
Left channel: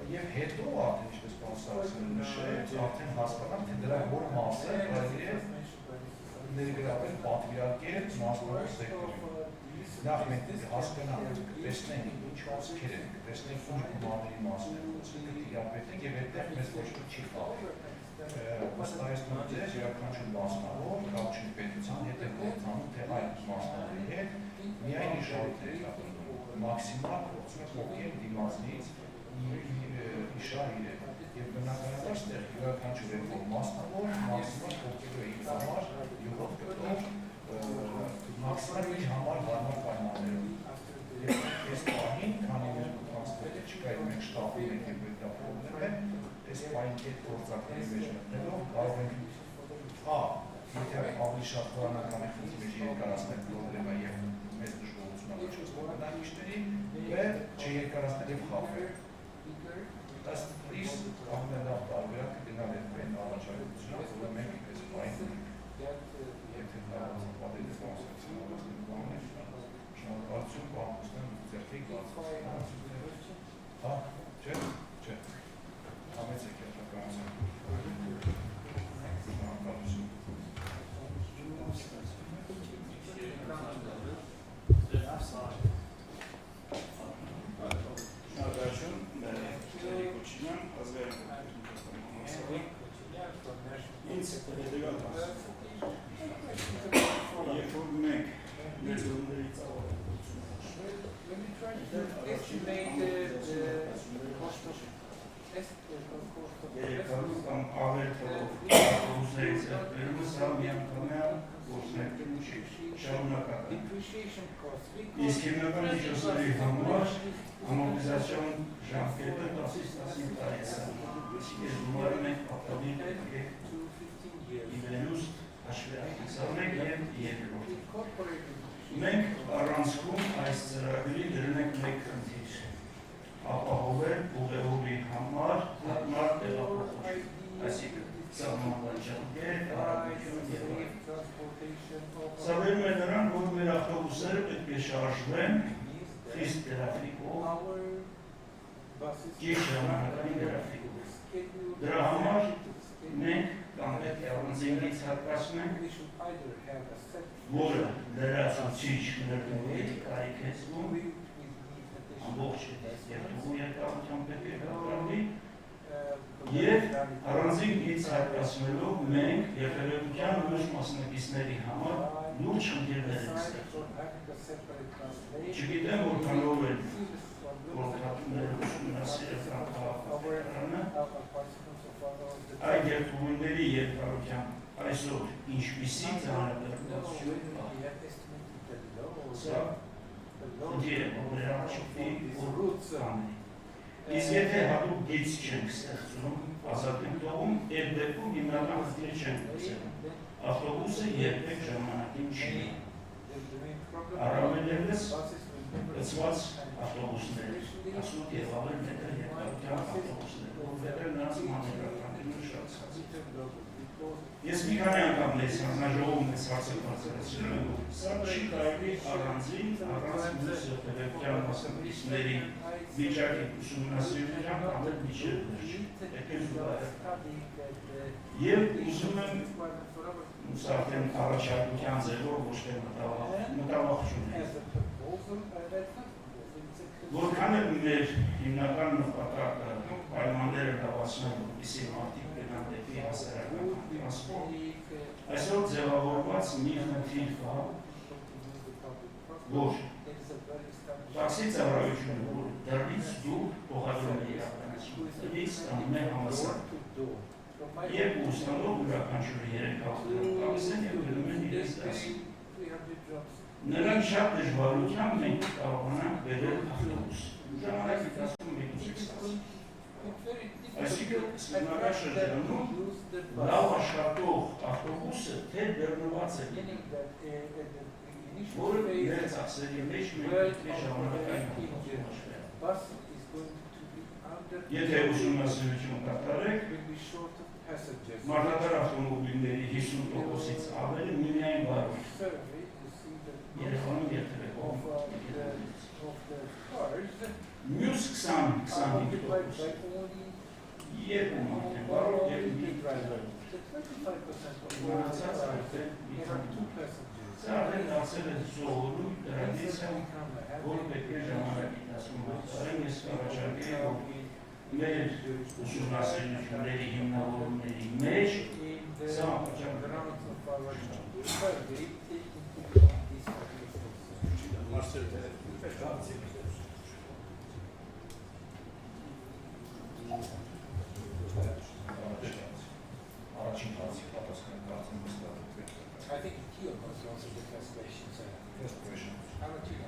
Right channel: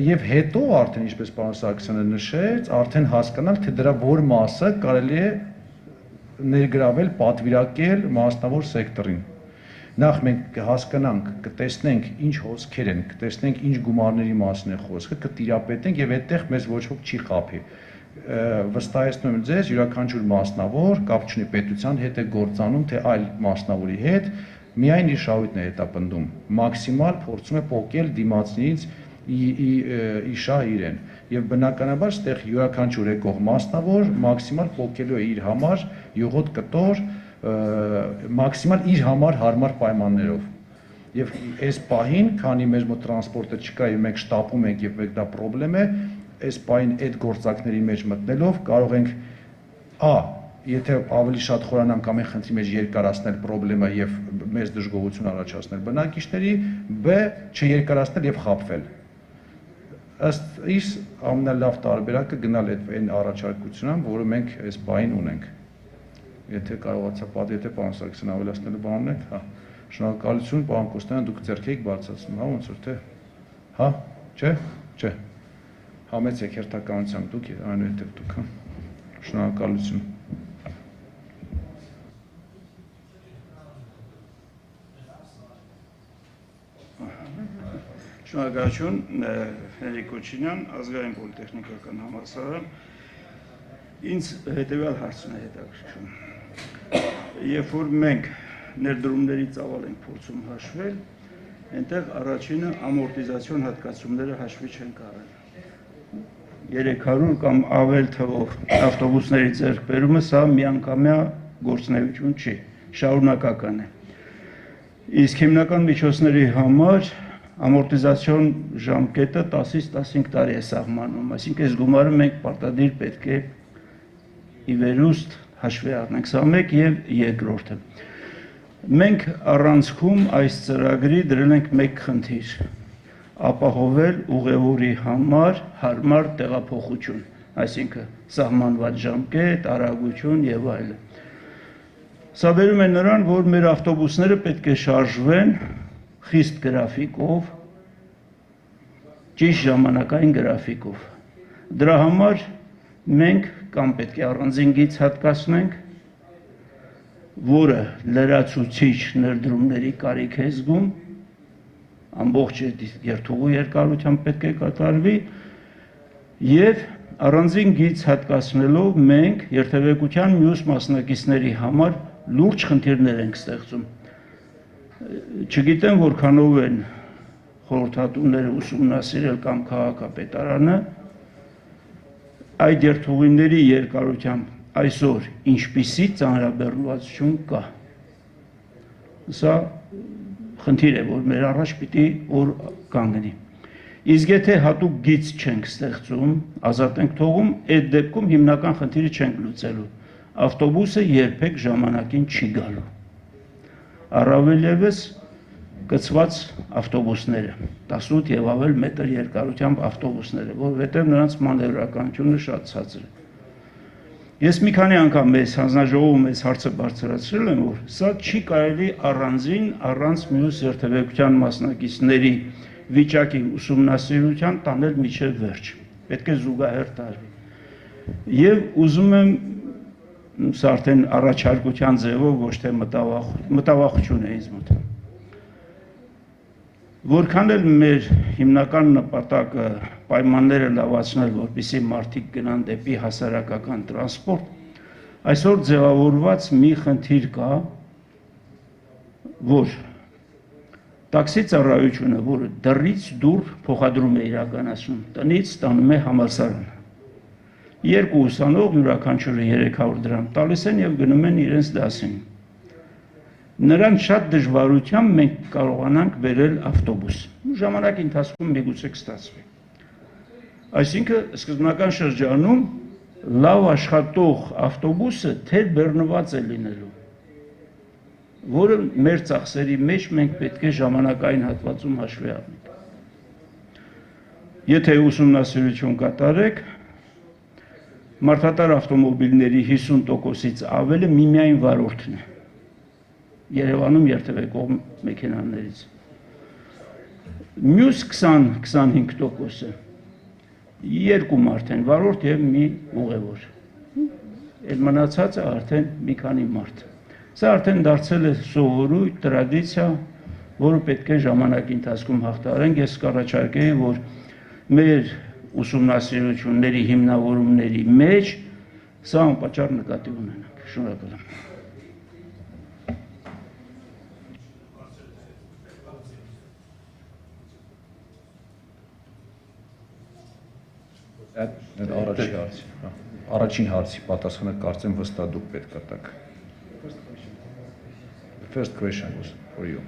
եւ հետո արդեն ինչպես պարոն Սարգսյանը նշեց, արդեն հասկանալ, թե դրա որ մասը կարելի է ներգրավել, պատվիրակել մասնավոր սեկտորին։ Նախ մենք կհասկանանք, կտեսնենք ինչ հոսքեր են, կտեսնենք ինչ գումարների մասին է խոսքը, կտիրապետենք եւ այդտեղ մեզ ոչ ոք չի խաբի։ Վստահեցնում եմ ձեզ, յուրաքանչյուր մասնավոր կապ չունի պետության հետ է գործանում, թե այլ մասնավորի հետ, միայն իր շահույթն է հետապնդում, մաքսիմալ փորձում է պոկել դիմացնից իշա իրեն։ Եվ բնականաբար ստեղ յուրաքանչյուր եկող մասնավոր մաքսիմալ պոկելու է իր համար յուղոտ կտոր, մաքսիմալ իր համար հարմար պայմաններով։ Եվ այս պահին, քանի մեր մոտ տրանսպորտը չկա եւ մենք շտապում ենք եւ մեկ դա խնդրեմ է, այս պայն այդ գործակների մեջ մտնելով կարող ենք եթե ավելի շատ խորանանք ամեն խնդրի մեջ երկարացնել խնդրեմը եւ մեծ դժգոհություն առաջացնել բնակիչների, B չերկարացնել եւ խաբվել։ Ըստ իս ամենալավ տարբերակը գնալ այն առաջարկությունն, որը մենք այս պայն ունենք։ Եթե կարողացա եթե պարոն Սարգսյան ավելացնելու բան ունեք, շնորհակալություն, պարոն Կոստանյան, դուք ձեռք եք բարձրացնում, ոնց որ թե, չէ, համեցեք հերթականությամբ դուք, այնուհետև դուք, շնորհակալություն։ Շնորհակալություն, Հերիկ Կոչինյան, ազգային պոլիտեխնիկական համալսարան, ինձ հետևյալ հարցն է հետաքրքրում։ Երբ որ մենք ներդրումների ծավալ ենք փորձում հաշվել, այնտեղ առաջինը ամորտիզացիոն հատկացումները հաշվի չեն կարել։ 300 կամ ավել թվով ավտոբուսների ձեռքբերումը սա միանգամյա գործունեություն չի, շարունակական է։ Իսկ հիմնական միջոցների համար ամորտիզացիոն ժամկետը 10-ից 15 տարի է սահմանում, այսինքն այս գումարը մենք պարտադիր պետք է ի վերուստ հաշվի առնենք, սա մեկ եւ երկրորդը։ Մենք առանցքում այս ծրագրի դրել ենք մեկ խնդիր, ապահովել ուղևորի համար հարմար տեղափոխություն, այսինքն սահմանված ժամկետ, արագություն եւ այլն։ Սա վերում է նրան, որ մեր ավտոբուսները պետք է շարժվեն խիստ գրաֆիկով, ճիշտ ժամանակային գրաֆիկով։ Դրա համար մենք կամ պետք է առանձին գիծ հատկացնենք, որը լրացուցիչ ներդրումների կարիք է զգում, ամբողջ երթուղու երկարությամբ պետք է կատարվի, եւ առանձին գիծ հատկացնելով մենք երթևեկության մյուս մասնակիցների համար լուրջ խնդիրներ ենք ստեղծում։ Չգիտեմ որքանով են խորհրդատուները ուսումնասիրել կամ քաղաքապետարանը այդ երթուղիների երկարությամբ այսօր ինչպիսի ծանրաբեռնվածություն կա։ Սա խնդիր է, որ մեր առաջ պիտի որ կանգնի։ Իսկ եթե հատուկ գիծ չենք ստեղծում, ազատ ենք թողում, այդ դեպքում հիմնական խնդիրը չենք լուծելու։ Ավտոբուսը երբեք ժամանակին չի գալու։ Առավել ևս կցված ավտոբուսները, 18 եւ ավել մետր երկարությամբ ավտոբուսները, որովհետեւ նրանց մանևրականությունը շատ ցածր է։ Ես մի քանի անգամ մեզ հանձնաժողովում այս հարցը բարձրացրել եմ, որ սա չի կարելի առանձին առանց մյուս երթևեկության մասնակիցների վիճակի ուսումնասիրության տանել միջև վերջ։ Պետք է զուգահեռ տարվի։ Եվ ուզում եմ սա արդեն առաջարկության ձևով ոչ թե մտավախություն է ինձ մոտ։ Որքան էլ մեր հիմնական նպատակը պայմանները լավացնել, որպեսզի մարդիկ գնան դեպի հասարակական տրանսպորտ, այսօր ձևավորված մի խնդիր կա, որ տաքսի ծառայությունը, որը դռից դուր փոխադրում է իրականացնում, տնից տանում է համալսարան։ Երկու ուսանող յուրաքանչյուրը 300 դրամ տալիս են եւ գնում են իրենց դասին։ Նրան շատ դժվարությամբ մենք կարողանանք բերել ավտոբուս։ Ժամանակի ընթացքում միգուցե կստացվի։ Այսինքն սկզբնական շրջանում լավ աշխատող ավտոբուսը թեր բեռնված է լինելու, որը մեր ծախսերի մեջ մենք պետք է ժամանակային հատվածում հաշվի առնենք։ Եթե ուսումնասիրություն կատարեք, մարդատար ավտոմոբիլների 50%-ից ավելը միմիայն վարորդն է։ Երևանում երթևեկող մեքենաներից։ Մյուս 20-25%-ը երկու մարդ են, վարորդ եւ մի ուղևոր։ Այդ մնացածը արդեն մի քանի մարդ։ Սա արդեն դարձել է սովորույթ, տրադիցիա, որը պետք է ժամանակի ընթացքում հաղթահարենք։ Ես կառաջարկեի, որ մեր ուսումնասիրությունների հիմնավորումների մեջ սա անպատճառ նկատի ունենանք։ Շնորհակալ եմ։ Առաջին հարցի պատասխանը կարծեմ հստակ դուք պետք է տաք։ First question was for you.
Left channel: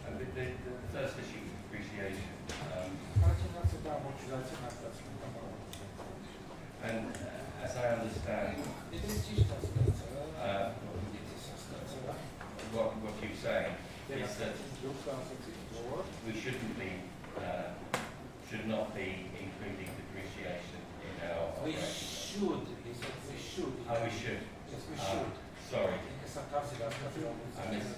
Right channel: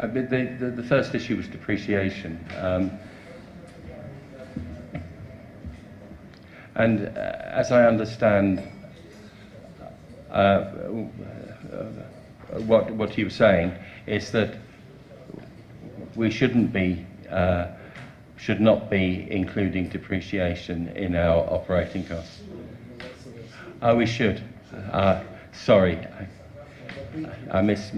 The first issue was depreciation. And as I understand what you were saying, is that we should not be including depreciation in our operating costs. Oh, we should. Sorry, I missed.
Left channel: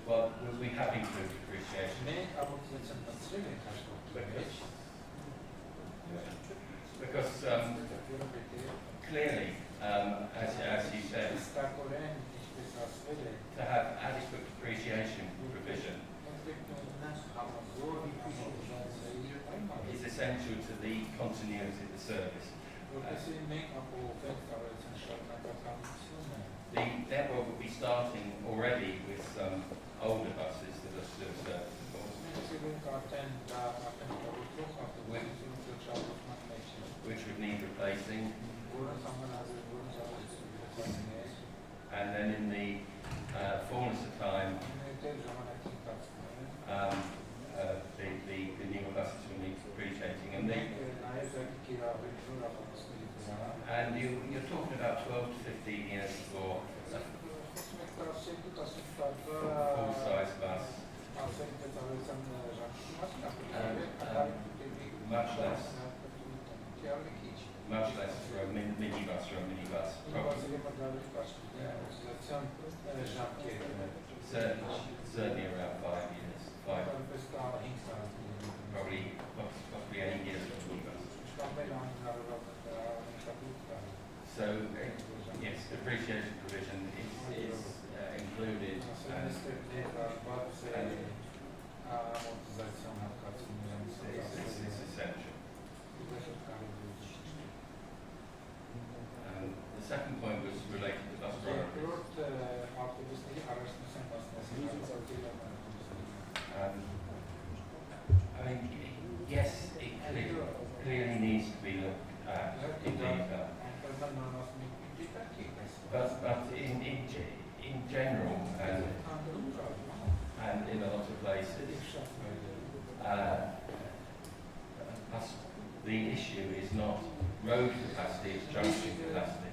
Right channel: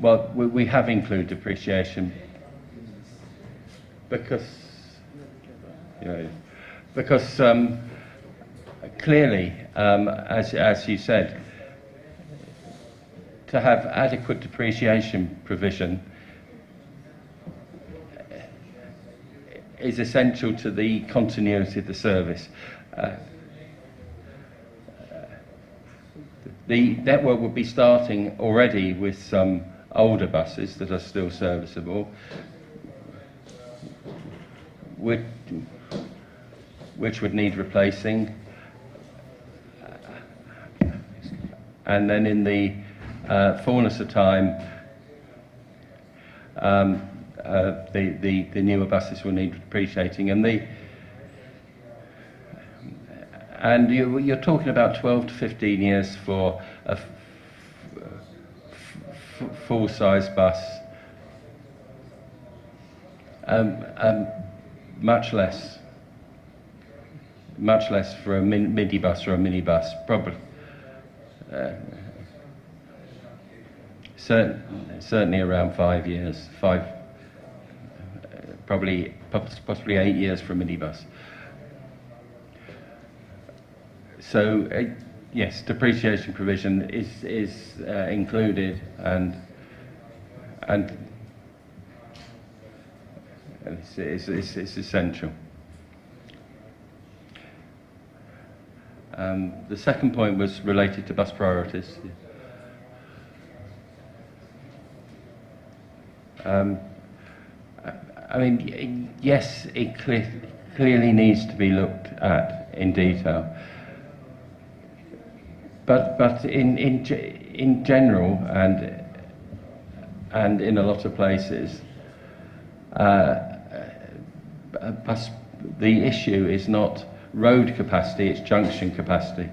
Well, we have included depreciation because, clearly, as you said, to have adequate depreciation provision is essential to the continuity of the service. The network will be starting already with some older buses that are still serviceable, which would need replacing. And then in the fullness of time, the newer buses will need depreciating, and you're talking about 12 to 15 years for a full-size bus, much less for a minibus or a minibus, probably. Certainly around 5 years, possibly 8 years for a minibus. So yes, depreciation provision is included, and it's essential. The second point was related to bus priorities. I mean, yes, it clearly needs to be looked at in detail, but in general and in a lot of places, the issue is not road capacity, it's junction capacity.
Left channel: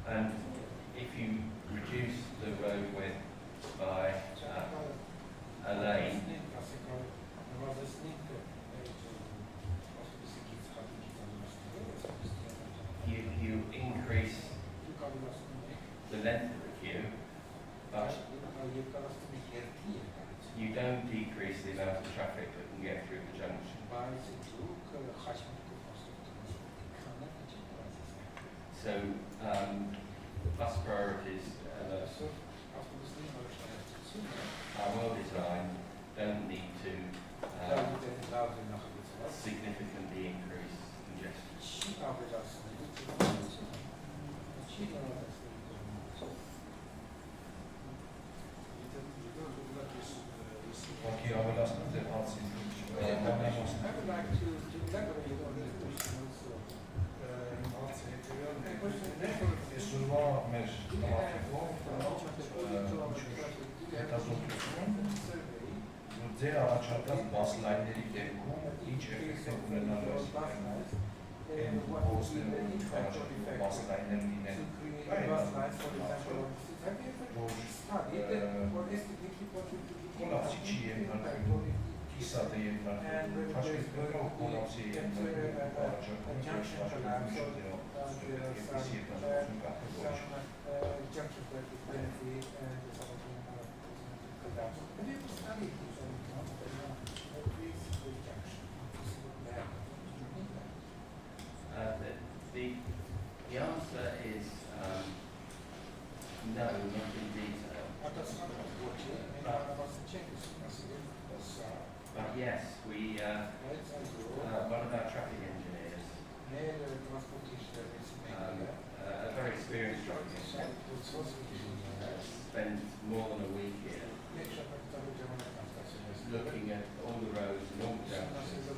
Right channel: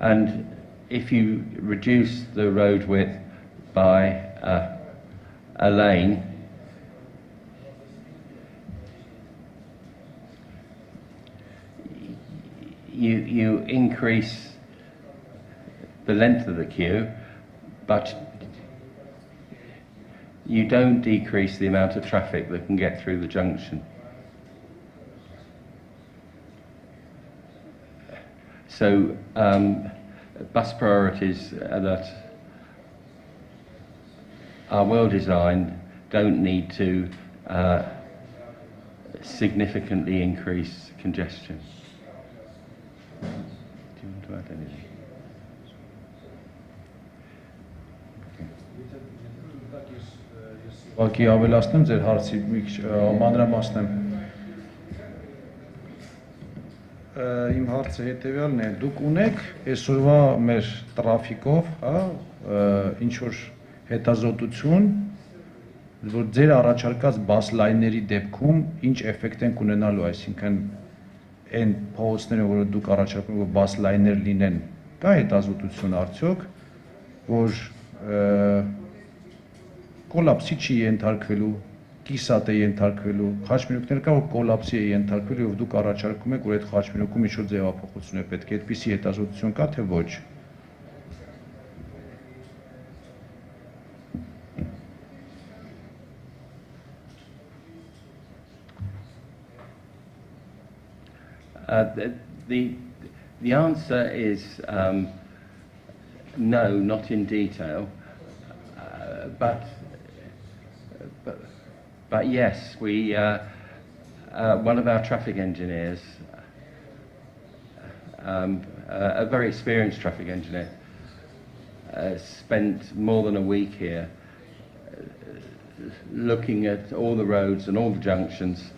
And if you reduce the road width by a lane, you increase the length of the queue, but you don't decrease the amount of traffic that can get through the junction. So bus priorities that are well designed don't need to significantly increase congestion. Ուղղակի ավելացնեմ ձեր հարցի մի քիչ մանրամասնեմ։ Իմ հարցը հետևյալն է, դուք ունեք այսօրվա մեր տրաֆիկով, ինչ որ հետազոտություն, որ ձեր առաջարկած բաս լայնների դեպքում ինչ էֆեկտ են ունենալու, այսինքն այն փողոցները, որ դուք առաջարկում եք, որ բաս լայներ լինեն, կա հետազոտություն արդյոք, որ կոլապսի չի ենթարկվելու, կիսատ է ենթարկվելու, խաչմերուկներ կա, որ կոլապսի է ենթարկվելու, եւ դուք առաջարկում եք, որ այդ խաչմերուկում ինչ-որ ձևափոխություն է պետք է, այդպիսի հետազոտություն կա, թե ոչ։ The answer is no, not in detail, but yes, we one of our traffic engineers, a very experienced traffic engineer, spent more than a week here looking at all the roads and all the junctions,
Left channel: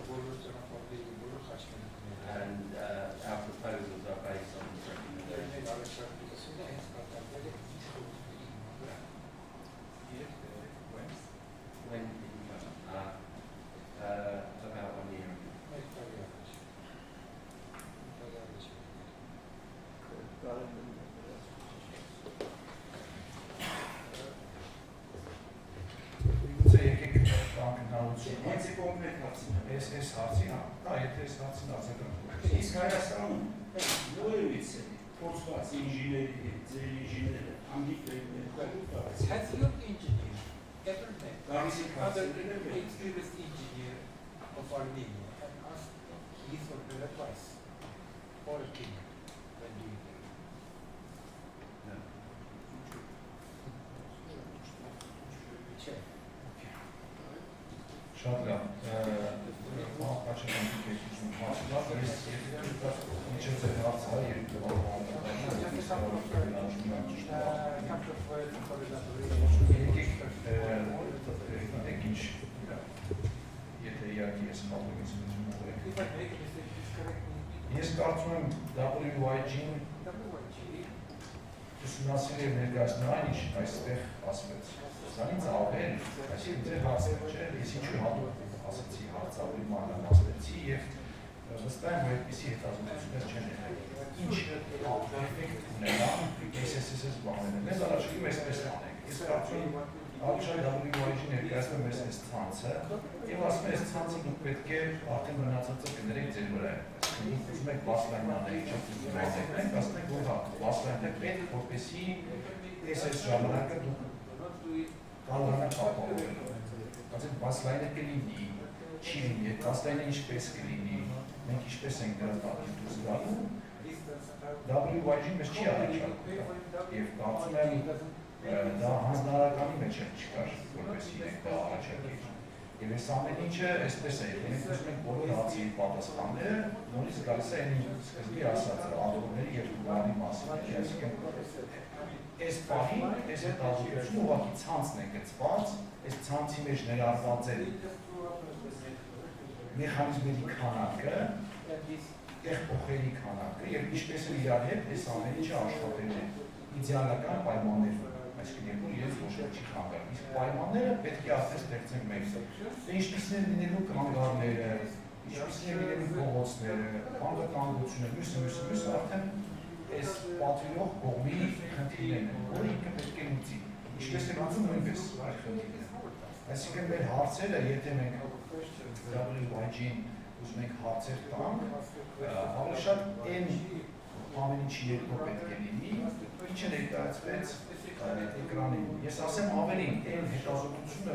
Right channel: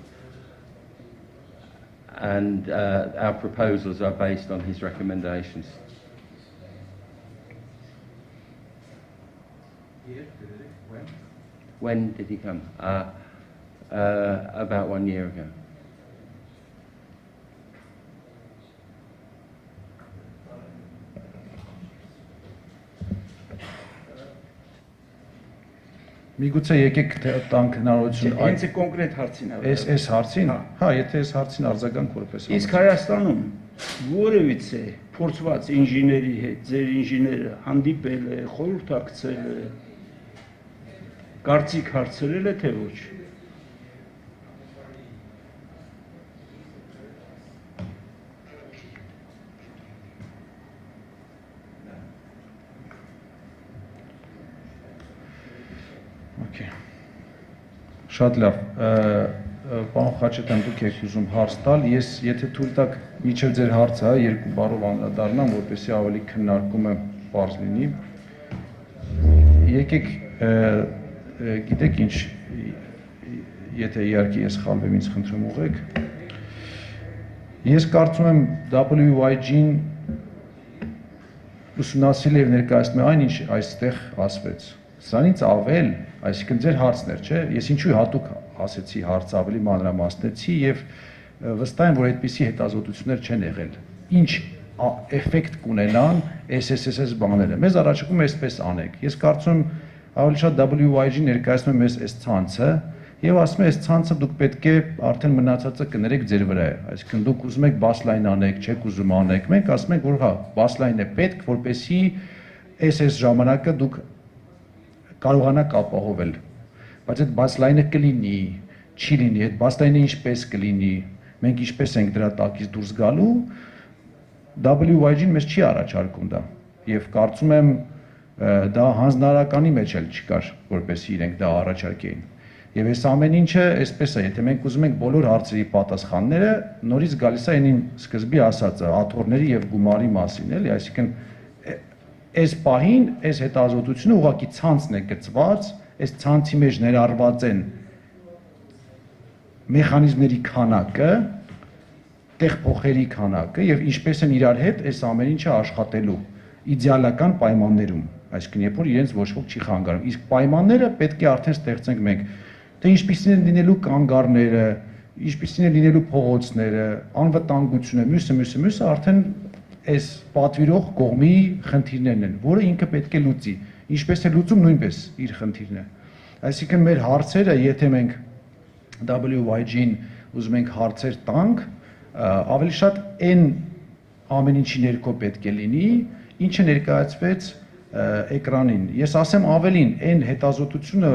and our proposals are based on his recommendations. When did he come? About 1 year ago. Միգուցե եկեք տանք հնարավորություն Հենց է կոնկրետ հարցին այս հարցին, հա, եթե այս հարցին արձագանք որպես Իսկ Հայաստանում որևիցե փորձված ինժեների հետ ձեր ինժեները հանդիպել է, խորհրդակցել է, կարծիք հարցրել է, թե ոչ։ Շատ լավ, պարոն Խաչատյան, դուք եք ուզում հարց տալ, ես եթե թույլ տաք միջև ձեր հարցը երկու բառով անդրադառնամ, որպեսզի ավելի քննարկումը պարզ լինի։ Եկեք, գիտեք ինչ, եթե իհարկե ես սխալվեմ, ինձ խնդրում ուղղեք։ Ես կարծում եմ WYG-ն ուսումնասիրել եւ ներկայացնում է այն, ինչ այստեղ ասվեց։ Սրանից ավել, այսինքն ձեր հարցն էր, չէ՞, ես ինչու հատուկ ասեցի հարցը ավելի մանրամասնեցի եւ վստահ եմ, որ այդպիսի հետազոտություններ չեն եղել։ Ինչ էֆեկտ կունենան SSSS բաները։ Մեզ առաջարկում է այսպես անեք։ Ես կարծում եմ ավելի շատ WYG ներկայացնում է մեզ այս ցանցը եւ ասում է այս ցանցը դուք պետք է արդեն մնացածը կներեք ձեր վրա է։ Այսինքն դուք ուզում եք բասլայն անեք, չեք ուզում անեք։ Մենք ասում ենք, որ հա, բասլայնն է պետք, որպեսզի այս ժամանակը դուք կարողանաք ապահովել, բայց այդ բասլայնը կլինի, չի լինի, այդ բասլայնը ինչպես կլինի, մենք ինչպես ենք դրա տակից դուրս գալու, WYG-ն մեզ չի առաջարկում դա, և կարծում եմ դա հանձնարարականի մեջ էլ չկար, որպեսզի իրենք դա առաջարկեին, և այս ամեն ինչը այսպես է, եթե մենք ուզում ենք բոլոր հարցերի պատասխանները, նորից գալիս է այն սկզբի ասածը, աթոռների և գումարի մասին, էլի, այսինքն այս պահին, այս հետազոտությունը ուղղակի ցանցն է գծված, այս ցանցի մեջ ներառված են մեխանիզմների քանակը, տեղփոխերի քանակը եւ ինչպես են իրար հետ այս ամեն ինչը աշխատելու իդեալական պայմաններում, այսինքն երբ որ իրենց ոչ ոք չի խանգարում։ Իսկ պայմանները պետք է արդեն ստեղծենք մենք, թե ինչպիսին են լինելու կանգառները, ինչպիսին են լինելու փողոցները, անվտանգությունը, մյուսը արդեն այս պատվիրող կողմի խնդիրներն են, որը ինքը պետք է լուծի, ինչպես է լուծում նույնպես իր խնդիրն է։ Այսինքն մեր հարցերը, եթե մենք WYG-ին ուզում ենք հարցեր տանք, ավելի շատ այն ամեն ինչի ներքո պետք է լինի, ինչը ներկայացվեց էկրանին։ Ես ասեմ ավելին, այն հետազոտությունը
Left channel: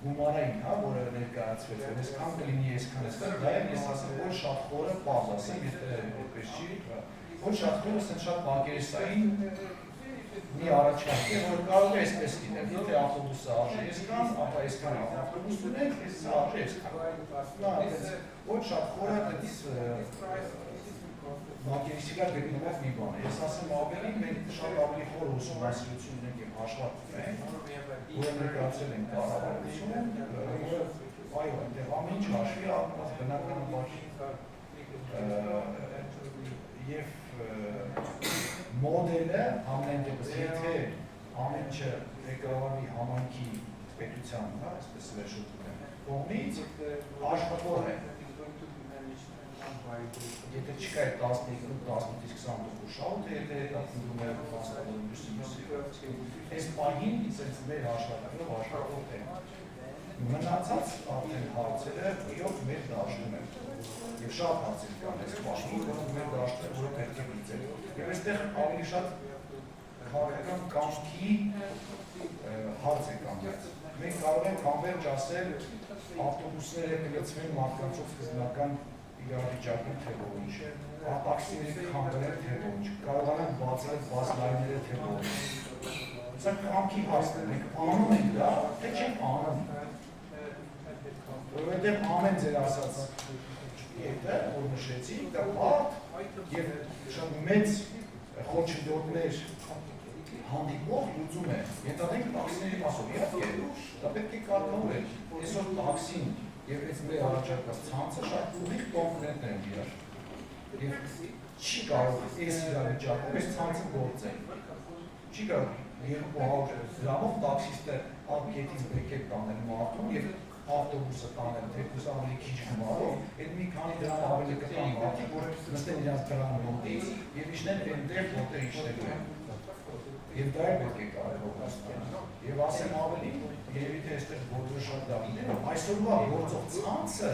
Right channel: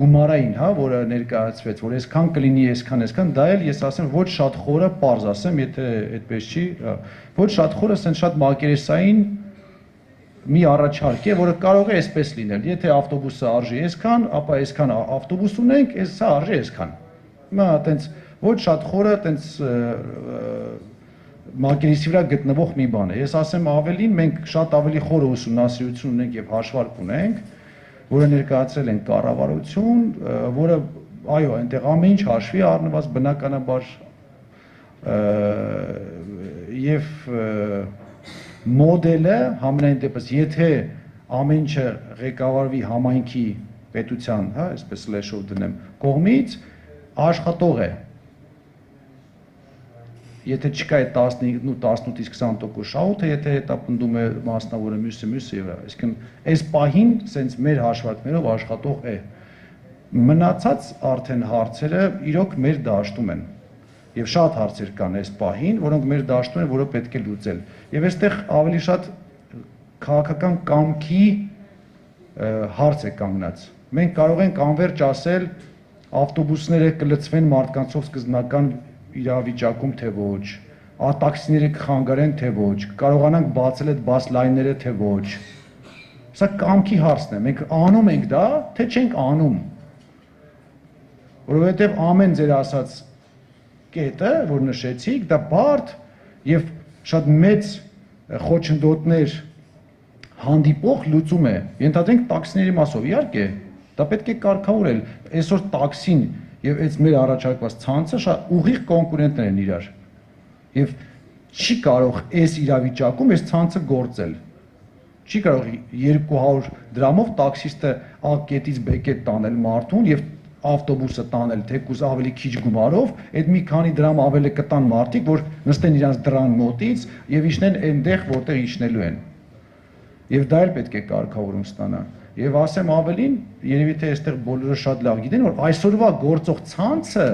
գումարային, հա, որը ներկայացվեց, որ այսքան կլինի, այսքան, դա էլ ես ասեմ ոչ շատ խորը, պարզ ասեմ, եթե այդպես չի, ոչ շատ խորը, ասեն շատ մակերեսային մի առաջարկ է, որը կարող է այսպես լինել, եթե ավտոբուսը արժի այսքան, ապա այսքան ավտոբուս ունենք, սա արժի այսքան։ Հիմա այտենց ոչ շատ խորը, այտենց մակերեսի վրա գտնվող մի բան է։ Ես ասեմ ավելին, մենք շատ ավելի խորը ուսումնասիրություն ունենք եւ հաշվարկ ունենք, որը ներկայացրել են կառավարություն, որը, այո, այնտեղ ամեն ինչ հաշվի առնված բնականաբար եւ մոդելը համենայն դեպս, եթե ամեն ինչը ղեկավարվի համայնքի պետության, հա, այսպես սլեշով դնեմ, կողմից աշխատող է։ Եթե չկա այդ 18-ից 20% շահութը, եթե հետապնդում է մասնավորը մյուսը եւ այլն, այսինքն այս պահին սենց մեր հաշվարկներով աշխատող է։ Մնացած արդեն հարցերը իրոք մեր դաշտում են եւ շատ հարցեր կան այս պահին, որոնք մեր դաշտում են, որը պետք է լուծել։ Եվ այստեղ ավելի շատ քաղաքական կամքի հարց է կանգնած։ Մենք կարող ենք անվերջ ասել ավտոբուսները կլցվեն մարդկանցով սկզբնական իրավիճակում թե ոչ, տաքսիները կխանգարեն թե ոչ, կարողանանք բացել այդ բաս լայնները թե ոչ։ Սա կամքի հարցն է, մենք անում ենք դա, թե չենք անում։ Որովհետև ամեն ձեր ասած կետը, որ նշեցիք, դա բարդ եւ շատ մեծ խոչընդոտներ հանդիպող լուծում է։ Ենթադրենք տաքսիների մասով, իհարկե, դա պետք է կարգավորել։ Այսօր տաքսին եւ այս մեր առաջարկված ցանցը շատ ուղիղ կոնկուրենտներ են իրար։ Եվ չի կարող այս իրավիճակում այս ցանցը գործել։ Չի կարող 200 դրամով տաքսիստը A կետից B կետ տանել մարդուն եւ ավտոբուսը տանել թեկուզ ավելի քիչ գումարով, այդ մի քանի դրամ ավելի կտան մարդիկ, որ նստեն իրանց դրան մոտից եւ իջնեն այնտեղ, որտեղ իջնելու են։ Եվ դա էլ պետք է կարգավորում ստանա։ Եվ ասեմ ավելին, երևի թե այստեղ բոլորը շատ լավ գիտեն, որ այսօրվա գործող ցանցը,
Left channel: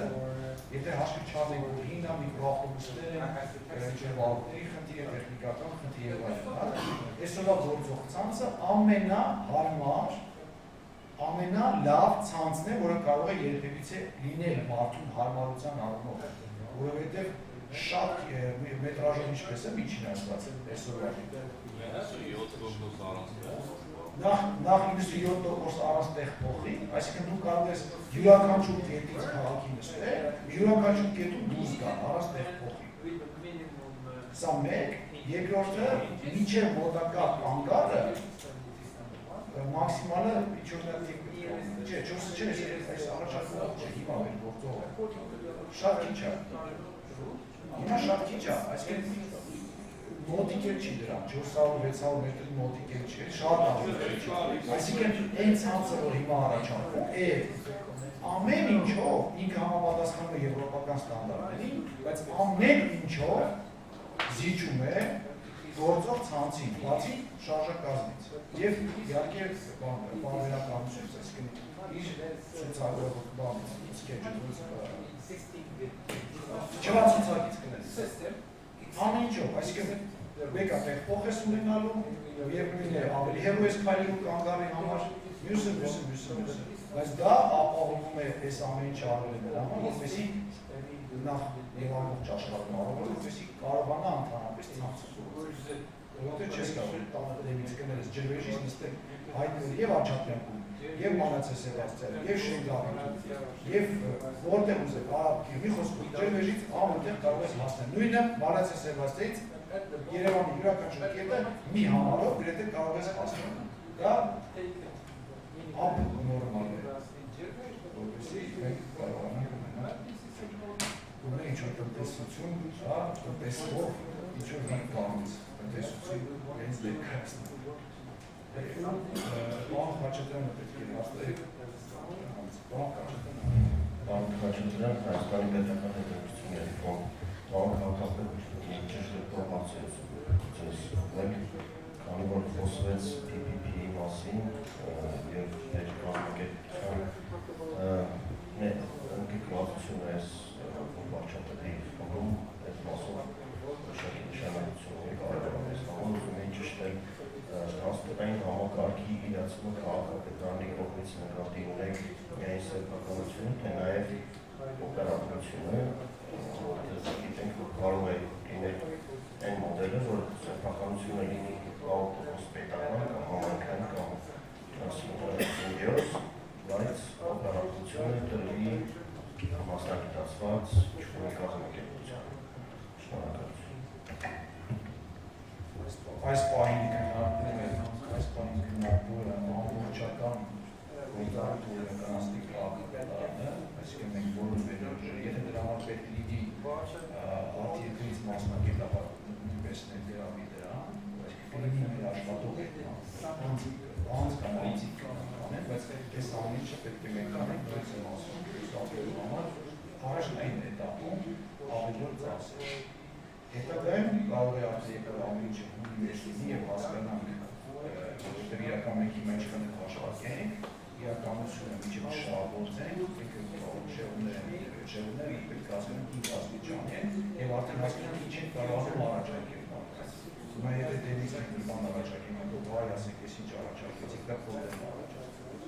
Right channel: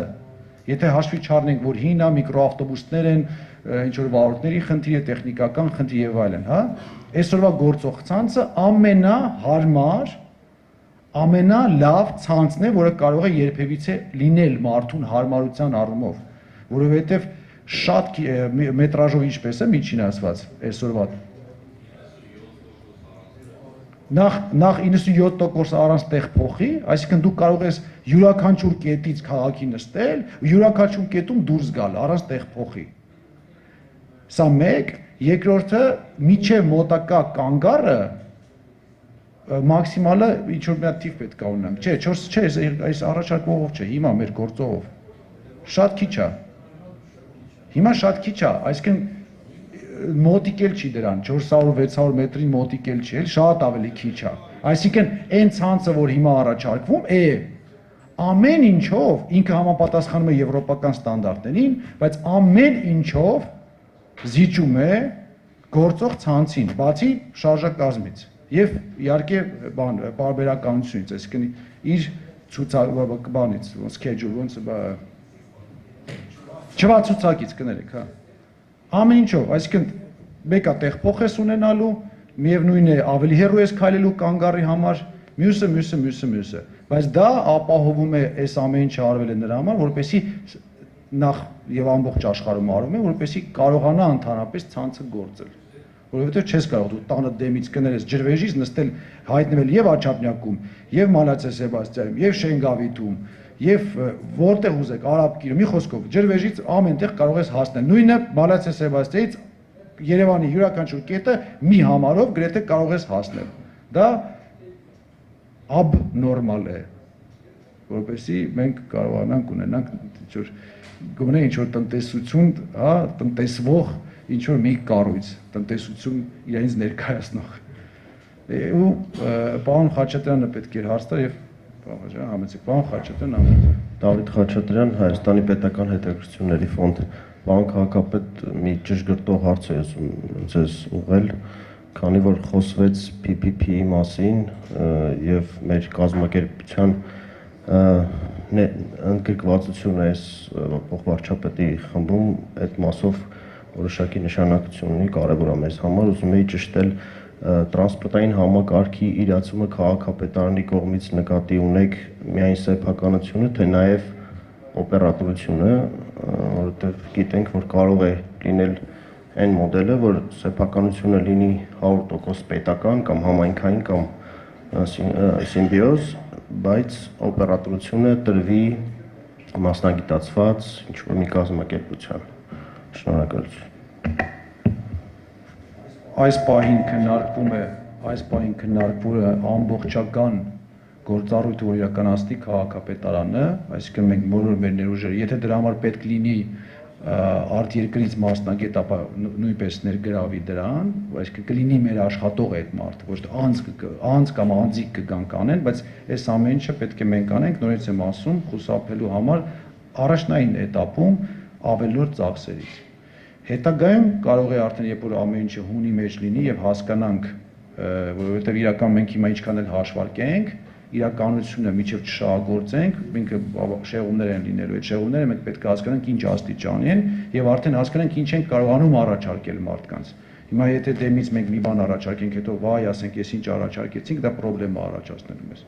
եթե հաշվի չառնենք, որ հինա միկրոավտոբուսներ են, ինչ որ վարորդների խնդիր է, տեխնիկական խնդիր եւ այլն, հա, այսօրվա գործող ցանցը ամենահարմար, ամենալավ ցանցն է, որը կարող է երբևիցե լինել մարդուն հարմարության առումով, որովհետեւ շատ մետրաժով ինչպես է միջին ասված այսօրվա նախ 97% առանց տեղ փոխի, այսինքն դու կարող ես յուրաքանչյուր կետից քաղաքի նստել, յուրաքանչյուր կետում դուրս գալ առանց տեղ փոխի։ Սա մեկ, երկրորդը միջև մոտակա կանգառը մաքսիմալը ինչ որ մի հատ թիվ պետք է ունեմ։ Չէ, 4 չէ, այս առաջարկողով չէ, հիմա մեր գործողով։ Շատ քիչ է։ Հիմա շատ քիչ է, այսինքն մոտիկ էլ չի դրան, 400-600 մետրի մոտիկ էլ չի, շատ ավելի քիչ է։ Այսինքն այն ցանցը, որ հիմա առաջարկվում է, ամեն ինչով ինքը համապատասխանում է եվրոպական ստանդարտներին, բայց ամեն ինչով զիջում է գործող ցանցին, բացի շարժակազմից եւ իհարկե պարբերականությունից, այսինքն իր ցուցակից, schedule, ոնց չվացուցակից կներեք, հա։ Ամեն ինչով, այսինքն մեկը տեղ փոխ ես ունենալու, միևնույն է ավելի հեռու ես քայլելու կանգառի համար, մյուսը, բայց դա ապահովում է այս ամեն ինչը արվել է նրա համար, որպեսզի նախ եւ ամբողջ աշխարհում արվում է, որպեսզի կարողանա ընդհանրապես ցանցը գործել։ Որովհետեւ չես կարող դու տանը դեմից կներես ջրվեժից նստել հայտնվել եւ Աչափնյակում, եւ Մանացե Սեբաստիայում, եւ Շենգավիթում, եւ որտեղ ուզեք Արաբկիրում, մի խոսքով ջրվեժից ամենտեղ կարող ես հասնել։ Նույնը Մանացե Սեբաստիայից Երևանի յուրաքանչյուր կետը մի համարով գրեթե կարող ես հասնել։ Դա abnormal է, որպեսզի մենք կարողանանք ունենանք գոնե ինչ-որ տնտեսություն, հա, տնտեսվող ինչ-որ մի կառույց, տնտեսություն իրենից ներկայացնող։ Ու պարոն Խաչատրյանը պետք էր հարց տալ եւ համեցեք, պարոն Խաչատրյան, Դավիթ Խաչատրյան, Հայաստանի պետական հետաքրքրությունների ֆոնդ։ Պարոն քաղաքապետ, մի ճշգրտող հարց է ձեզ ուղղել, քանի որ խոսվեց PPP-ի մասին եւ մեր կազմակերպության ընդգրկվածությունը այս փոխվարչապետի խմբում այդ մասով որոշակի նշանակություն ունի, կարևոր է մեզ համար, ուզում էի ճշտել տրանսպորտային համակարգի իրացումը քաղաքապետարանի կողմից նկատի ունեք միայն սեփականությունը, թե նաեւ օպերատորությունը, որովհետեւ գիտենք, որ կարող է լինել այն մոդելը, որ սեփականությունը լինի 100% պետական կամ համայնքային կամ սիմբիոզ, բայց օպերատորությունը տրվի մասնագիտացված ինչ-որ մի կազմակերպության։ Շնորհակալություն։ Այս պահին քննարկվում է ամբողջական գործառույթը, որ իրականացնի քաղաքապետարանը, այսինքն մենք բոլոր մեր ներուժերը, եթե դրա համար պետք լինի արտերկրից մասնագետ, ապա նույնպես ներգրավի դրան, այսինքն կլինի մեր աշխատող այդ մարդը, ոչ թե անձ կամ անձիկ կգան կանեն, բայց այս ամեն ինչը պետք է մենք անենք, նորից եմ ասում, խուսափելու համար առաջնային էտապում ավելորդ ծախսերից։ Հետագայում կարող է արդեն երբ որ ամեն ինչը հունի մեջ լինի եւ հասկանանք, որովհետեւ իրական մենք հիմա ինչքան էլ հաշվարկենք, իրականությունը միջև չշահագործենք, ինքը շեղումներ են լինելու, այդ շեղումները մենք պետք է հասկանանք ինչ աստիճանի են եւ արդեն հասկանանք ինչ ենք կարողանում առաջարկել մարդկանց։ Հիմա եթե դեմից մենք մի բան առաջարկենք, հետո վայ ասենք, ես ինչ առաջարկեցինք, դա խնդրեմ է առաջացնելու մեզ։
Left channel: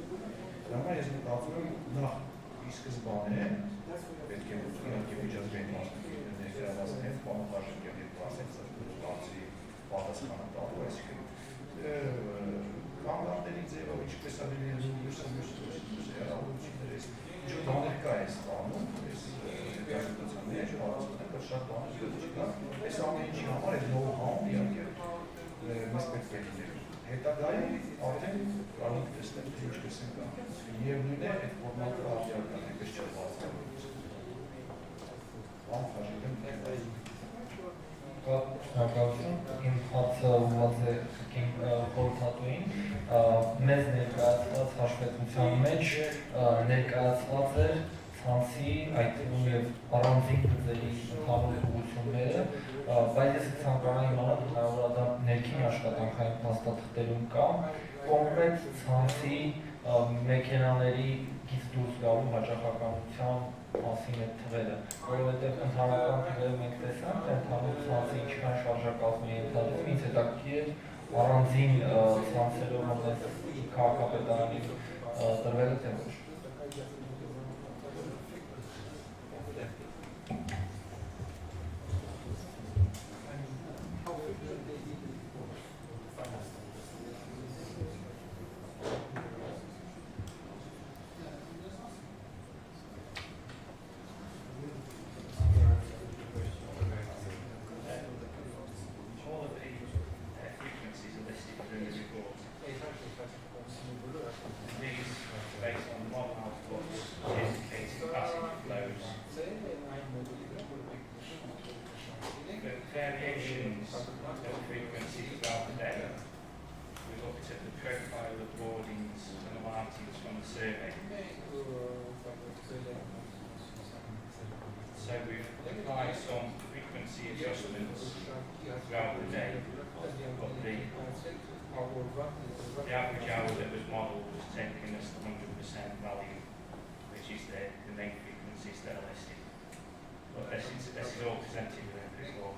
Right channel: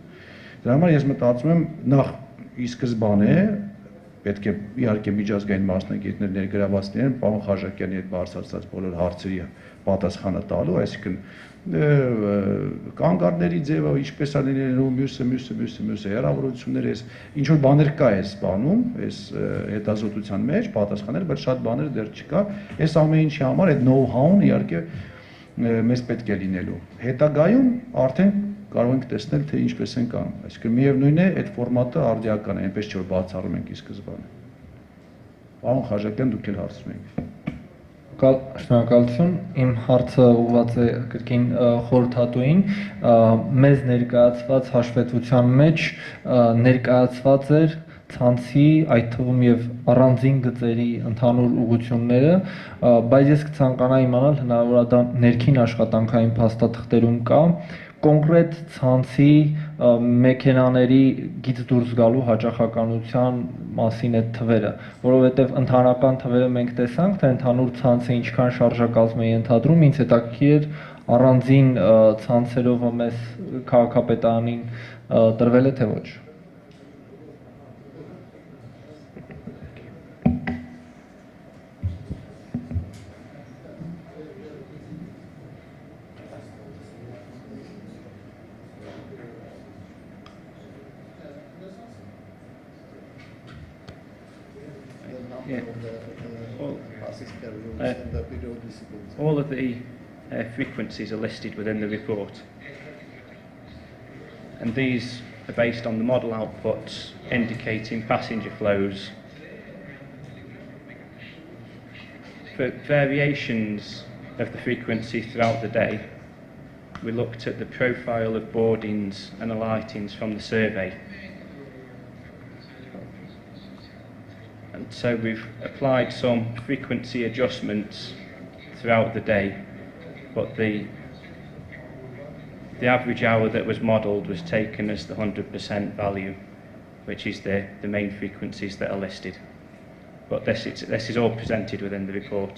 Դրա համար ես մտածում եմ նախ ի սկզբանե պետք է իհարկե միջազգային մասնագետներ ներգրաված լինեն, պարոն Խաչատրյանի հետ բարձրացած բոլոր հարցերի պատասխանը տալու, այսինքն կանգառների ձևը ինչպես է լինելու, մյուսը հեռավորությունները, ինչ որ բաներ կա այս բանում, այս հետազոտության մեջ պատասխանել, բայց շատ բաներ դեռ չկա։ Այս ամեն ինչի համար այդ know-how-ն իհարկե մեզ պետք է լինելու։ Հետագայում արդեն կարող ենք տեսնել, թե ինչպես են կանում։ Այսինքն միևնույն է, այդ ֆորմատը արդիական է, այնպես չէ որ բացառում ենք ի սկզբանե։ Պարոն Խաչատրյան, դուք էլ հարցնում եք։ Շնորհակալություն, իմ հարցը ուղղված է կրկին խորհրդատուին, մեզ ներկայացված հաշվետվության մեջ ներկայացված էր ցանցի, այդ թվում եւ առանձին գծերի ընդհանուր ուղղությունները, բայց ես կցանկանայի իմանալ հնարավոր է դա ներքին աշխատանքային փաստաթղթերում կա, կոնկրետ ցանցի մեքենաների գից դուրս գալու հաճախականության մասին այդ թվերը, որովհետև ընդհանրական թվերը մենք տեսանք, թե ընդհանուր ցանցը ինչքան շարժակազմ է ենթադրում, ինձ հետաքրքիր էր առանձին ցանցերով մեզ քաղաքապետարանին տրվել է թե ոչ։ All of the frequencies are listed within the report, and these are based on the model outputs indicating passenger flows. For variations of the frequency throughout the day, we looked at the profile of boardings and alightings from the survey. And so we've applied some frequency adjustments throughout the day, but the average hour that was modelled was taken as the 100% value, which is the main frequencies that are listed. But this is all presented within the report.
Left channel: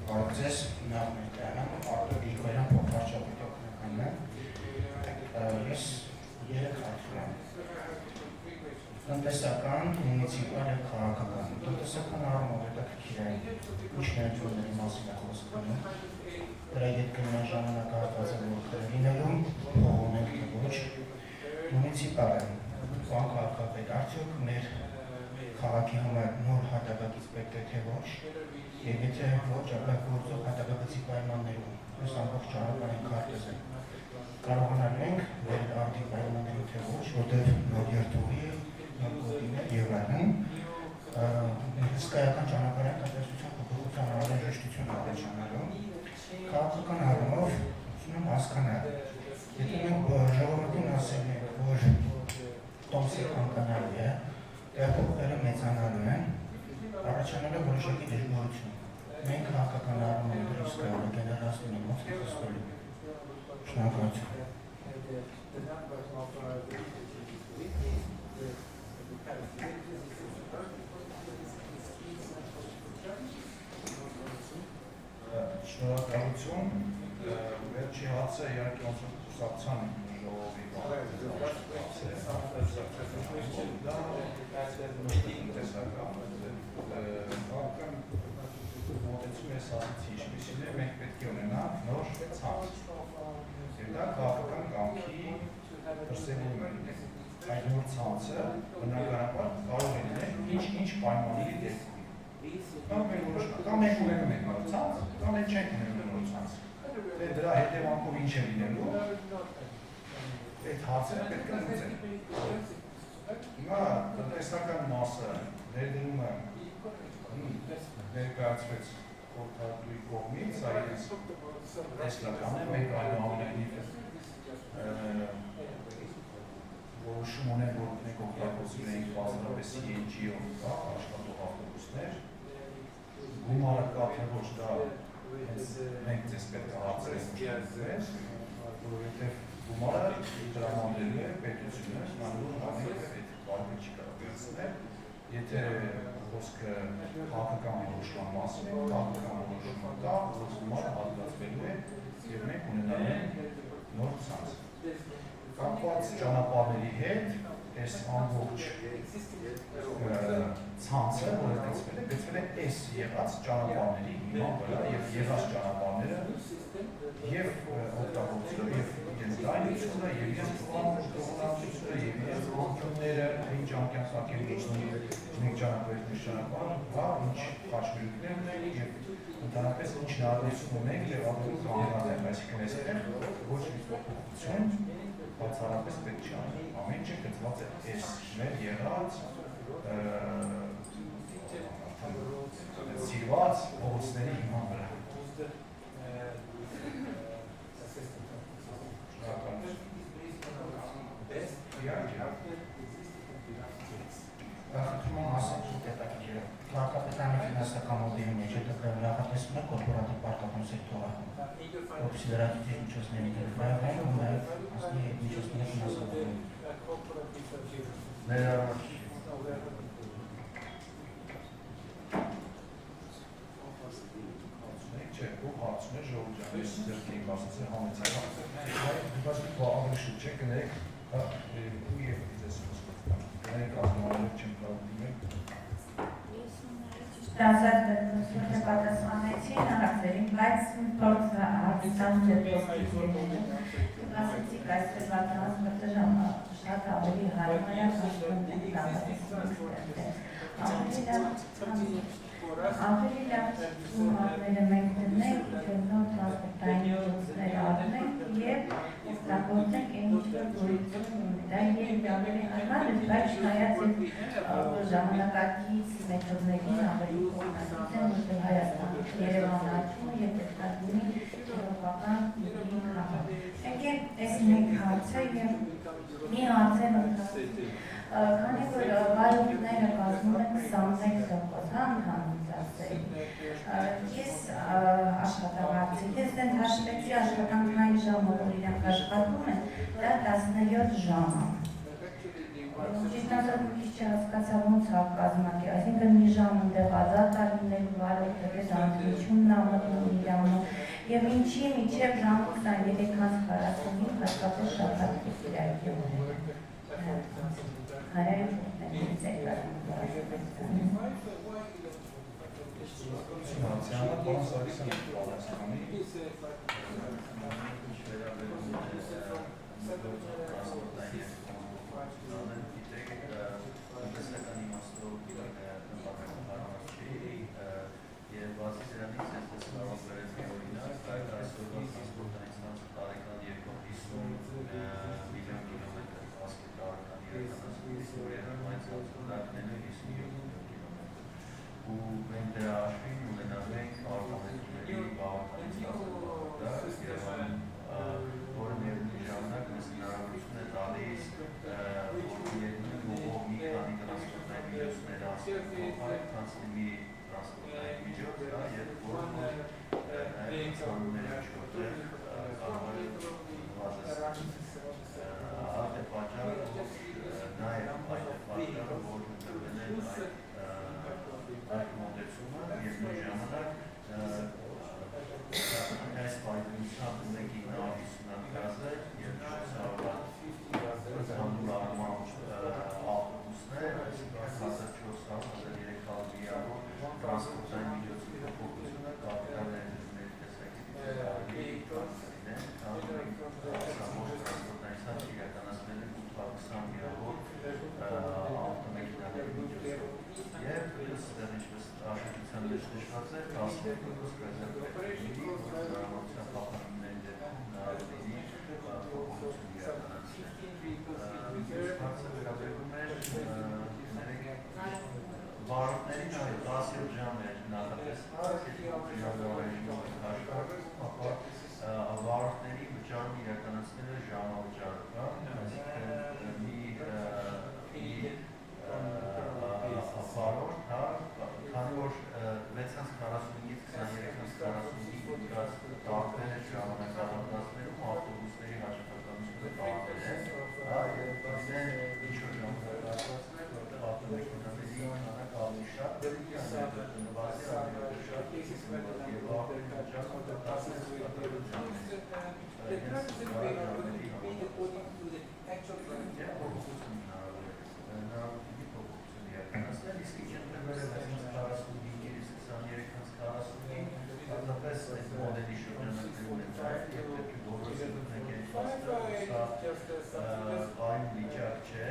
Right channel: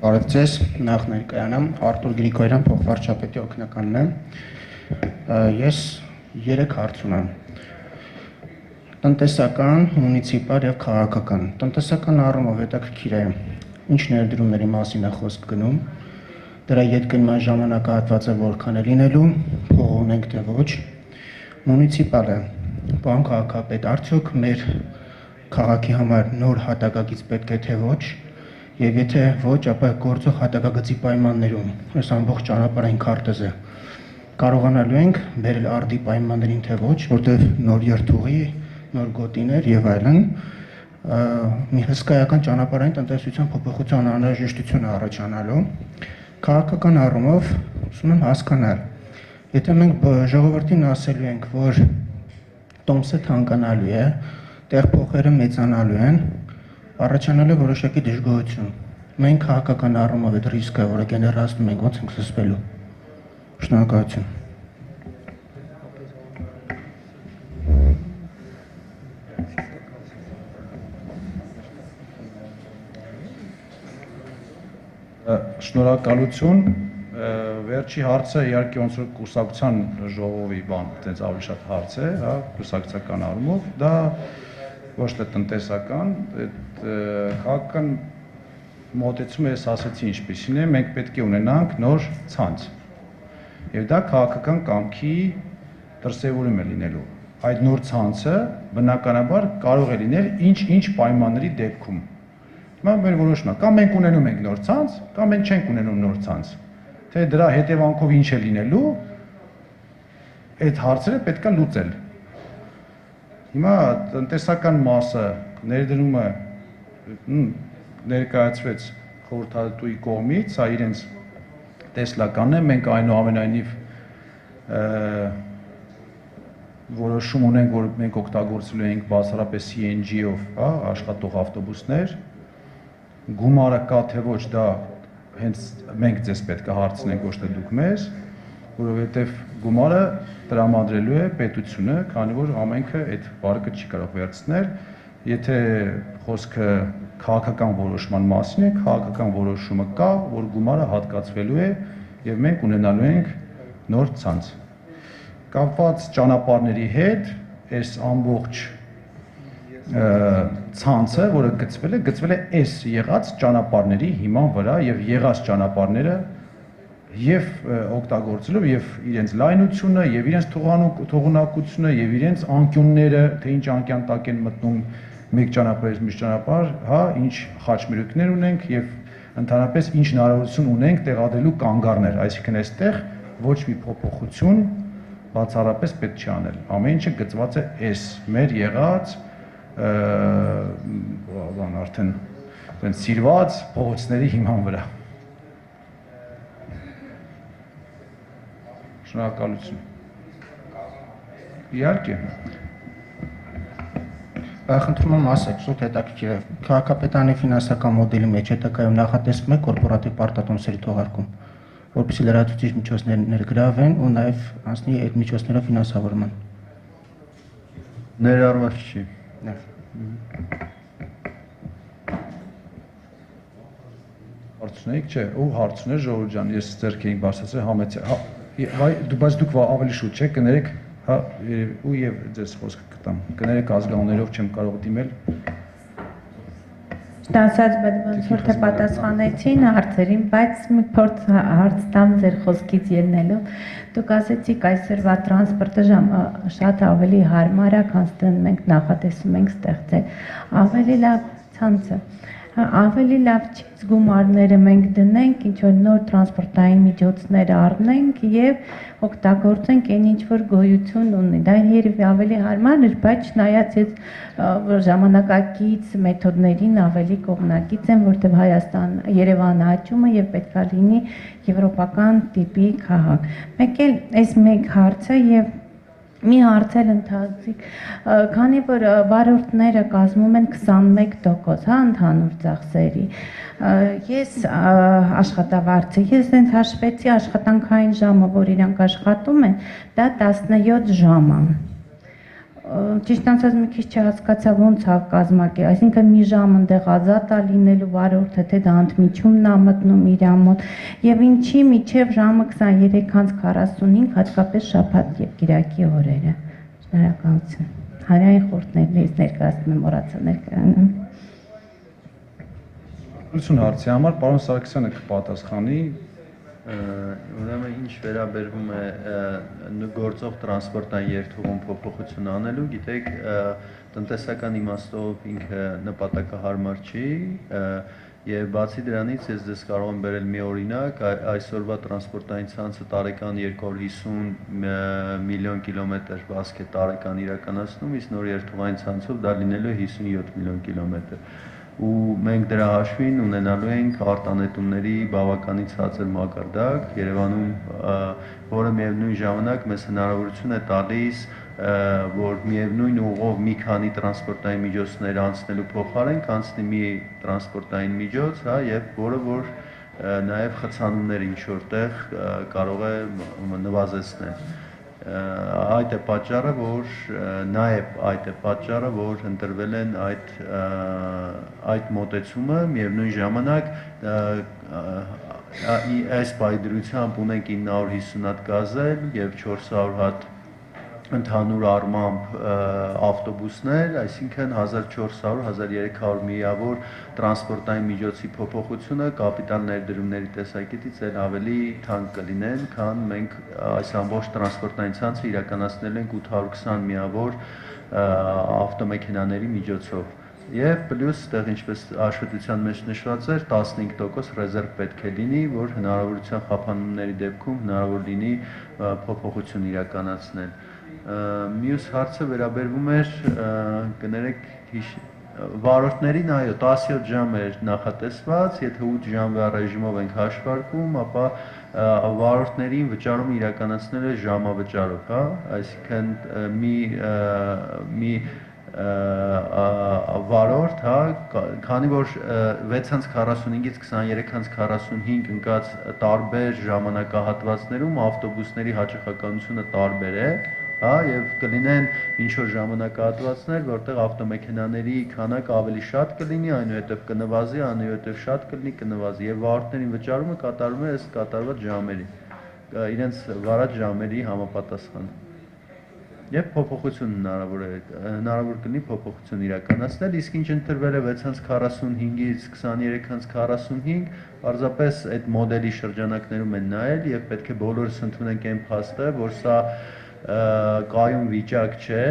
Բարևձեզ, նախ ներկայանամ, Արտուր Գրիգորյան, փոխվարչապետի օգնականն եմ։ Ես 3 հարց ունեմ։ Տնտեսական, մունիցիպալ եւ քաղաքական։ Տնտեսական առումով հետաքրքիր է ինչ ներդրումների մասին է խոսք գնում, դրա ետգնման ժամանակահատվածը որքան է լինելու, փող ունենք թե ոչ։ Մունիցիպալը, պարոն քաղաքապետ, արդյոք մեր քաղաքի համար նոր հատակագիծ պետք է թե ոչ։ Եվ եթե ոչ, ապա գործող հատակագծի պայմաններում, այս ամբողջ ճանապարհային քարտեզը կարողանալու ենք բերել արդի պայմաններին թե ոչ, որտեղ նոր երթուղի, նոր գոտիներ եւ այլն, մի հսկայական ճանապարհային տնտեսության փոփոխության անհրաժեշտություն առաջանալու, քաղաքական առումով ուզում եմ հասկանալ, եթե մենք ժողովրդին ասելու ենք, որ տոմսը թանկանալու է, տեղփոխերը մեծանալու են, առաջանալու է որոշակի դժգոհություն։ Մենք քաղաքական առումով այդ ռիսկը, որը գեներացնում ենք, ոնց ենք զսպելու։ Շնորհակալություն։ Շնորհակալություն։ Վերջի հարցը իհարկե ոնց որ կուսակցության ժողովի բան, այդպես ավելի շատ հարց է, հա, կուսակցական առումով, դա ոչ թե տնտեսական, քաղաքական մոտեցումը ես ասացի ինչպիսին է, մենք պետք է ունենանք նոր ցանց։ Եվ դա քաղաքական կամքի դրսևորում է լինելու։ Այդ նոր ցանցը բնականաբար կարող է լինել ինչ-ինչ պայմանների դեպքում։ Հիմա մեր որոշումը, կամ մենք ունենում ենք նոր ցանց, կամ մենք չենք ունենում նոր ցանց։ Թե դրա հետևանքով ինչ է լինելու, այդ հարցերը պետք է լուծել։ Հիմա տնտեսական մասը ներդրումը ներկայացվեց խորհրդատուի կողմից, սա իրենց տեսլականն է, մենք այնուամենայնիվ որոշում ունենք, որ մենք օգտագործելու ենք բացառապես CNG-ով, հա, աշխատող ավտոբուսներ, գումարը կա թե ոչ, դա հենց մենք ձեզ պետք է հարցնենք, ոչ թե դուք մեզ, որովհետև գումարը տրամադրելու է պետությունը, քանի որ ամենքը այդ վարկը չի կարող վերցնել, եթե խոսքը քաղաքական որոշման մասին է, քաղաքական որոշումը կա, որ գումարը հատկացվելու է եւ մենք ունենալու ենք նոր ցանց։ Կապված ճանապարհների հետ, այս ամբողջ ցանցը, որը գծվել է այս եղած ճանապարհների հիման վրա եւ եղած ճանապարհները եւ օգտագործելով եւ իրենց լայնությունը եւ իրենց թողունակությունը եւ իրենց անկյունները, թե ինչ անկյան տակ են մտնում մեկ ճանապարհից մյուս ճանապարհ, հա, ինչ խաչմերուկներ ունենք եւ ընդհանրապես ինչ հնարավորություն ունենք տեղադրելու կանգառներ, այսինքն այստեղ ոչ մի փոփոխություն բացառապես պետք չի անել։ Ամեն ինչը գծված է այս մեր եղած արդեն սիրված փողոցների հիման վրա։ Շնորհակալություն։ Իհարկե։ Խնդրում եմ ասեք, շուտ հետաքրքիր է, քաղաքապետարանի ֆինանսական մոդելի մեջ հետագայում նախատեսվում է կորպորատիվ պարտատոմսերի թողարկում, որպեսզի լրացուցիչ միջոցներ ներգրավեն ու նաև անցնի այդ միջոցներով ֆինանսավորման։ Ներառված չի։ Հարցունեիք չէ, ով հարցուներ Ժողովուրդ ջան, ես ձեռք էինք բարձրացրել համեցի, բայց դուք ավելի շուտ չէ, կներեք, ու եւ ձեզ խոսքը կտամ, կներեք ազգանուններով չեմ կարող դիմել։ Դասած ոնց որ թե պատասխանեցին հարցերին, բայց մի փորձ հարց տամ ձեր խոսքից ելնելով։ Դուք ասեցիք այսօրվա տրանսպորտը շատ ավելի հարմար է, քան մենք նախատեսում ենք ստեղծել։ Ավելի լավ ցանցը, ավելի լավ չի գումարները մենք դնենք, ինչ որ նոր տրանսպորտային միջոցներ առնենք եւ օգտագործենք այն ինչ որ գոյություն ունի։ Դա երևի ավելի հարմար է, բայց չնայած այդ ժամանակակից մեթոդներին ավելի կողմնակից են, որտեղ Հայաստան, Երևանը աճում է եւ պետք է լինի եվրոպական տիպի քաղաք։ Մեկ էլ այս մեկ հարցը եւ մի հարցեր ընթացիկ, քանի որ վարորդները կազմում են 21%, հա, ընդհանուր ծախսերի։ Ես աշխատավարձը, ես այնց հաշվեցի աշխատանքային ժամը, որ իրանք աշխատում են, դա 17 ժամ է։ Ճիշտ անցած մի քիչ չհասկացա ոնց է կազմակերպել, այսինքն մի ժամ ընդեղ ազատ է լինելու վարորդը, թե դա ընդմիջումն է մտնում իր մոտ, եւ ինչի միջև ժամը 23:45, հատկապես շաբաթ եւ կիրակի օրերը։ Շնորհակալություն։ Հանրային խորհուրդներից ներկայացնում եմ մոռացա ներկայանալ։ Ուրցուն հարցի համար պարոն Սարգսյանը կպատասխանի։ Ուրեմն ինչ վերաբերվում է գործող տրանսպորտային երթուղում փոփոխություն անելու, գիտեք, տնտեսական իմաստով ինքը նպատակահարմար չի, եւ բացի դրանից ես դες կարող եմ բերել մի օրինակ, այսօրվա տրանսպորտային ցանցը տարեկան 250 միլիոն կիլոմետր վազք է տարեկան իրականացնում, իսկ նոր երթուղային ցանցով դա լինելու է 57 միլիոն կիլոմետր։ Ու մենք դրա հաշվին ունենալու ենք արտանետումների բավականին ցածր մակարդակ Երևանում, որը միևնույն ժամանակ մեզ հնարավորություն է տալիս, որ միևնույն ուղով մի քանի տրանսպորտային միջոցներ անցնելու փոխարեն անցնի մի տրանսպորտային միջոց, հա, եւ որը որ նաեւ խցանումները ինչ որտեղ կարող է նվազեցնել։ Այդ է պատճառը, որ նաև այդ է պատճառը, որ ընտրվել են այդ մոտեցումը, միևնույն ժամանակ այս պայդրությամբ ունենք 950 հատ գազել եւ 400 հատ ընդհանուր առմամբ ավտոբուսներ, այսինքն 1400-1300 միավոր տրանսպորտային միջոցի փոփոխությունը կապիտալ ներդրումների տեսակետից էլ ավելի թանկ կլինեն, քան մենք այս ամբողջ տրանսպորտային ցանցը իրականացնել ենք 820 միավոր ավտոմեքենաների միջոցով։ Եվ պլյուս այդտեղ ինչպես հաշվետվության մեջ նշված էր 15% ռեզերվ պետք է լինի, որ հնարավորության խափանումների դեպքում հնարավոր լինի փոփոխություն իրականացնել։ Մյուս հարցը վերաբերվում էր, կներեք, վարորդներին, այո, 17 ժամ էր նախատեսված, եթե 8 ժամվա ռեժիմով ենք հաշվարկում, ապա վարորդներին վճարումը իրականացնել է ժամավճարով, հա, այսինքն մի վարորդ, հա, քանի որ 6:45-ից 23:45 ընկած տարբեր ժամանակահատվածներում ավտոբուսների հաճախականությունը տարբեր է, հա, եւ կլինեն ինչ որ ժամանակահատվածներ, որտեղ ավտոմեքենաների քանակը ավելի շատ կլինի, այնուհետեւ կնվազի, այնուհետեւ շատ կլինի, կնվազի եւ վարորդներին վճարումը կատարվում է ըստ կատարված ժամերի, իրենց վարած ժամերի համապատասխան։ Եվ փոփոխություն հնարավոր կլինի փոփոխություն իրականացնել, իսկ ինչ ընտրվել է 6:45-ից 23:45, պարզապես այդ մոդելի շրջանակներում են նայել եւ պետք է բոլորս ընդունենք այն փաստը, որ սա կայուն վիճակ չէ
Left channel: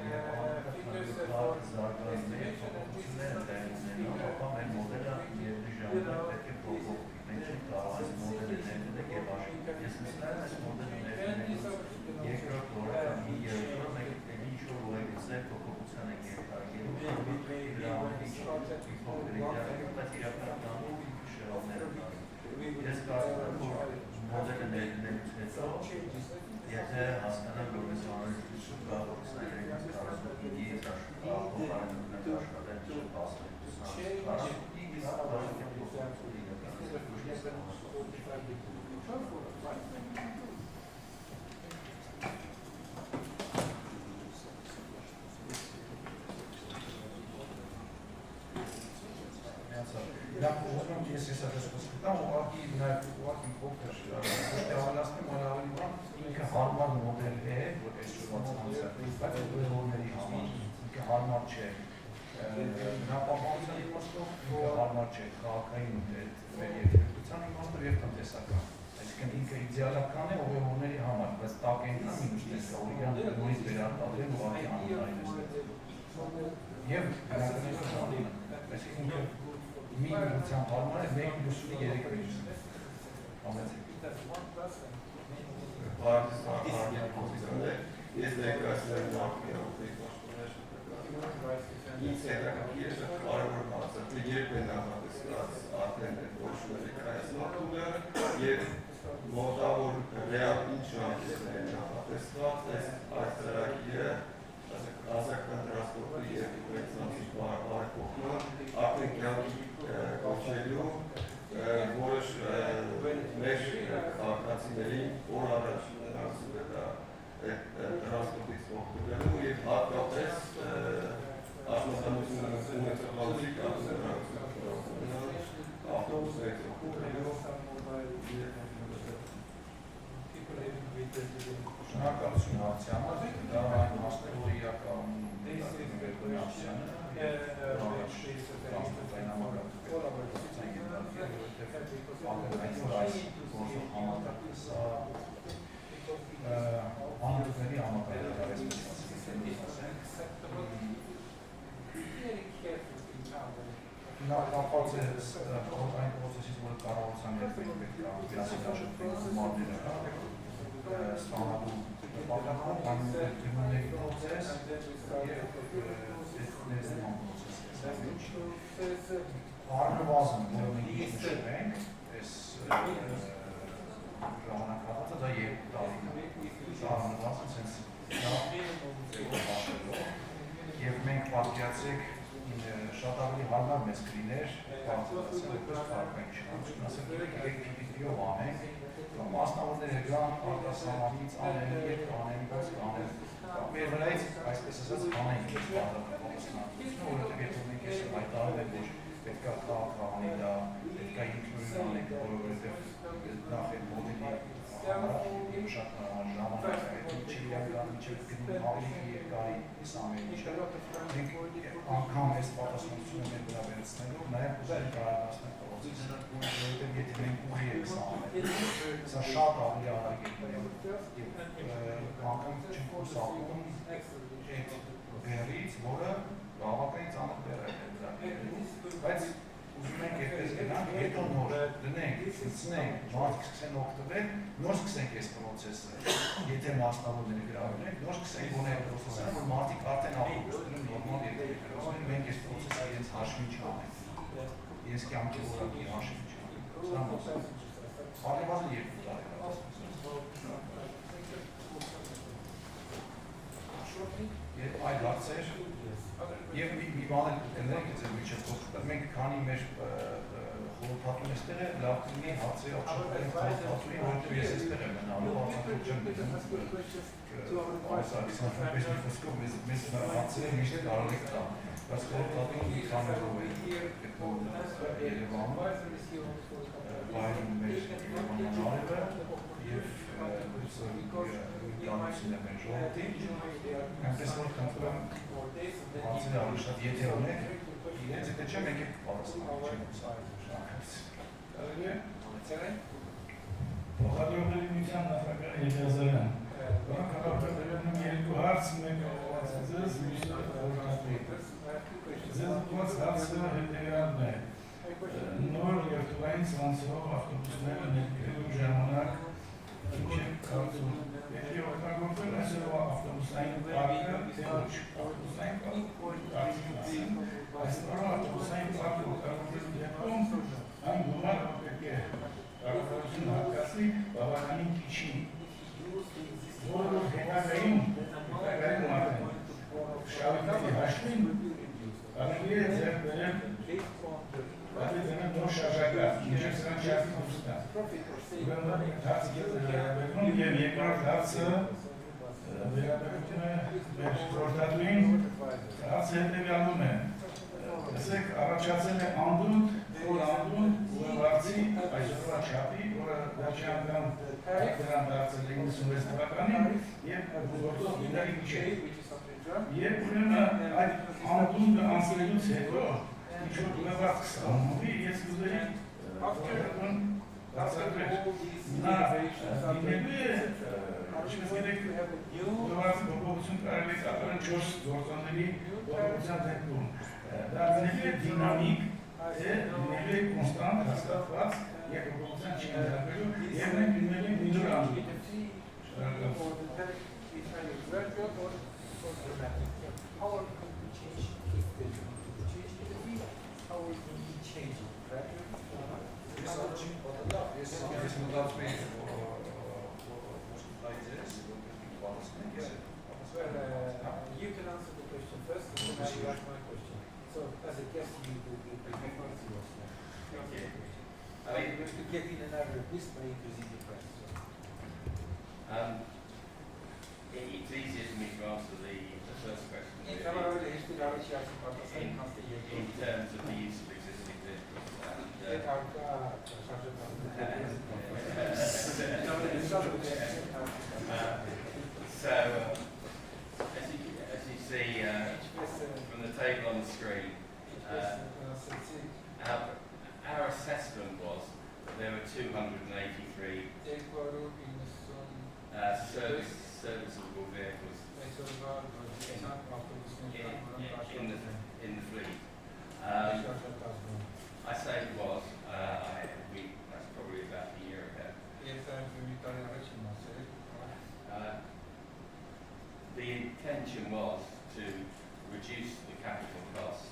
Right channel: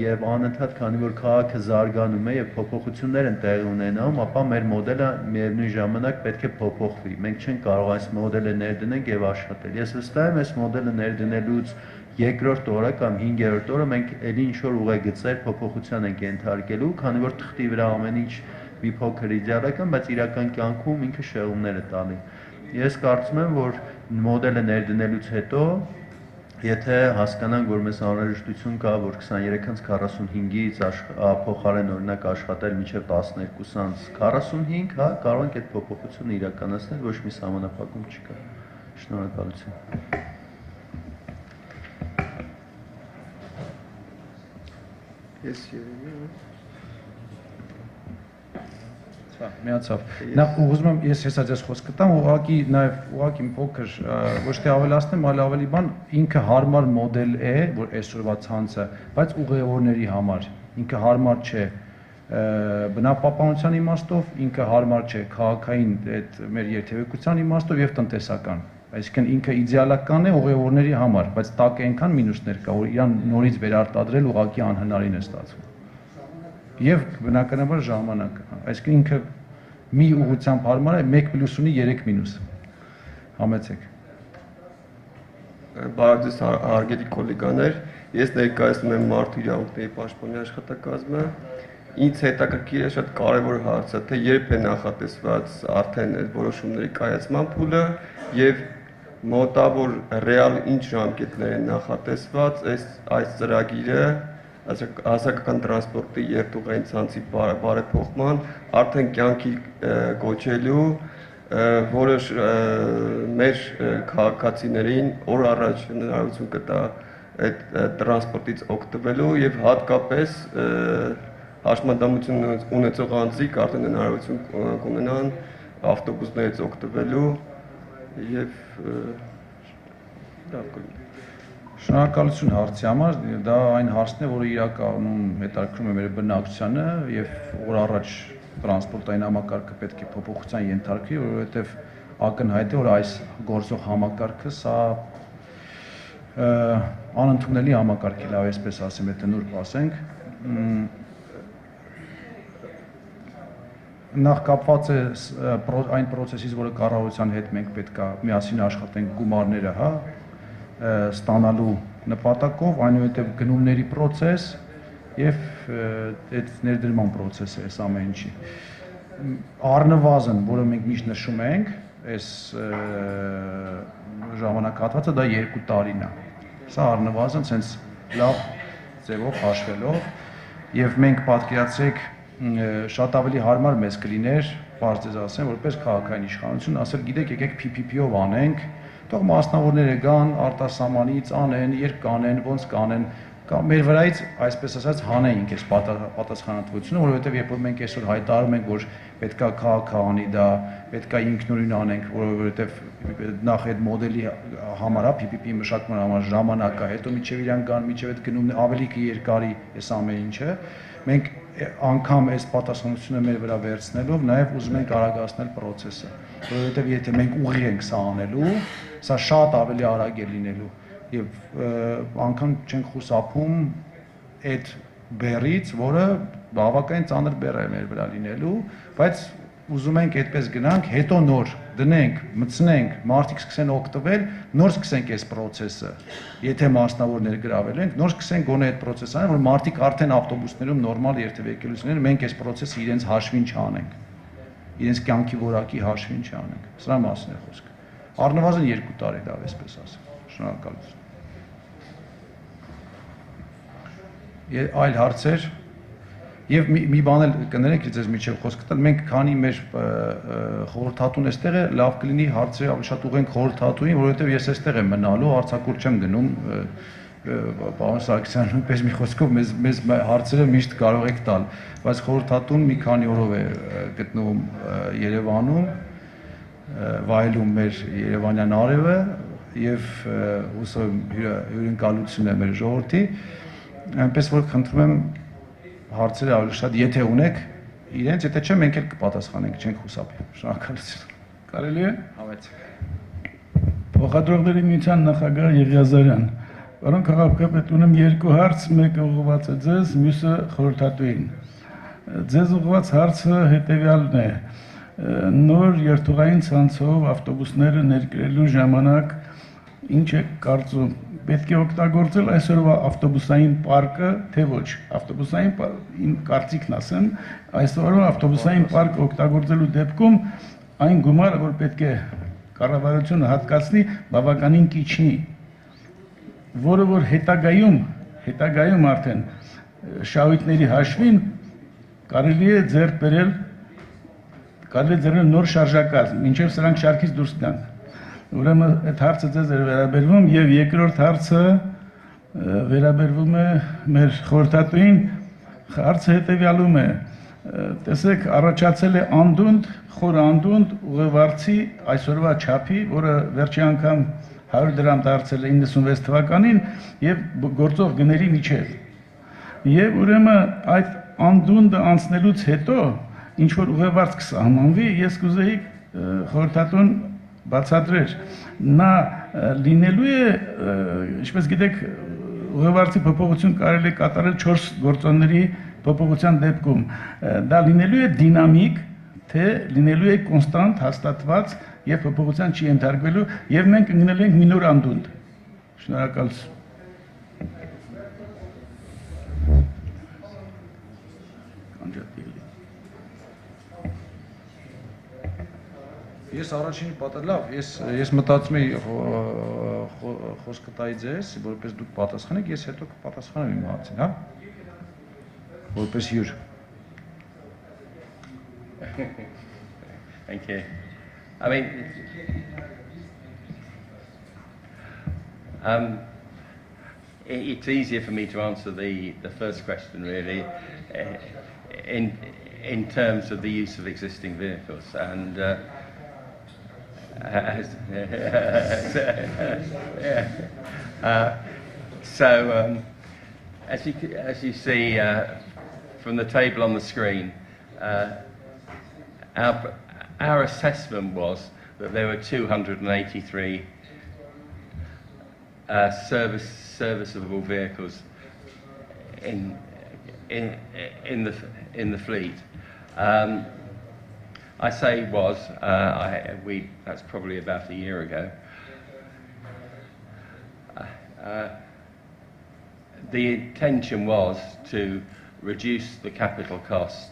եւ անընդհատ քանի որ քաղաքը զարգանում է եւ փոփոխություններ են տեղի ունենում, ապա մեր մոդելը միևնույն ժամանակ պետք է փոփոխվի։ Մենք չենք կարող այս մոդելը ներդնենք եւ աշխատել։ Ես վստահ եմ, այս մոդելը ներդնելուց երկրորդ օրը կամ 5-րդ օրը մենք ելի ինչ-որ ուղեգծեր փոփոխության ենք ենթարկելու, քանի որ թղթի վրա ամեն ինչ մի փոքր իդեալական, բայց իրական կյանքում ինքը շեղումներ է տալի։ Ես կարծում եմ, որ մոդելը ներդնելուց հետո, եթե հասկանանք, որ մեզ անհրաժեշտություն կա, որ 23-45-ից փոխարեն օրինակ աշխատել մինչև 12-45, հա, կարող ենք այդ փոփոխությունը իրականացնել, ոչ մի սահմանափակում չկա։ Շնորհակալություն։ Միացավ։ Նախ ուզում եմ ես հեսա ձեզ խոսքը տամ, ուղղակի նաև ուղղակի մի փոքր ոչ թե ավելացնեմ, այլ ավելի բան ինքը հարմար մոդել է, որ այսօրվա ցանցը, բայց ուղևորների համար ինքը հարմար չէ բնապահպանության իմաստով, ինքը հարմար չէ քաղաքային այդ մեր երթևեկության իմաստով եւ տնտեսական։ Այսինքն ինքը իդեալական է ուղևորների համար, բայց տակ է այնքան մինուսներ կա, որ իրան նորից վերարտադրել ուղղակի անհնարին է ստացվում։ Եվ բնականաբար ժամանակ, այսինքն ինքը մի ուղղությամբ հարմար է 1 պլյուս ունի 3 մինուս։ Համեցեք։ Բարև ձեզ հարգելի կոլեգաներ, ես ներկայացնում եմ Մարդու իրավունքների պաշտպանի աշխատակազմը։ Ինձ հետաքրքիր է շատ կարևոր հարցը, թե երբ է նախատեսված արդեն այդ որոշումների կայացման փուլը եւ մոտավոր ռեալ ինչ ժամկետներ են նախատեսված այս ծրագիրը հասարակական տրանսպորտի երթուղային ցանցի բարեփոխման արդեն կյանքի կոչելու, որը մեր քաղաքացիներին օր առաջ հնարավորություն կտա այդ տրանսպորտից օգտվելու եւ հատկապես հաշմանդամություն ունեցող անձիկ արդեն հնարավորություն կունենան ավտոբուսներից օգտվելու եւ Շնորհակալություն հարցի համար, դա այն հարցն է, որը իրականում հետաքրքրում է մեր բնակչությանը եւ օր առաջ տրանսպորտային համակարգը պետք է փոփոխության ենթարկվի, որովհետեւ ակնհայտ է, որ այս գործող համակարգը սա անընդունելի համակարգ է, լավ այսպես ասեմ, եթե նուրբ ասենք։ Նախ կապված է այն process-ից, որը կառավարության հետ մենք պետք է միասին աշխատենք գումարները, հա, ստանալու նպատակով, այնուհետև գնումների process եւ այդ ներդրման process-ը այս ամեն ինչի։ Առնվազն, որը մենք միշտ նշում ենք, այս ժամանակահատվածը դա 2 տարին է։ Սա առնվազն sense լավ ձևով հաշվելով եւ մենք պատկերացրեք շատ ավելի հարմար մեզ կլիներ, բարձ ձեզ ասեմ, որպես քաղաքային իշխանություն, ասել գիտեք, եկեք PPP-ով անենք, թող մասնավորները գան, արտասահմանից անեն, երբ կանեն, ոնց կանեն, կամ մեր վրայից, այսպես ասած, հանեինք այս պատասխանատվությունը, որովհետև երբ որ մենք այսօր հայտարարում ենք, որ պետքա քաղաքը անի դա, պետքա ինքնուրույն անենք, որովհետև նախ այդ մոդելի համար, PPP մշակման համար ժամանակ է, հետո միջև իրան գան, միջև այդ գնումն ավելի երկարի այս ամեն ինչը, մենք անգամ այս պատասխանատվությունը մեր վրա վերցնելով նաև ուզում ենք արագացնել process-ը, որովհետև եթե մենք ուղի ենք սա անելու, սա շատ ավելի արագ է լինելու եւ անգամ չենք խուսափում այդ բեռից, որը բավականին ծանր բեռ է մեր վրա լինելու, բայց ուզում ենք այդպես գնանք, հետո նոր դնենք, մտցնենք, մարդիկ սկսեն օգտվել, նոր սկսենք այս process-ը, եթե մասնավորներ գրավել ենք, նոր սկսենք գոնե այդ process-ը, որ մարդիկ արդեն ավտոբուսներում նորմալ երթևեկելություններ, մենք այս process-ը իրենց հաշվին չանենք, իրենց կյանքի որակի հաշվին չանենք, սրա մասին է խոսքը, առնվազն 2 տարի լավ այսպես ասեմ, շնորհակալություն։ Այլ հարցեր Եվ մի բան էլ կներեք ձեզ միջև խոսքը տալ, մենք քանի մեր խորհրդատուն էստեղ է, լավ կլինի հարցերը ավելի շատ ուղենք խորհրդատուին, որովհետև ես էստեղ եմ մնալու, արձակուրդ չեմ գնում, պարոն Սարգսյան, նույնպես մի խոսքով մեզ հարցերը միշտ կարող եք տալ, բայց խորհրդատուն մի քանի օրով է գտնվում Երևանում, վայելում մեր երևանյան արևը եւ հուսով հյուրընկալություն է մեր ժողովրդի, այնպես որ խնդրում եմ հարցերը ավելի շատ, եթե ունեք իրենց, եթե չէ, մենք էլ կպատասխանենք, չենք խուսափի։ Շնորհակալություն։ Կարելի է։ Փոխադրողների միության նախագահ Եղիազարյան, Պարոն քաղաքապետ, ունեմ երկու հարց, մեկը ուղղված է ձեզ, մյուսը խորհրդատուին։ Ձեզ ուղղված հարցը հետևյալն է. նոր երթուղային ցանցով ավտոբուսները ներկրելու ժամանակ ինչ է կարծում, պետք է օգտագործել այսօրվա ավտոբուսային պարկը, թե ոչ, ավտոբուսային կարծիքն ասեմ, այսօրվա ավտոբուսային պարկը օգտագործելու դեպքում այն գումարը, որ պետք է կառավարությունը հատկացնի, բավականին քիչ, որը որ հետագայում արդեն շահույթների հաշվին կարելի է ձեռք բերել նոր շարժակազմ, մինչև սրանք շարքից դուրս գան։ Ուրեմն այդ հարցը ձեզ է վերաբերվում եւ երկրորդ հարցը վերաբերվում է մեր խորհրդատուին, հարցը հետեւյալում է, տեսեք, առաջացել է անդունդ, խոր անդունդ ուղևորցի այսօրվա չափի, որը վերջի անգամ 100 դրամ դարձել է 96 թվականին եւ գործող գների միջև։ Եվ ուրեմն այդ անդունդը անցնելուց հետո ինչ որ ուղևորց կսահմանվի, ես կուզեի խորհրդատուն բացատրեր, նա լինելու է, ինչպես գիտեք, ուղևորցի փոփոխություն կարելի է կատարել 4 գործոնների փոփոխության դեպքում, դա լինելու է դինամիկ, թե լինելու է կոնստանտ, հաստատված եւ փոփոխության չի ենթարկվելու եւ մենք լինելու ենք մի նոր անդունդ։ Շնորհակալություն։ Ես առաջինի պատրաստ, ես մտածում եի խոսքը տայի ձեզ, որպես դուք պատասխանեք, ես հետո կպատասխանեմ իմ հարցին, հա? Որպես հյուր։ Thank you. I mean, it's easier for me to answer the first question, really, in terms of the use of existing vehicles. And as you see from the table on the screen, our assessment was that there were 283 serviceable vehicles in the fleet. I say was, that's probably about a year ago. The intention was to reduce the capital costs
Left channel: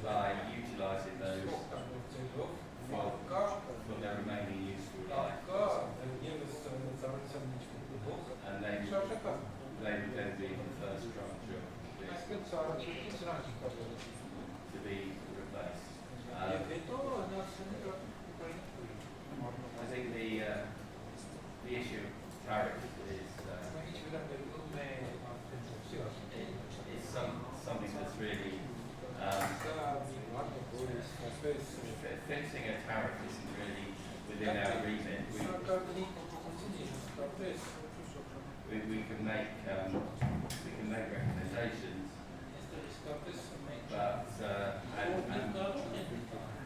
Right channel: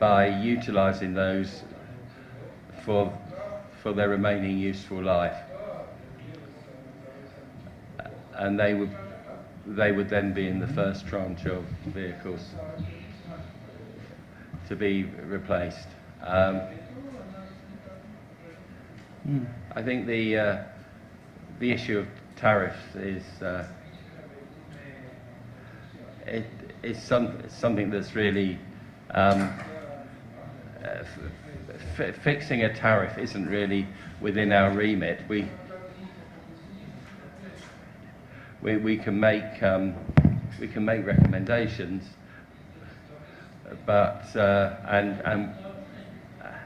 by utilising those for their remaining useful life, and they would then be in the first tranche of vehicles to be replaced. I think the issue of tariffs is something that's really fixing a tariff isn't really within our remit. We can make recommendations, but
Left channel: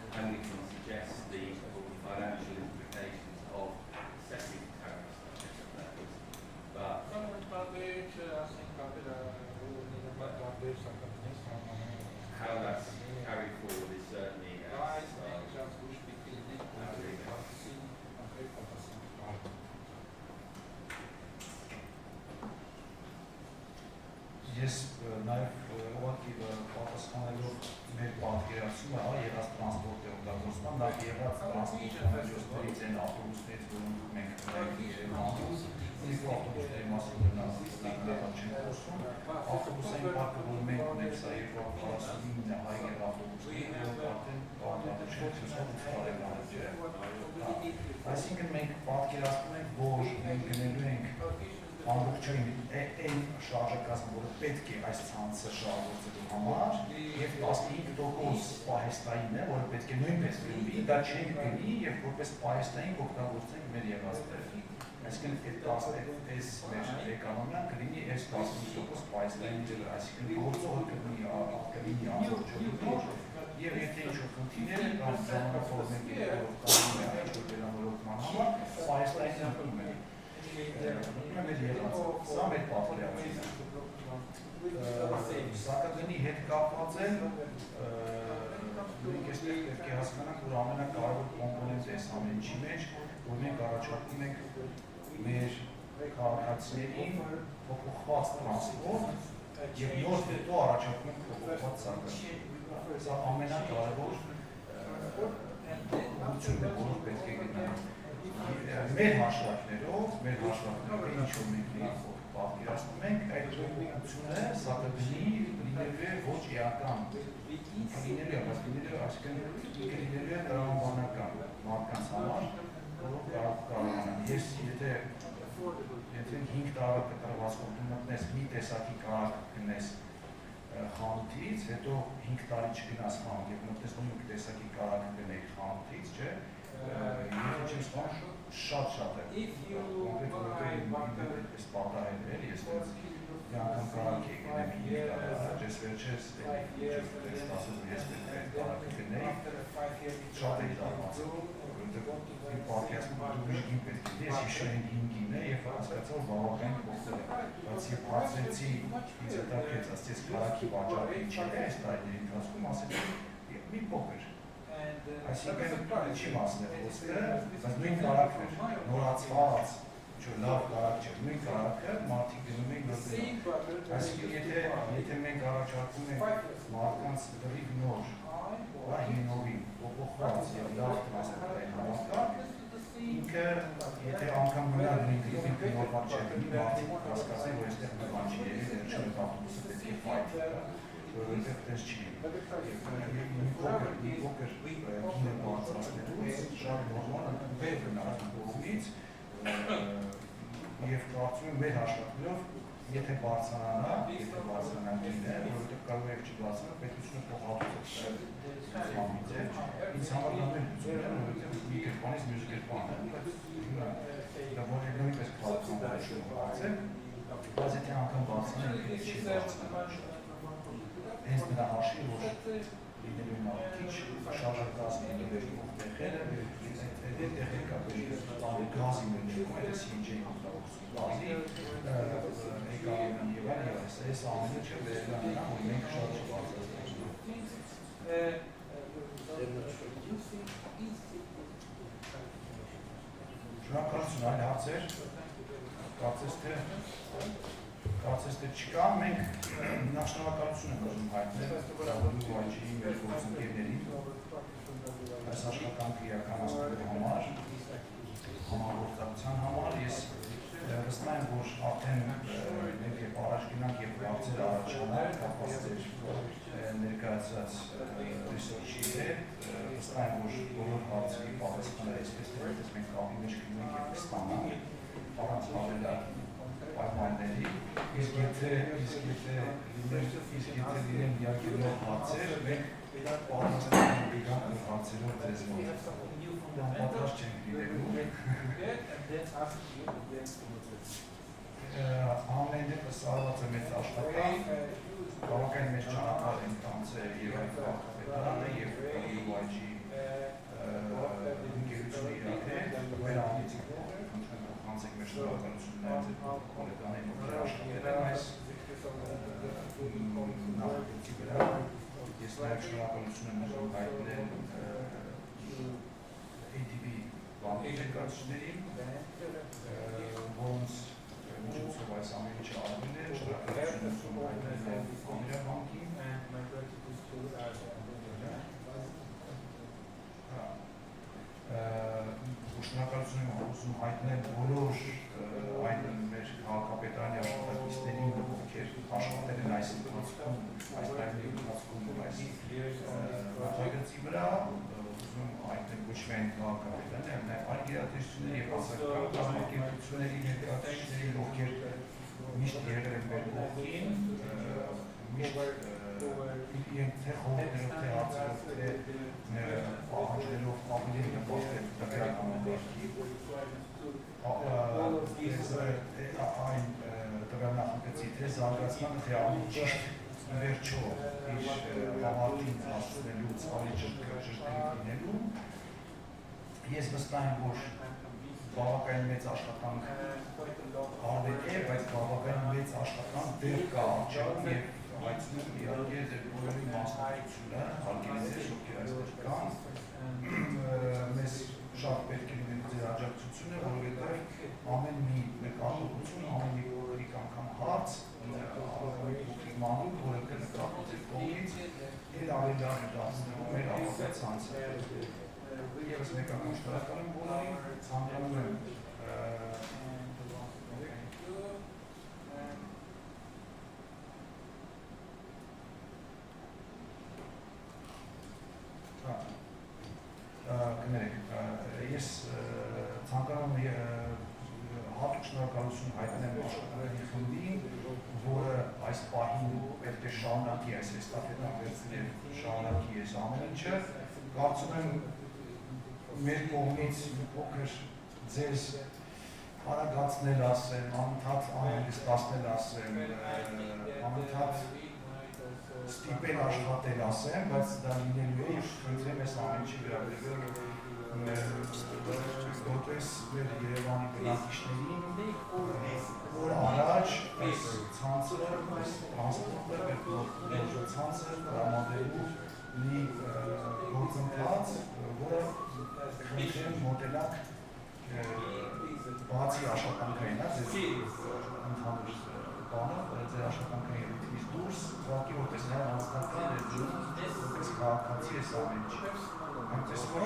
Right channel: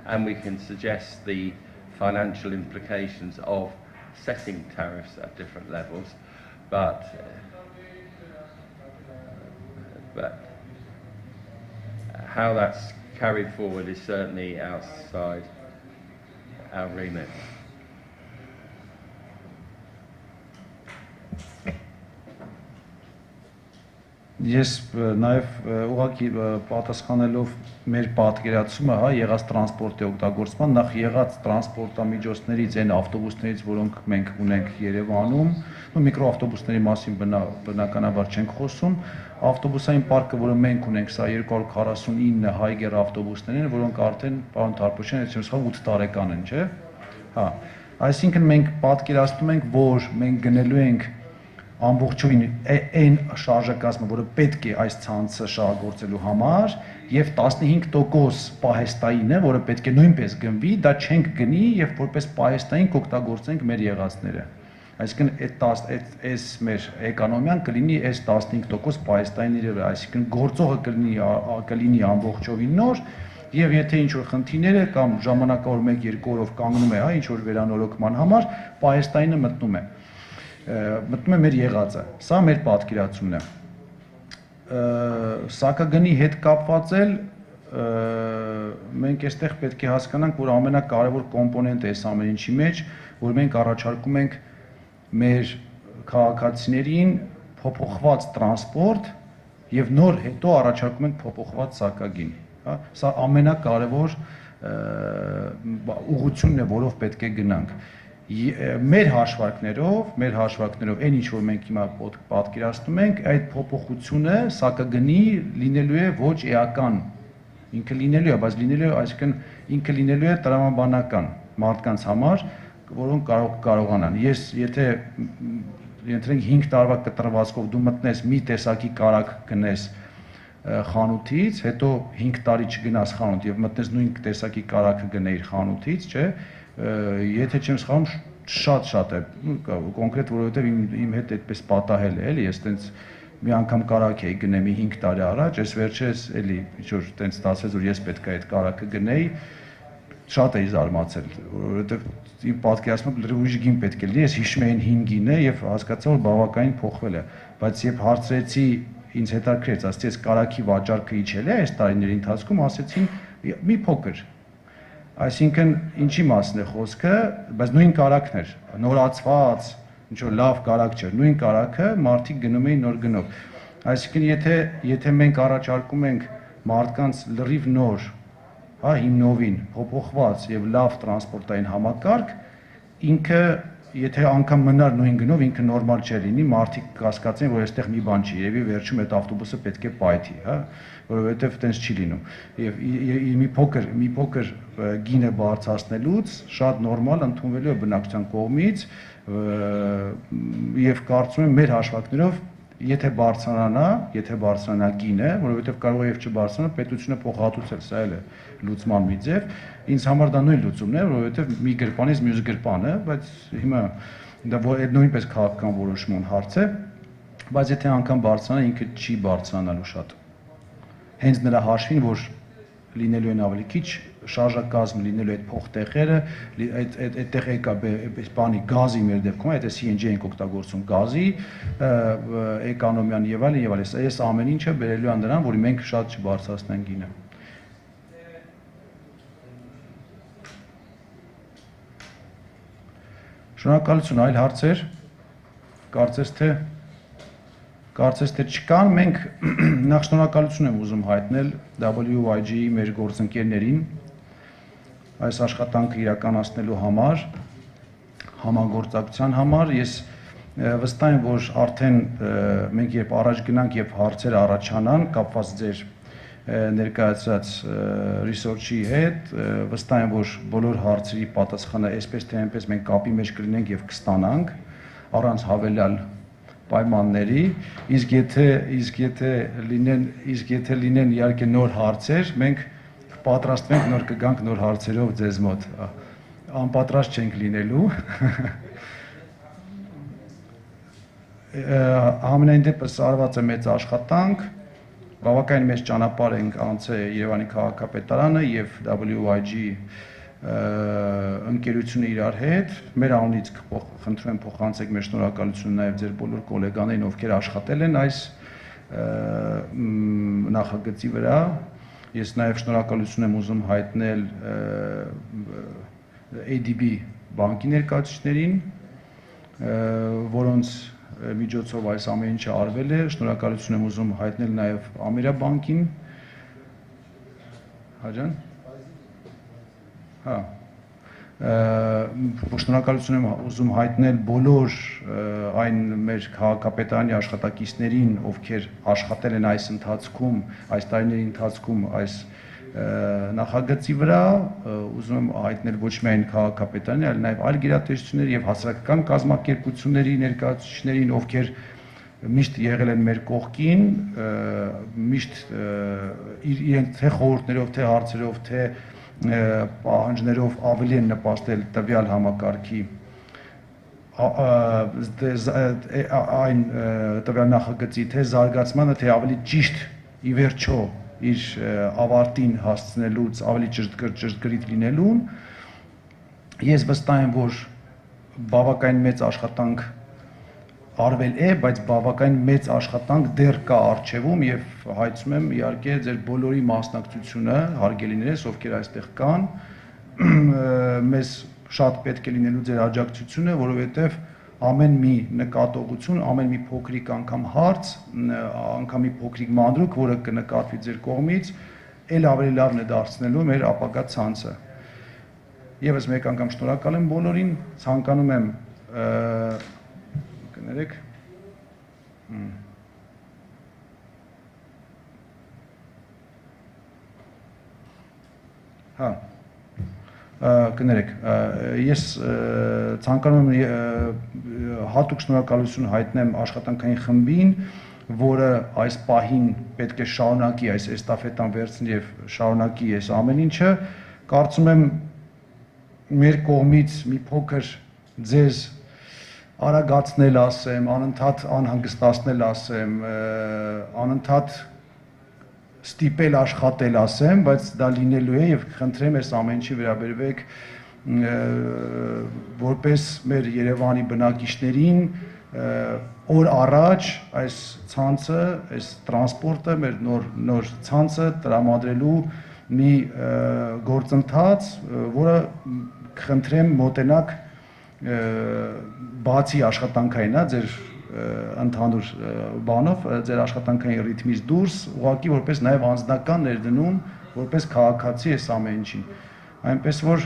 and we can suggest the financial implications of setting tariffs at different levels, but how that's carried forward is certainly outside our remit. Ես նաև ուղղակի պատասխանելով մեր պատկերացումը, հա, եղած տրանսպորտի օգտագործման, նախ եղած տրանսպորտամիջոցներից, այն ավտոբուսներից, որոնք մենք ունենք Երևանում, միկրոավտոբուսների մասին բնականաբար չենք խոսում, ավտոբուսային պարկը, որը մենք ունենք, սա 249 հայգեր ավտոբուսներ են, որոնք արդեն, պարոն Թարփուշյան, եթե չեմ 8 տարեկան են, չէ՞։ Հա, այսինքն մենք պատկերացնում ենք, որ մենք գնելու ենք ամբողջովին այն շարժակազմը, որը պետք է այս ցանցը շահագործելու համար, եւ 15% պահեստային է, որը պետք է նույնպես գնվի, դա չենք գնի եւ որպես պահեստային կօգտագործենք մեր եղածները։ Այսինքն այս մեր էկոնոմիան կլինի այս 15% պահեստայինների վրա, այսինքն գործողը կլինի ամբողջովին նոր, եւ եթե ինչ-որ խնդիրներ է կամ ժամանակավոր 1-2 օրով կանգնում է, հա, ինչ-որ վերանորոգման համար, պահեստայինը մտնում է։ մտնում է մեր եղածը, սա մեր պատկերացումն է։ Սակագնի հետ կապված էլ մենք այստեղ պետք է հասկանանք, որ ամենակարևոր կոմպոնենտը այս ամեն ինչի մեջ, որ մենք առաջարկում ենք մեր քաղաքացիներին փոփոխված տրանսպորտ եւ նոր հետո առաջարկում ենք փոփոխված սակագին, հա, սա ամենակարևոր ուղղությունն է, որով պետք է գնանք։ Մեր հաշվարկներով, այն ինչ որ մենք հիմա պատկերացնում ենք, այդ փոփոխությունը սակագնի լինելու է ոչ էական, ինքը լինելու է, բայց լինելու է, այսինքն ինքը լինելու է տրամաբանական մարդկանց համար, որոնք կարողանան։ Ես եթե ենթենք 5 տարվա կտրվածքով դու մտնես մի տեսակի կարագ գնես խանութից, հետո 5 տարի չգնաս խանութ եւ մտնես նույն տեսակի կարագը գնեիր խանութից, չէ, եթե չեմ սխալվում, շատ է կոնկրետ, որովհետեւ իմ հետ այդպես պատահել է, էլի, ես տենց մի անգամ կարագ էի գնեմի 5 տարի առաջ, այս վերջերս էլի ինչ-որ տենց ստացվեց, որ ես պետք է այդ կարագը գնեի, շատ էի զարմացել, որովհետեւ իմ պատկերացմամբ լրիվ ուրիշ գին պետք է լինի, ես հիշում եմ 5 գինը եւ հասկացա, որ բավականին փոխվել է, բայց երբ հարցրեցի ինձ հետաքրքրեց, ասեցի, այս կարագի վաճառքը իջել է այս տարիների ընթացքում, ասեցին մի փոքր։ Այսինքն ինչի մասն է խոսքը, բայց նույն կարագն էր, նորացված, ինչ որ լավ կարագ չէր, նույն կարագը մարդիկ գնում էին նոր գնով։ Այսինքն եթե մենք առաջարկում ենք մարդկանց լրիվ նոր, հա, հիմնովին փոփոխված եւ լավ տրանսպորտային համակարգ, ինքը եթե անգամ մնար նույն գնով, ինքը նորմալ չէ լինի, մարդիկ կհասկացնեն, որ այստեղ մի բան չի, երևի վերջում այդ ավտոբուսը պետք է պայթի, հա, որովհետև տենց չի լինում։ Եվ մի փոքր գինը բարձրացնելուց շատ նորմալ ընդունվելու է բնակչության կողմից եւ կարծում եմ մեր հաշվարկներով եթե բարձրանա գինը, որովհետև կարող է եւ չբարձրանա, պետությունը փոխհատուցել, սա էլ է լուծման մի ձև։ Ինձ համար դա նույն լուծումն է, որովհետև մի գրպանից մյուս գրպանը, բայց հիմա դա նույնպես քաղաքական որոշման հարց է, բայց եթե անգամ բարձրանա, ինքը չի բարձրանալու շատ։ Հենց նրա հաշվին, որ լինելու են ավելի քիչ շարժակազմ, լինելու այդ փոխտեղերը, այդտեղ եկա բանի գազի մեր դեպքում, այդ CNG ենք օգտագործում գազի, էկոնոմիան եւ այլն, այս ամեն ինչը բերելու է նրան, որ մենք շատ չբարձրացնենք գինը։ Շնորհակալություն, այլ հարցեր, կարծես թե չկան, մենք նախ շնորհակալություն եմ ուզում հայտնել WIG-ի մեր գործընկերներին այս աշխատանքը իրականացնելու համար, համագործակցության համար, ես վստահ եմ, որ արդեն մենք երբ առաջ գնանք եւ հարցեր առաջանան, կապված ձեր ներկայացած ռեսուրսի հետ, վստահ եմ, որ բոլոր հարցերի պատասխանը այսպես թե այնպես մենք կապի մեջ կլինենք եւ կստանանք առանց հավելյալ պայմանների, իսկ եթե լինեն իհարկե նոր հարցեր, մենք պատրաստ ենք նոր կգանք նոր հարցերով ձեզ մոտ, անպատրաստ չենք լինելու։ Համենայն դեպս արված է մեծ աշխատանք, բավականին մեծ ճանապարհ ենք անցել Երևանի քաղաքապետարանը եւ WIG ընկերությունը իրար հետ, մեր անունից խնդրում եմ փոխանցեք մեր շնորհակալությունը նաեւ ձեր բոլոր գոլեգաներին, ովքեր աշխատել են այս նախագծի վրա։ Ես նաեւ շնորհակալություն եմ ուզում հայտնել ADB բանկի ներկայացուցիչներին, որոնց միջոցով այս ամեն ինչը արվել է, շնորհակալություն եմ ուզում հայտնել նաև Ամերաբանկին, հաջան, շնորհակալություն եմ ուզում հայտնել բոլոր այն մեր քաղաքապետարանի աշխատակիցներին, ովքեր աշխատել են այս տարիների ընթացքում այս նախագծի վրա, ուզում եմ հայտնել ոչ միայն քաղաքապետարանի, այլ նաև այլ գերատեսչությունների եւ հասարակական կազմակերպությունների ներկայացուցիչներին, ովքեր միշտ եղել են մեր կողքին, միշտ իրենք թե խորհուրդներով, թե հարցերով, թե պահանջներով ավելի են նպաստել տվյալ համակարգի այն տվյալ նախագծի թե զարգացմանը, թե ավելի ճիշտ ի վերջո իր ավարտին հասցնելուց ավելի ճշգրիտ լինելուն, ես վստահ եմ, որ բավականին մեծ աշխատանք արվել է, բայց բավական մեծ աշխատանք դեռ կա առջևում եւ հայցում եմ իհարկե ձեր բոլորի մասնակցությունը, հարգելիներս, ովքեր այստեղ կան, մեզ շատ պետք է լինելու ձեր աջակցությունը, որովհետեւ ամեն մի նկատողություն, ամեն մի փոքրիկ անգամ հարց, անգամ մի փոքրիկ մանրուք, որը կնկատվի ձեր կողմից, ել ավելի լավն է դարձնելու մեր ապագա ցանցը։ Եվս մեկ անգամ շնորհակալ եմ բոլորին, ցանկանում եմ կներեք կներեք, ես ցանկանում եմ հատուկ շնորհակալություն հայտնեմ աշխատանքային խմբին, որը այս պահին պետք է շարունակի այս էստաֆետան վերցնի եւ շարունակի այս ամեն ինչը, կարծում եմ մեր կողմից մի փոքր ձեզ արագացնել ասեմ, անընդհատ անհանգստացնել ասեմ, անընդհատ ստիպել աշխատել ասեմ, բայց դա լինելու է եւ խնդրեմ այս ամեն ինչի վերաբերվեք որպես մեր Երևանի բնակիչներին օր առաջ այս ցանցը, այս տրանսպորտը, մեր նոր ցանցը տրամադրելու մի գործընթաց, որը խնդրեմ մոտենակ բացի աշխատանքային, ձեր ընդհանուր բանով, ձեր աշխատանքային ռիթմից դուրս, ուղղակի որպես նաև անձնական ներդնում, որպես քաղաքացի այս ամեն ինչին։ Այնպես որ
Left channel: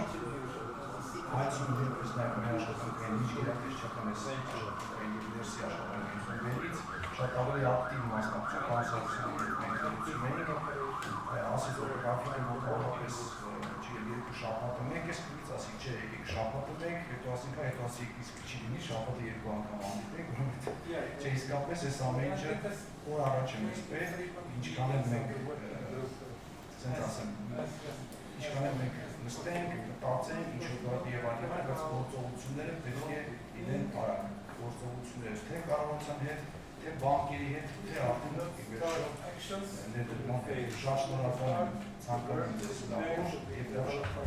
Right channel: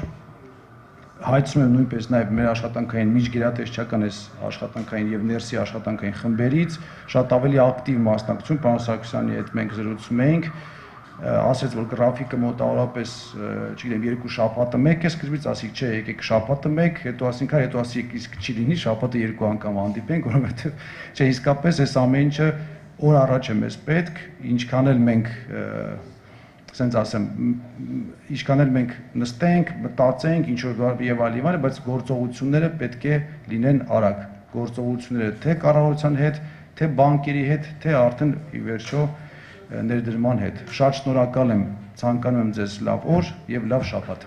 հայցում եմ նույնպես նաև մեր աշխատանքային միջգերատեսչական այս աշխատանքային եւ ներսի աշխատանքային խմբերից շատ ավելի ակտիվ մասնակցություն, պարոն Սարգսյանի հետ մենք զրուցում էինք, ասեց որ գրաֆիկը մոտավորապես, չգիտեմ, 2 շաբաթը մեկ է սկզբից, ասիկ չէ, եկեք շաբաթը մեկ, հետո ասինք, հետո ասիկ իսկ չի լինի, շաբաթը 2 անգամ հանդիպենք, որովհետեւ չէ, իսկապես այս ամեն ինչը օր առաջ է մեզ պետք, ինչքան էլ մենք ասենց ասեմ, ինչքան էլ մենք նստենք, մտածենք, ինչ որ եւ այլն, բայց գործողությունները պետք է լինեն արագ, գործողությունները թե կառավարության հետ, թե բանկերի հետ, թե արդեն ի վերջո ներդրման հետ։ Շատ շնորհակալ եմ, ցանկանում եմ ձեզ լավ օր եւ լավ շաբաթ։